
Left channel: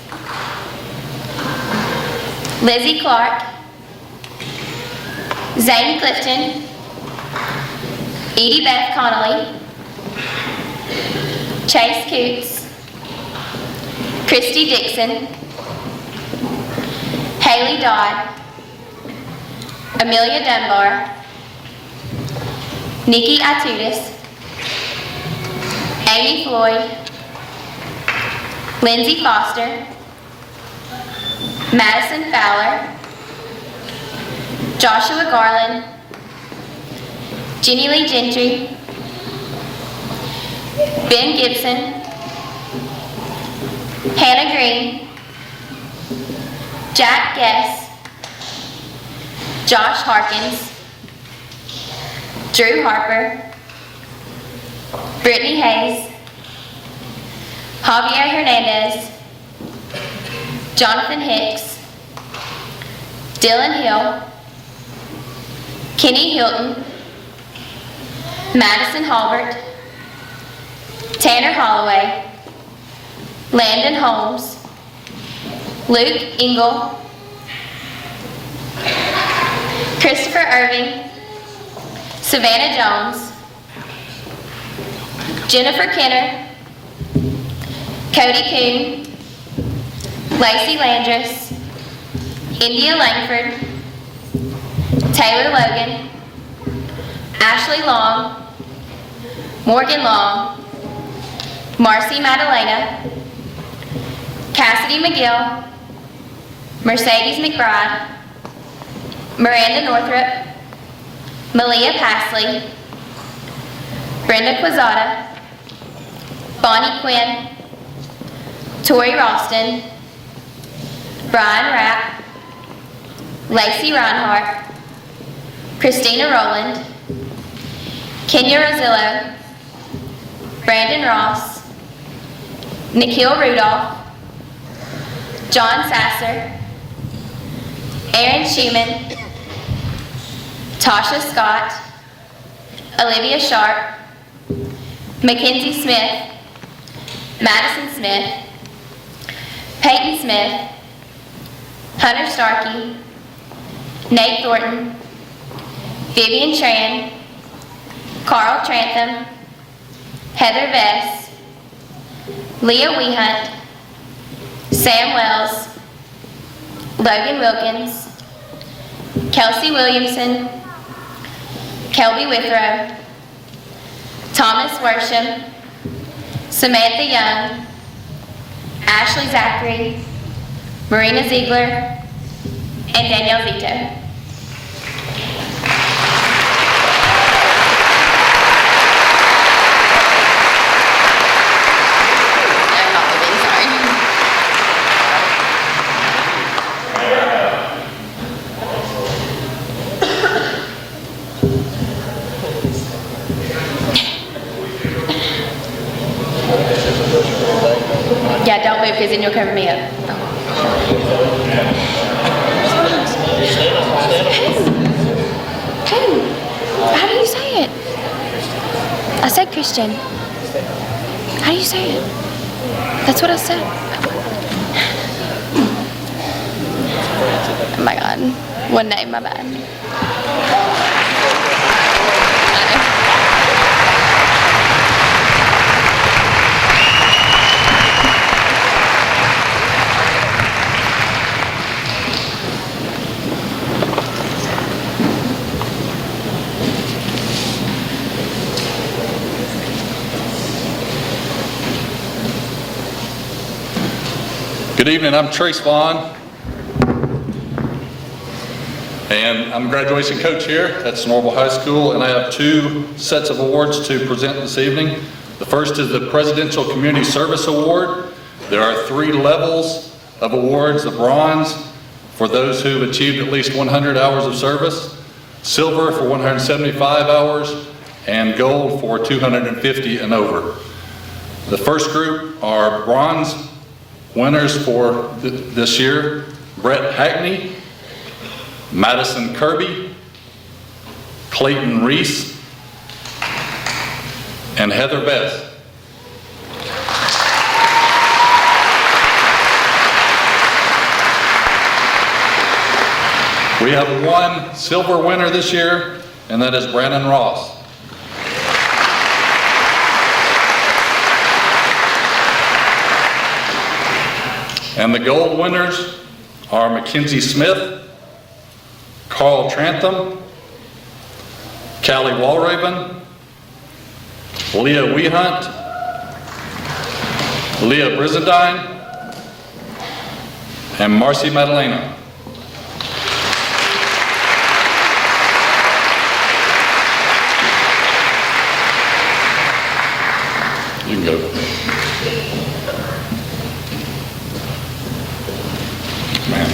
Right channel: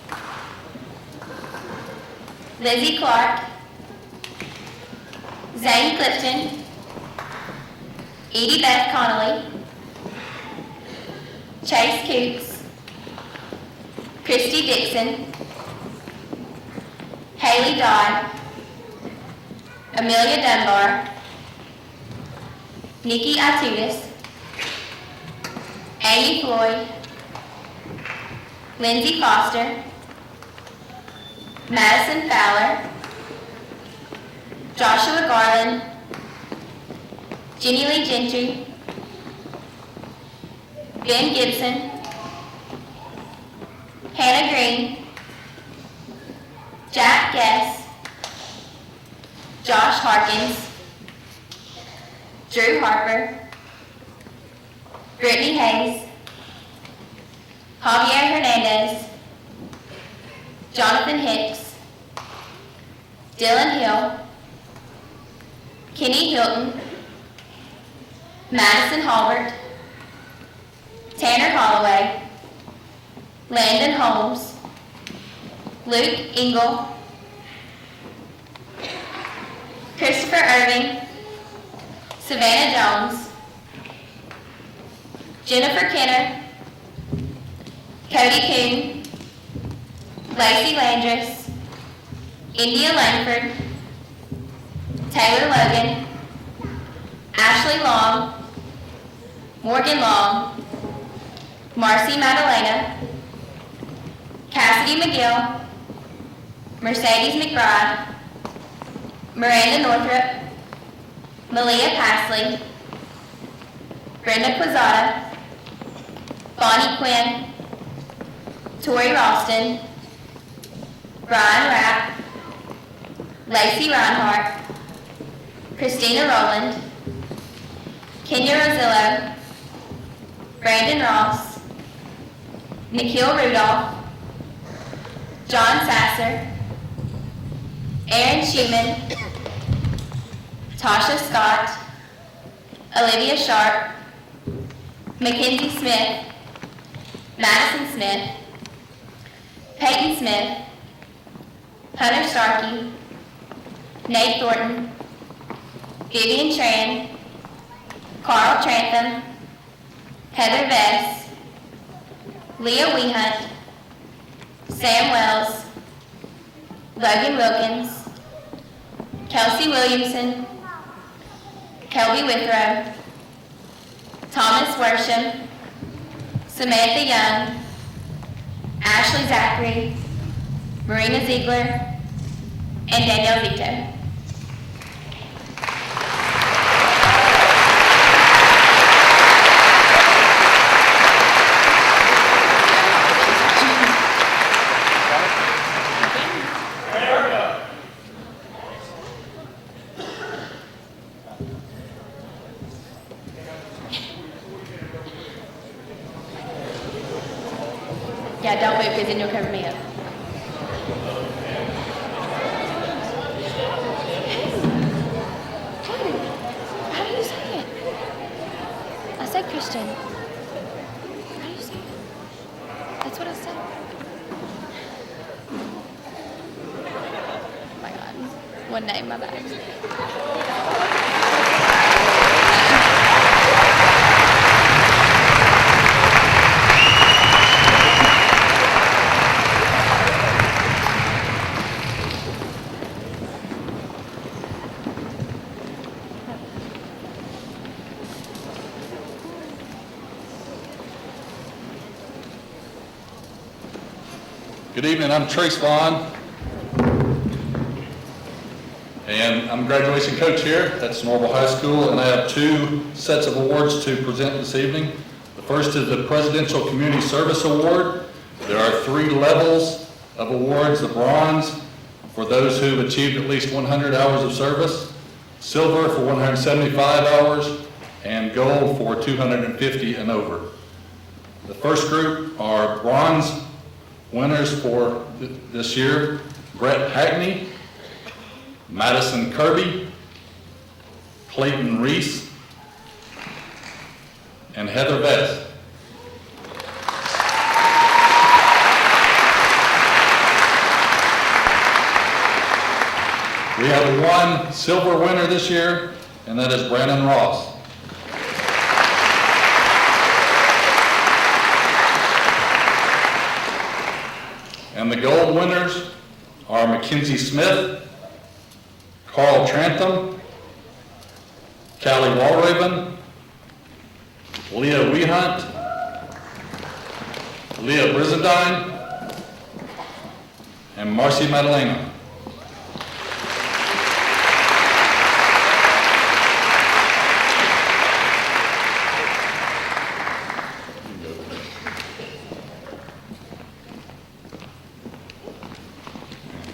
Lizzie Clark, Zane Clifton, Edie Beth Connolly, Chase Coots, Christy Dixon, Haley Dodd, Amelia Dunbar, Nikki Atutis, Amy Floyd, Lindsay Foster, Madison Fowler, Joshua Garland, Jenny Lee Gentry, Ben Gibson, Hannah Green, Jack Guess, Josh Harkins, Drew Harper, Brittany Hayes, Javier Hernandez, Jonathan Hicks, Dylan Hill, Kenny Hilton, Madison Halbert, Tanner Holloway, Landon Holmes, Luke Engel, Christopher Irving, Savannah Jones, Jennifer Kenner, Cody Coon, Lacey Landris, India Langford, Taylor Logan, Ashley Long, Morgan Long, Marcy Madalena, Cassidy McGill, Mercedes McBride, Miranda Northrup, Malia Pasley, Brenda Quezada, Bonnie Quinn, Tori Ralston, Brian Rapp, Lacey Reinhardt, Christina Rowland, Kenya Rosillo, Brandon Ross, Nikhil Rudolph, John Sasser, Aaron Schumann, Tasha Scott, Olivia Sharp, Mackenzie Smith, Madison Smith, Peyton Smith, Hunter Starkey, Nate Thornton, Vivian Tran, Carl Trantham, Heather Bess, Leah Wehunt, Sam Wells, Logan Wilkins, Kelsey Williamson, Kelby Withrow, Thomas Worsham, Samantha Young, Ashley Zachary, Marina Ziegler, and Danielle Vito. it, please, and you'll cover me up. How do you say it? I said Christian. How do you say it? That's what I said. Oh my God. One name, my bad. Good evening, I'm Trace Vaughn, and I'm graduation coach here at Snorville High School, and I have 2 sets of awards to present this evening. The first is the Presidential Community Service Award. There are 3 levels of awards: the bronze for those who have achieved at least 100 hours of service, silver for 175 hours, and gold for 250 and over. The first group are bronze winners for this year: Brett Hackney, Madison Kirby, Clayton Reese, and Heather Best. We have 1 silver winner this year, and that is Brandon Ross. And the gold winners are Mackenzie Smith, Carl Trantham, Callie Walraven, Leah Wehunt, Leah Brizadine, and Marcy Madalena. You can go. Man.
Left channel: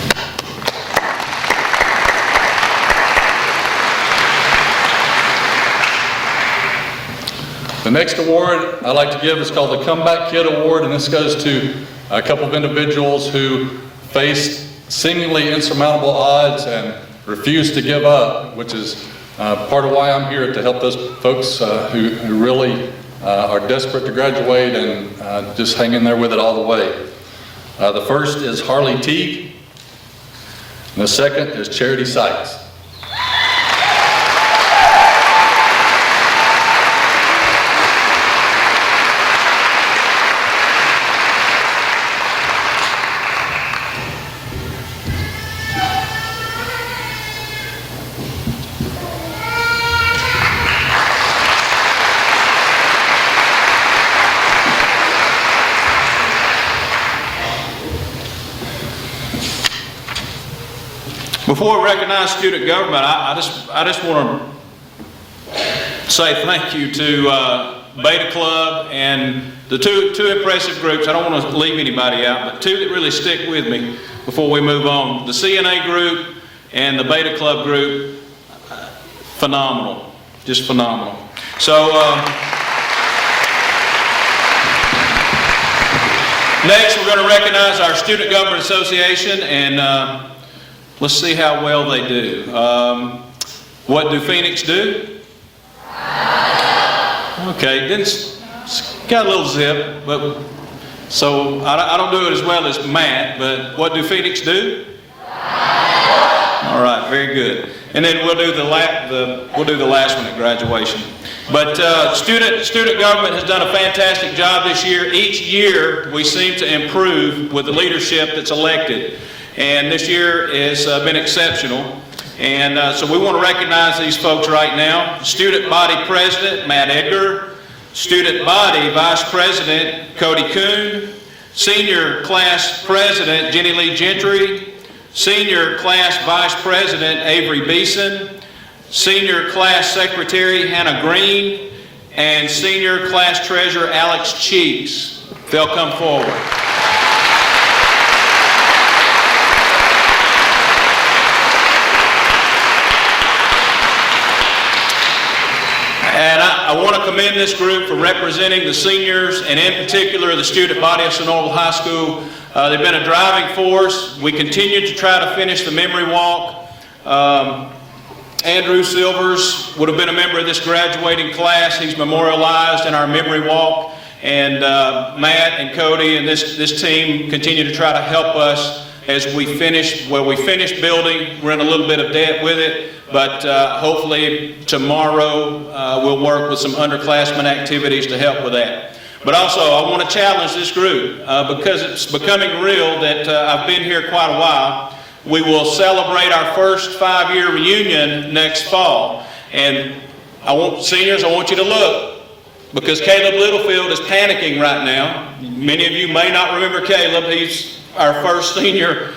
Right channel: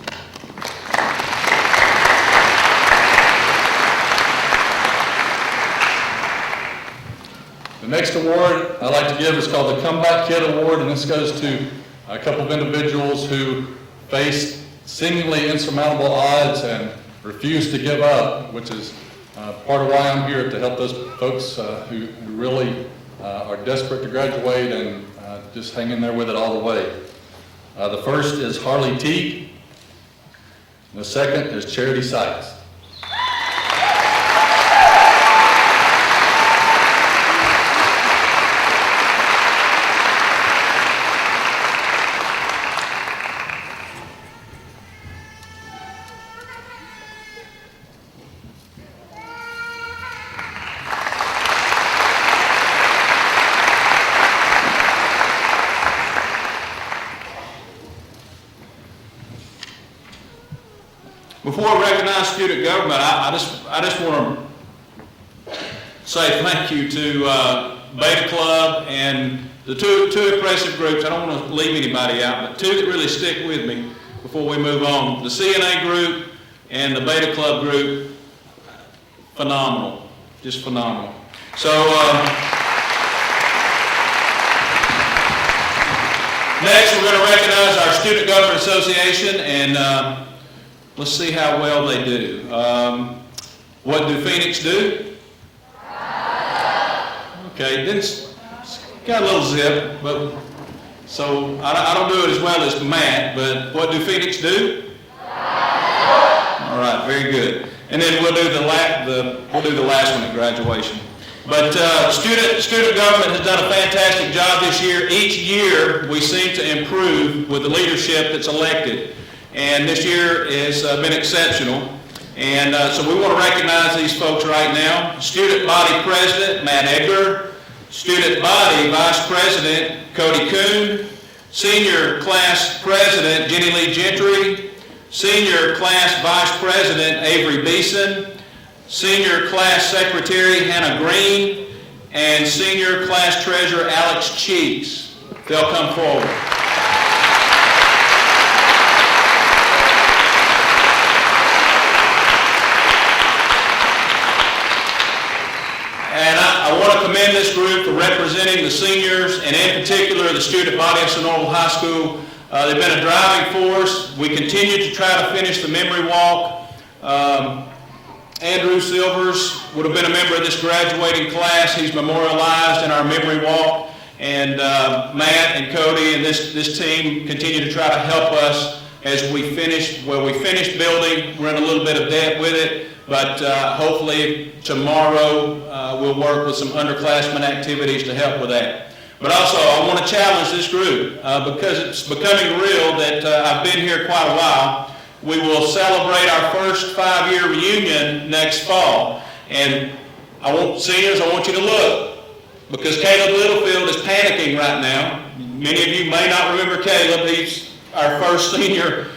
The next award I'd like to give is called the Comeback Kid Award, and this goes to a couple of individuals who faced seemingly insurmountable odds and refused to give up, which is part of why I'm here, to help those folks who really are desperate to graduate and just hang in there with it all the way. The first is Harley Teague, and the second is Charity Sykes. Before I recognize student government, I just want to say thank you to Beta Club and the two impressive groups. I don't want to leave anybody out, but 2 that really stick with me before we move on. The CNA group and the Beta Club group, phenomenal, just phenomenal. So next we're going to recognize our Student Government Association, and let's see how well they do. What do Phoenix do? Okay, it's got a little zip, but so I don't do it as well as Matt, but what do Phoenix do? All right, very good. And then we'll do the last one at graduation. But student government has done a fantastic job this year. Each year we seem to improve with the leadership that's elected. And this year has been exceptional. And so we want to recognize these folks right now. Student Body President, Matt Edgar. Student Body Vice President, Cody Kuhn. Senior Class President, Jenny Lee Gentry. Senior Class Vice President, Avery Beeson. Senior Class Secretary, Hannah Green. And Senior Class Treasurer, Alex Cheeks. They'll come forward. And I I want to commend this group for representing the seniors, and in particular, the student body of Sonoral High School. They've been a driving force. We continue to try to finish the memory walk. Andrew Silvers would have been a member of this graduating class. He's memorialized in our memory walk. And Matt and Cody and this team continue to try to help us as we finish building. We're in a little bit of debt with it, but hopefully tomorrow we'll work with some underclassmen activities to help with that. But also, I want to challenge this group because it's becoming real that I've been here quite a while. We will celebrate our first 5-year reunion next fall. And seniors, I want you to look, because Caleb Littlefield is panicking right now. Many of you may not remember Caleb. He's our first senior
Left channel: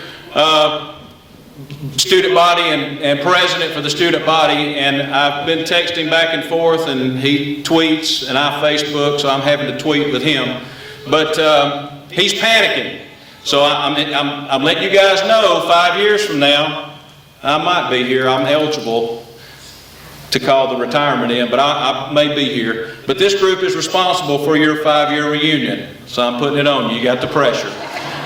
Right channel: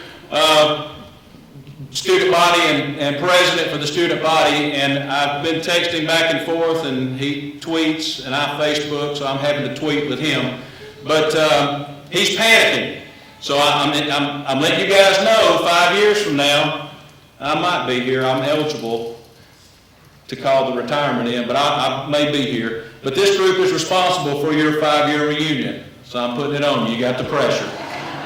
student body and president for the student body, and I've been texting back and forth, and he tweets, and I Facebook, so I'm having to tweet with him. But he's panicking. So I'm letting you guys know 5 years from now, I might be here. I'm eligible to call the retirement in, but I may be here. But this group is responsible for your 5-year reunion, so I'm putting it on you. You got the pressure.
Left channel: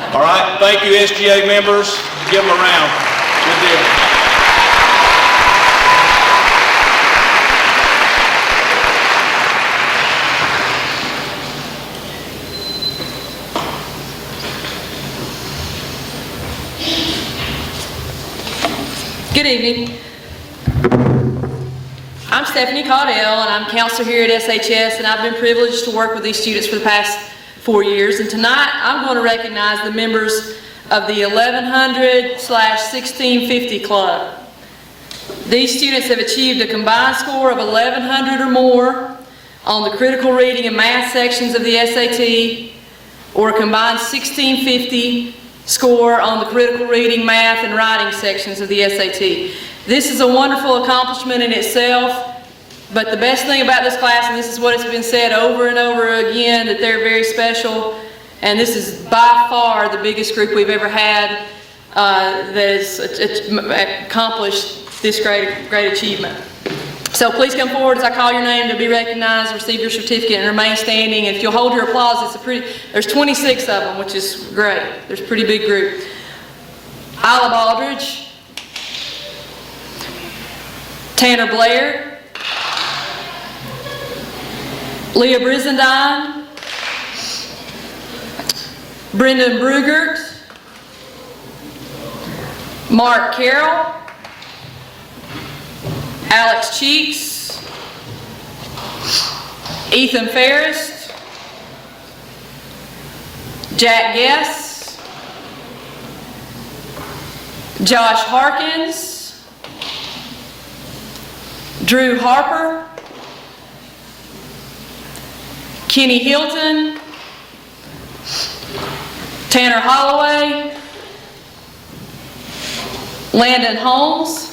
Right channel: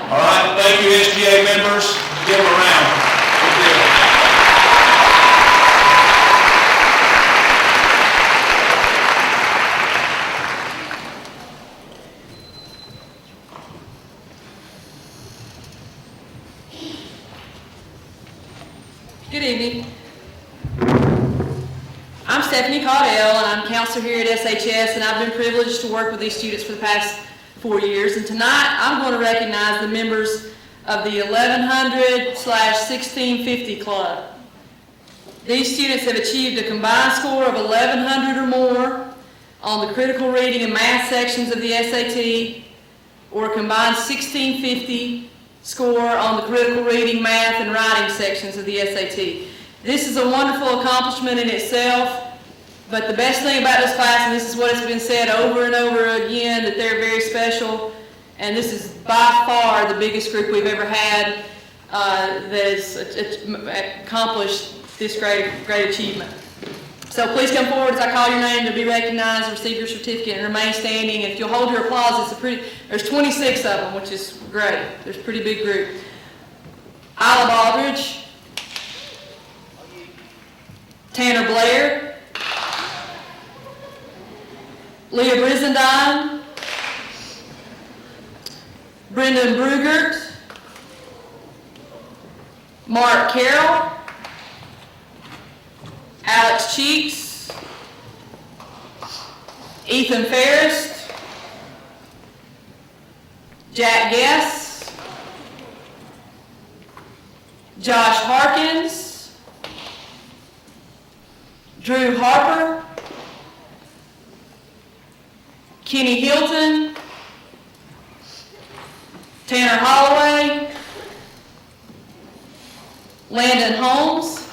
All right, thank you, SGA members. Give them a round. Good deal. Good evening. I'm Stephanie Caudell, and I'm counselor here at SHS, and I've been privileged to work with these students for the past 4 years. And tonight, I'm going to recognize the members of the 1100/1650 Club. These students have achieved a combined score of 1100 or more on the critical reading and math sections of the SAT, or a combined 1650 score on the critical reading, math, and writing sections of the SAT. This is a wonderful accomplishment in itself, but the best thing about this class, and this is what has been said over and over again, that they're very special, and this is by far the biggest group we've ever had that has accomplished this great achievement. So please come forward as I call your name to be recognized, receive your certificate, and remain standing. If you'll hold your applause, there's 26 of them, which is great. There's a pretty big group. Isla Baldridge, Tanner Blair, Leah Brizendine, Brendan Brugert, Mark Carroll, Alex Cheeks, Ethan Ferris, Jack Guess, Josh Harkins, Drew Harper, Kenny Hilton, Tanner Holloway, Landon Holmes,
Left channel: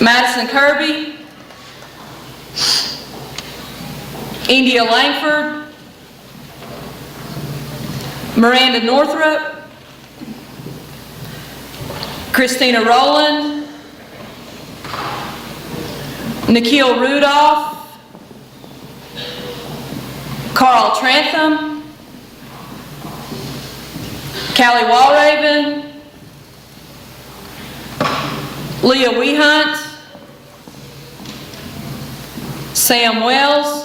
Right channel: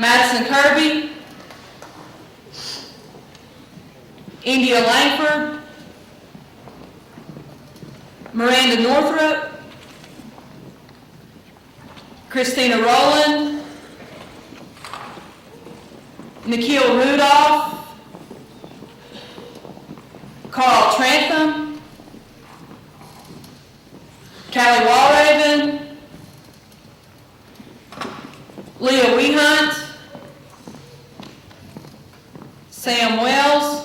Madison Kirby, India Langford, Miranda Northrup, Christina Rowland, Nikhil Rudolph, Carl Trantham, Callie Walraven, Leah Wehunt, Sam Wells,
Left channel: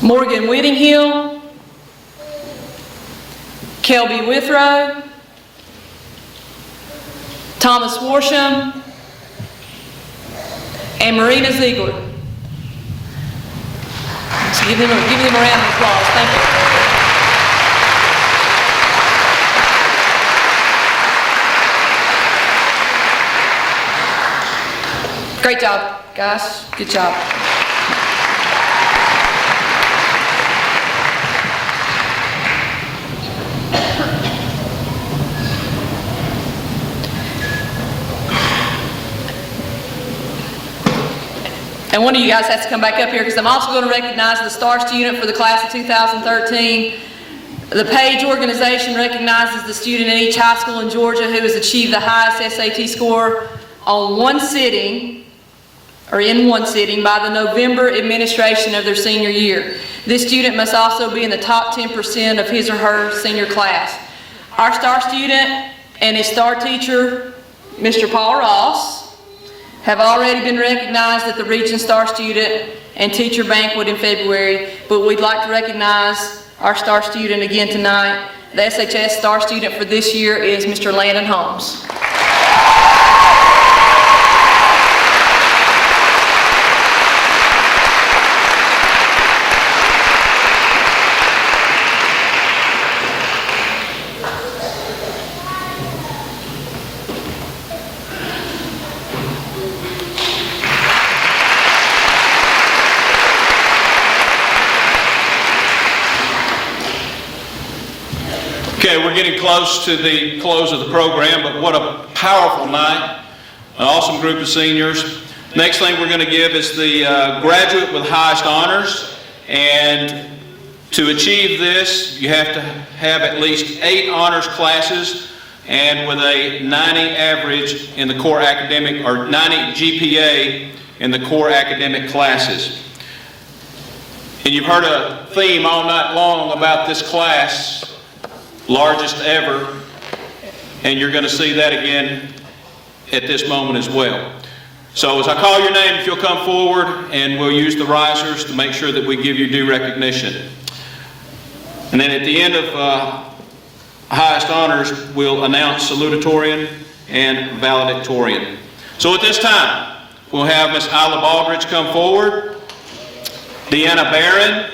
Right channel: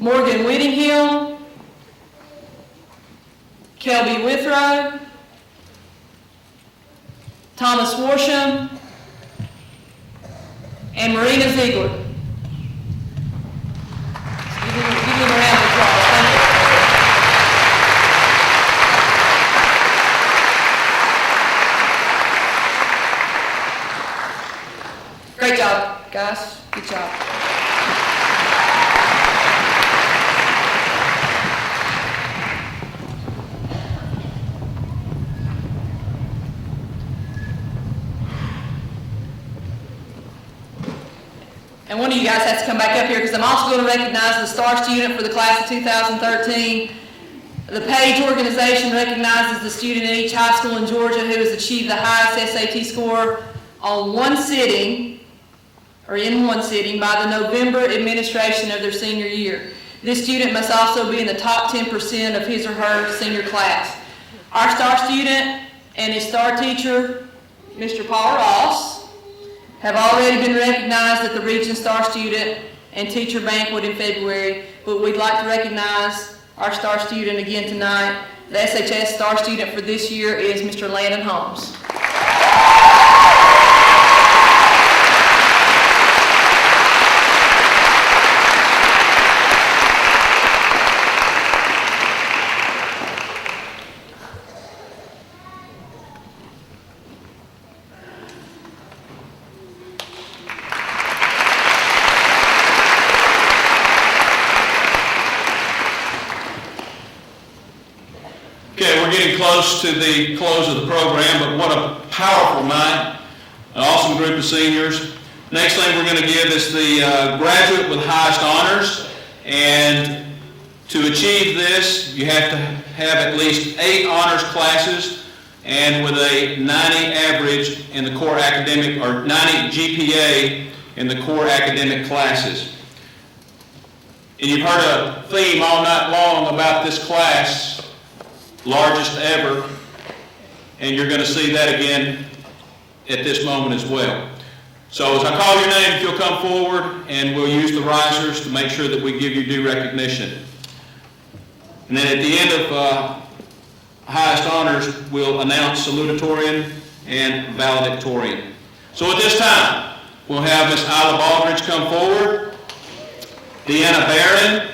Morgan Whittinghill, Kelby Withrow, Thomas Worsham, and Marita Ziegler. So give them a round of applause. Thank you. Great job, guys. Good job. And one of you guys has to come back up here because I'm also going to recognize the STAR student for the class of 2013. The PAGE organization recognizes the student in each high school in Georgia who has achieved the highest SAT score on one sitting, or in one sitting, by the November administration of their senior year. This student must also be in the top 10% of his or her senior class. Our star student and his star teacher, Mr. Paul Ross, have already been recognized at the Region Star Student and Teacher Banquet in February, but we'd like to recognize our star student again tonight. The SHS Star Student for this year is Mr. Landon Holmes. Okay, we're getting close to the close of the program, but what a powerful night. An awesome group of seniors. Next thing we're going to give is the graduate with highest honors. And to achieve this, you have to have at least 8 honors classes and with a 90 average in the core academic, or 90 GPA in the core academic classes. And you've heard a theme all night long about this class, largest ever, and you're going to see that again at this moment as well. So as I call your name, if you'll come forward, and we'll use the risers to make sure that we give you due recognition. And then at the end of highest honors, we'll announce salutatorian and valedictorian. So at this time, we'll have Ms. Isla Baldridge come forward, Deanna Barron,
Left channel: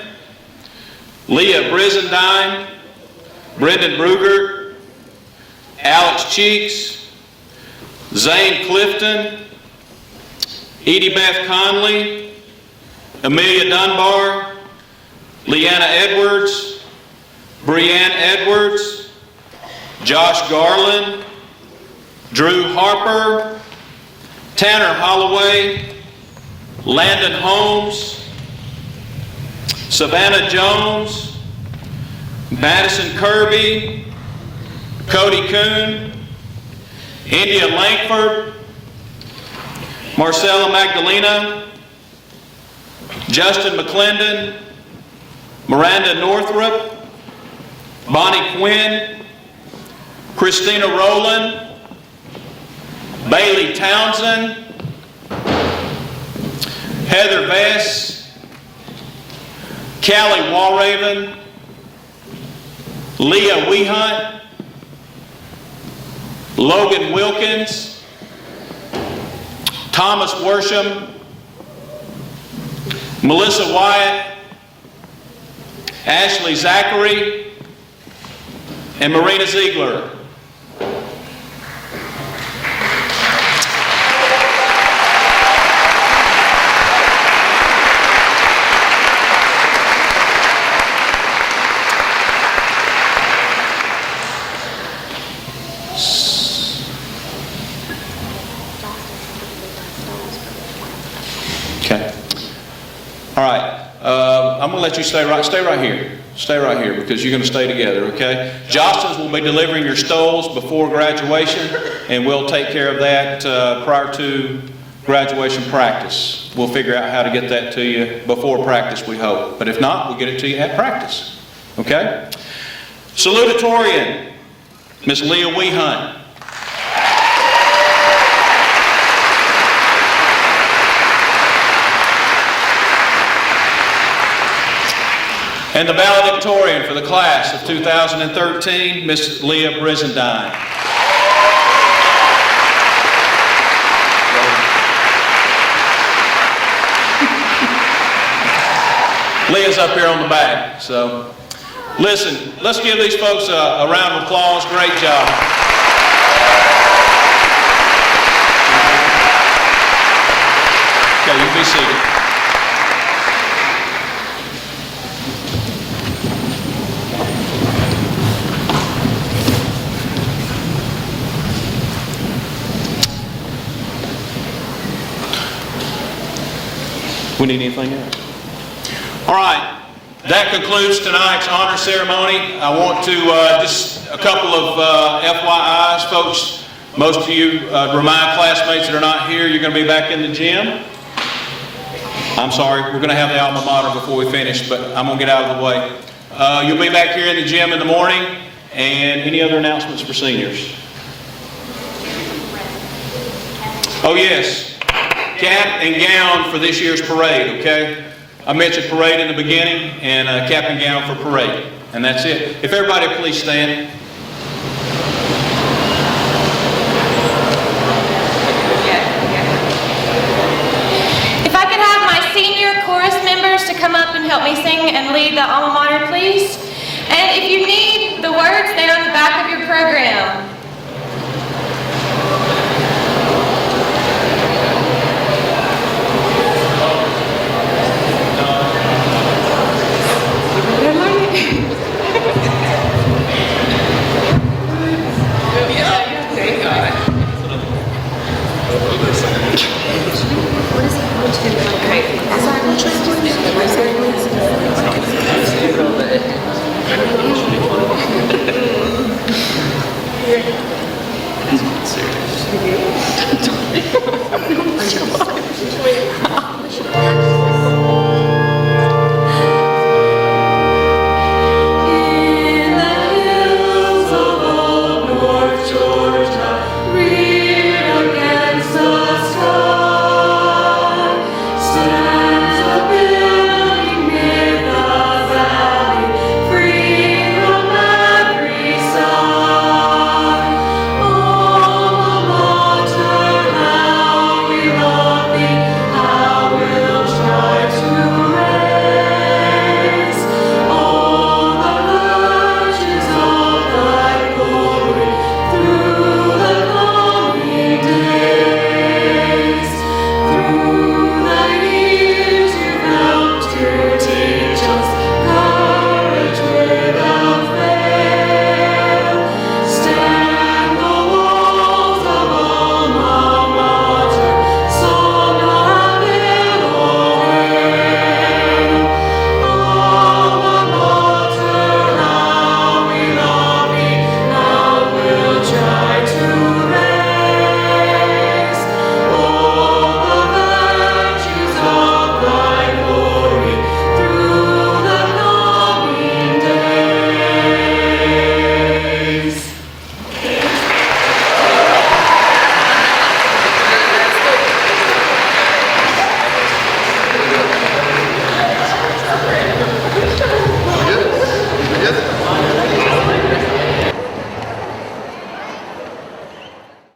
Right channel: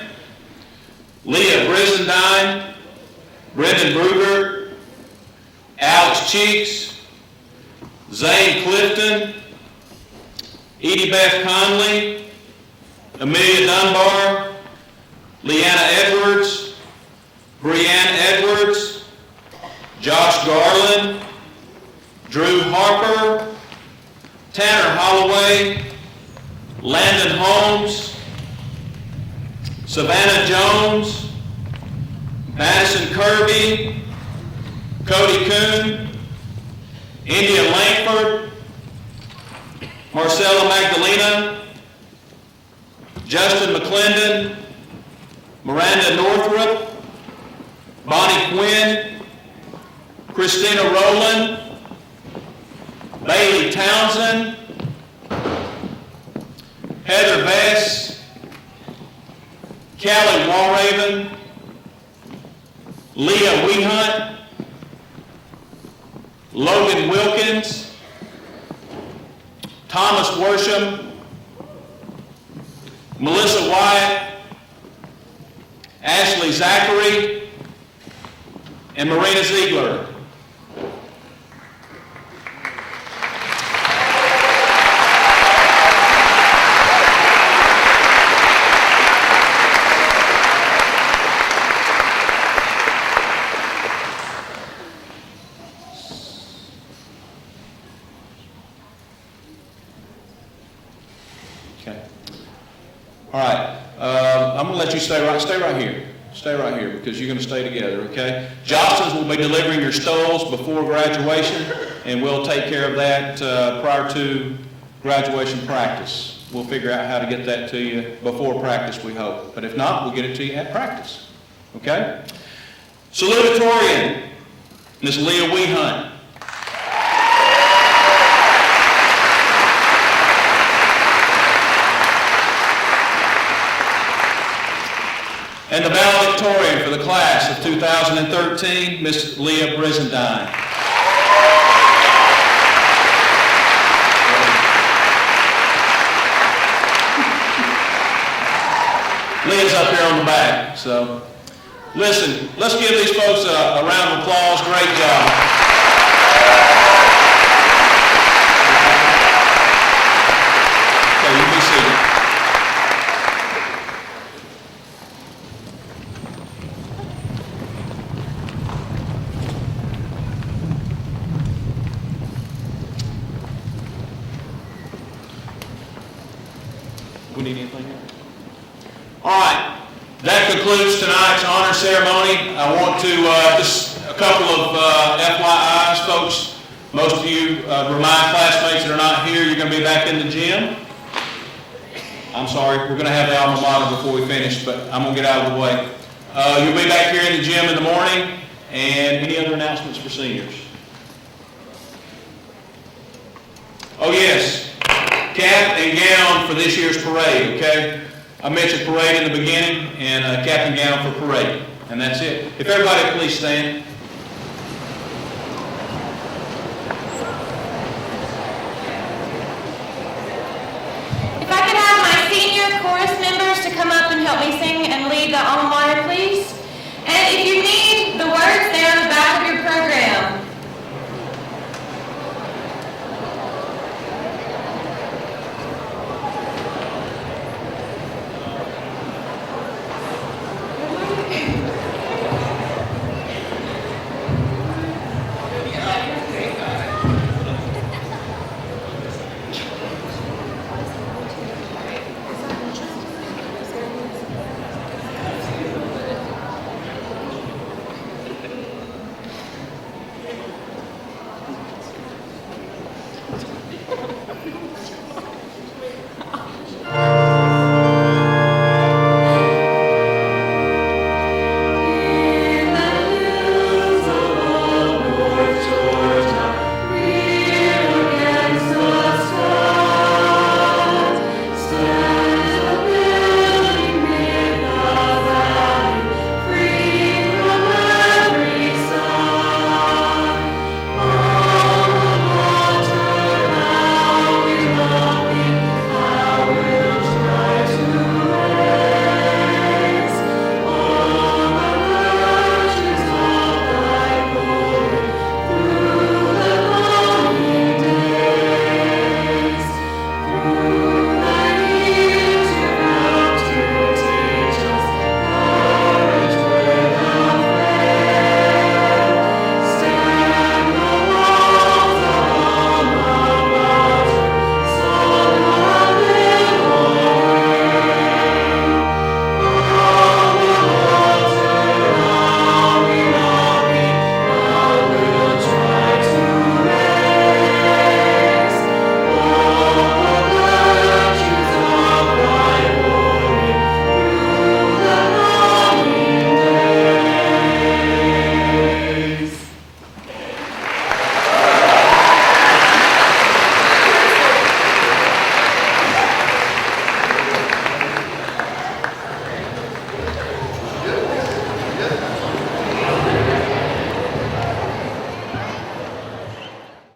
Leah Brizendine, Brendan Ruger, Alex Cheeks, Zane Clifton, Edie Beth Conley, Amelia Dunbar, Leanna Edwards, Brianne Edwards, Josh Garland, Drew Harper, Tanner Holloway, Landon Holmes, Savannah Jones, Madison Kirby, Cody Kuhn, India Langford, Marcella Magdalena, Justin McClendon, Miranda Northrup, Bonnie Quinn, Christina Rowland, Bailey Townsend, Heather Bess, Callie Walraven, Leah Wehunt, Logan Wilkins, Thomas Worsham, Melissa Wyatt, Ashley Zachary, and Marina Ziegler. Okay. All right. I'm going to let you stay right here. Stay right here because you're going to stay together, okay? Johnson's will be delivering your stoles before graduation, and we'll take care of that prior to graduation practice. We'll figure out how to get that to you before practice, we hope. But if not, we'll get it to you at practice, okay? Salutatorian, Ms. Leah Wehunt. And the valedictorian for the class of 2013, Ms. Leah Brizendine. Leah's up here on the back, so listen, let's give these folks a round of applause. Great job. Okay, you can see it. We need anything else? All right, that concludes tonight's honor ceremony. I want to, just a couple of FYIs, folks. Most of you, remind classmates that are not here, you're going to be back in the gym. I'm sorry, we're going to have the alma mater before we finish, but I'm going to get out of the way. You'll be back here in the gym in the morning, and any other announcements for seniors? Oh, yes, cap and gown for this year's parade, okay? I mentioned parade in the beginning, and cap and gown for parade, and that's it. If everybody please stand. If I could have my senior chorus members to come up and help me sing and lead the alma mater, please. And if you need the words, they're on the back of your program.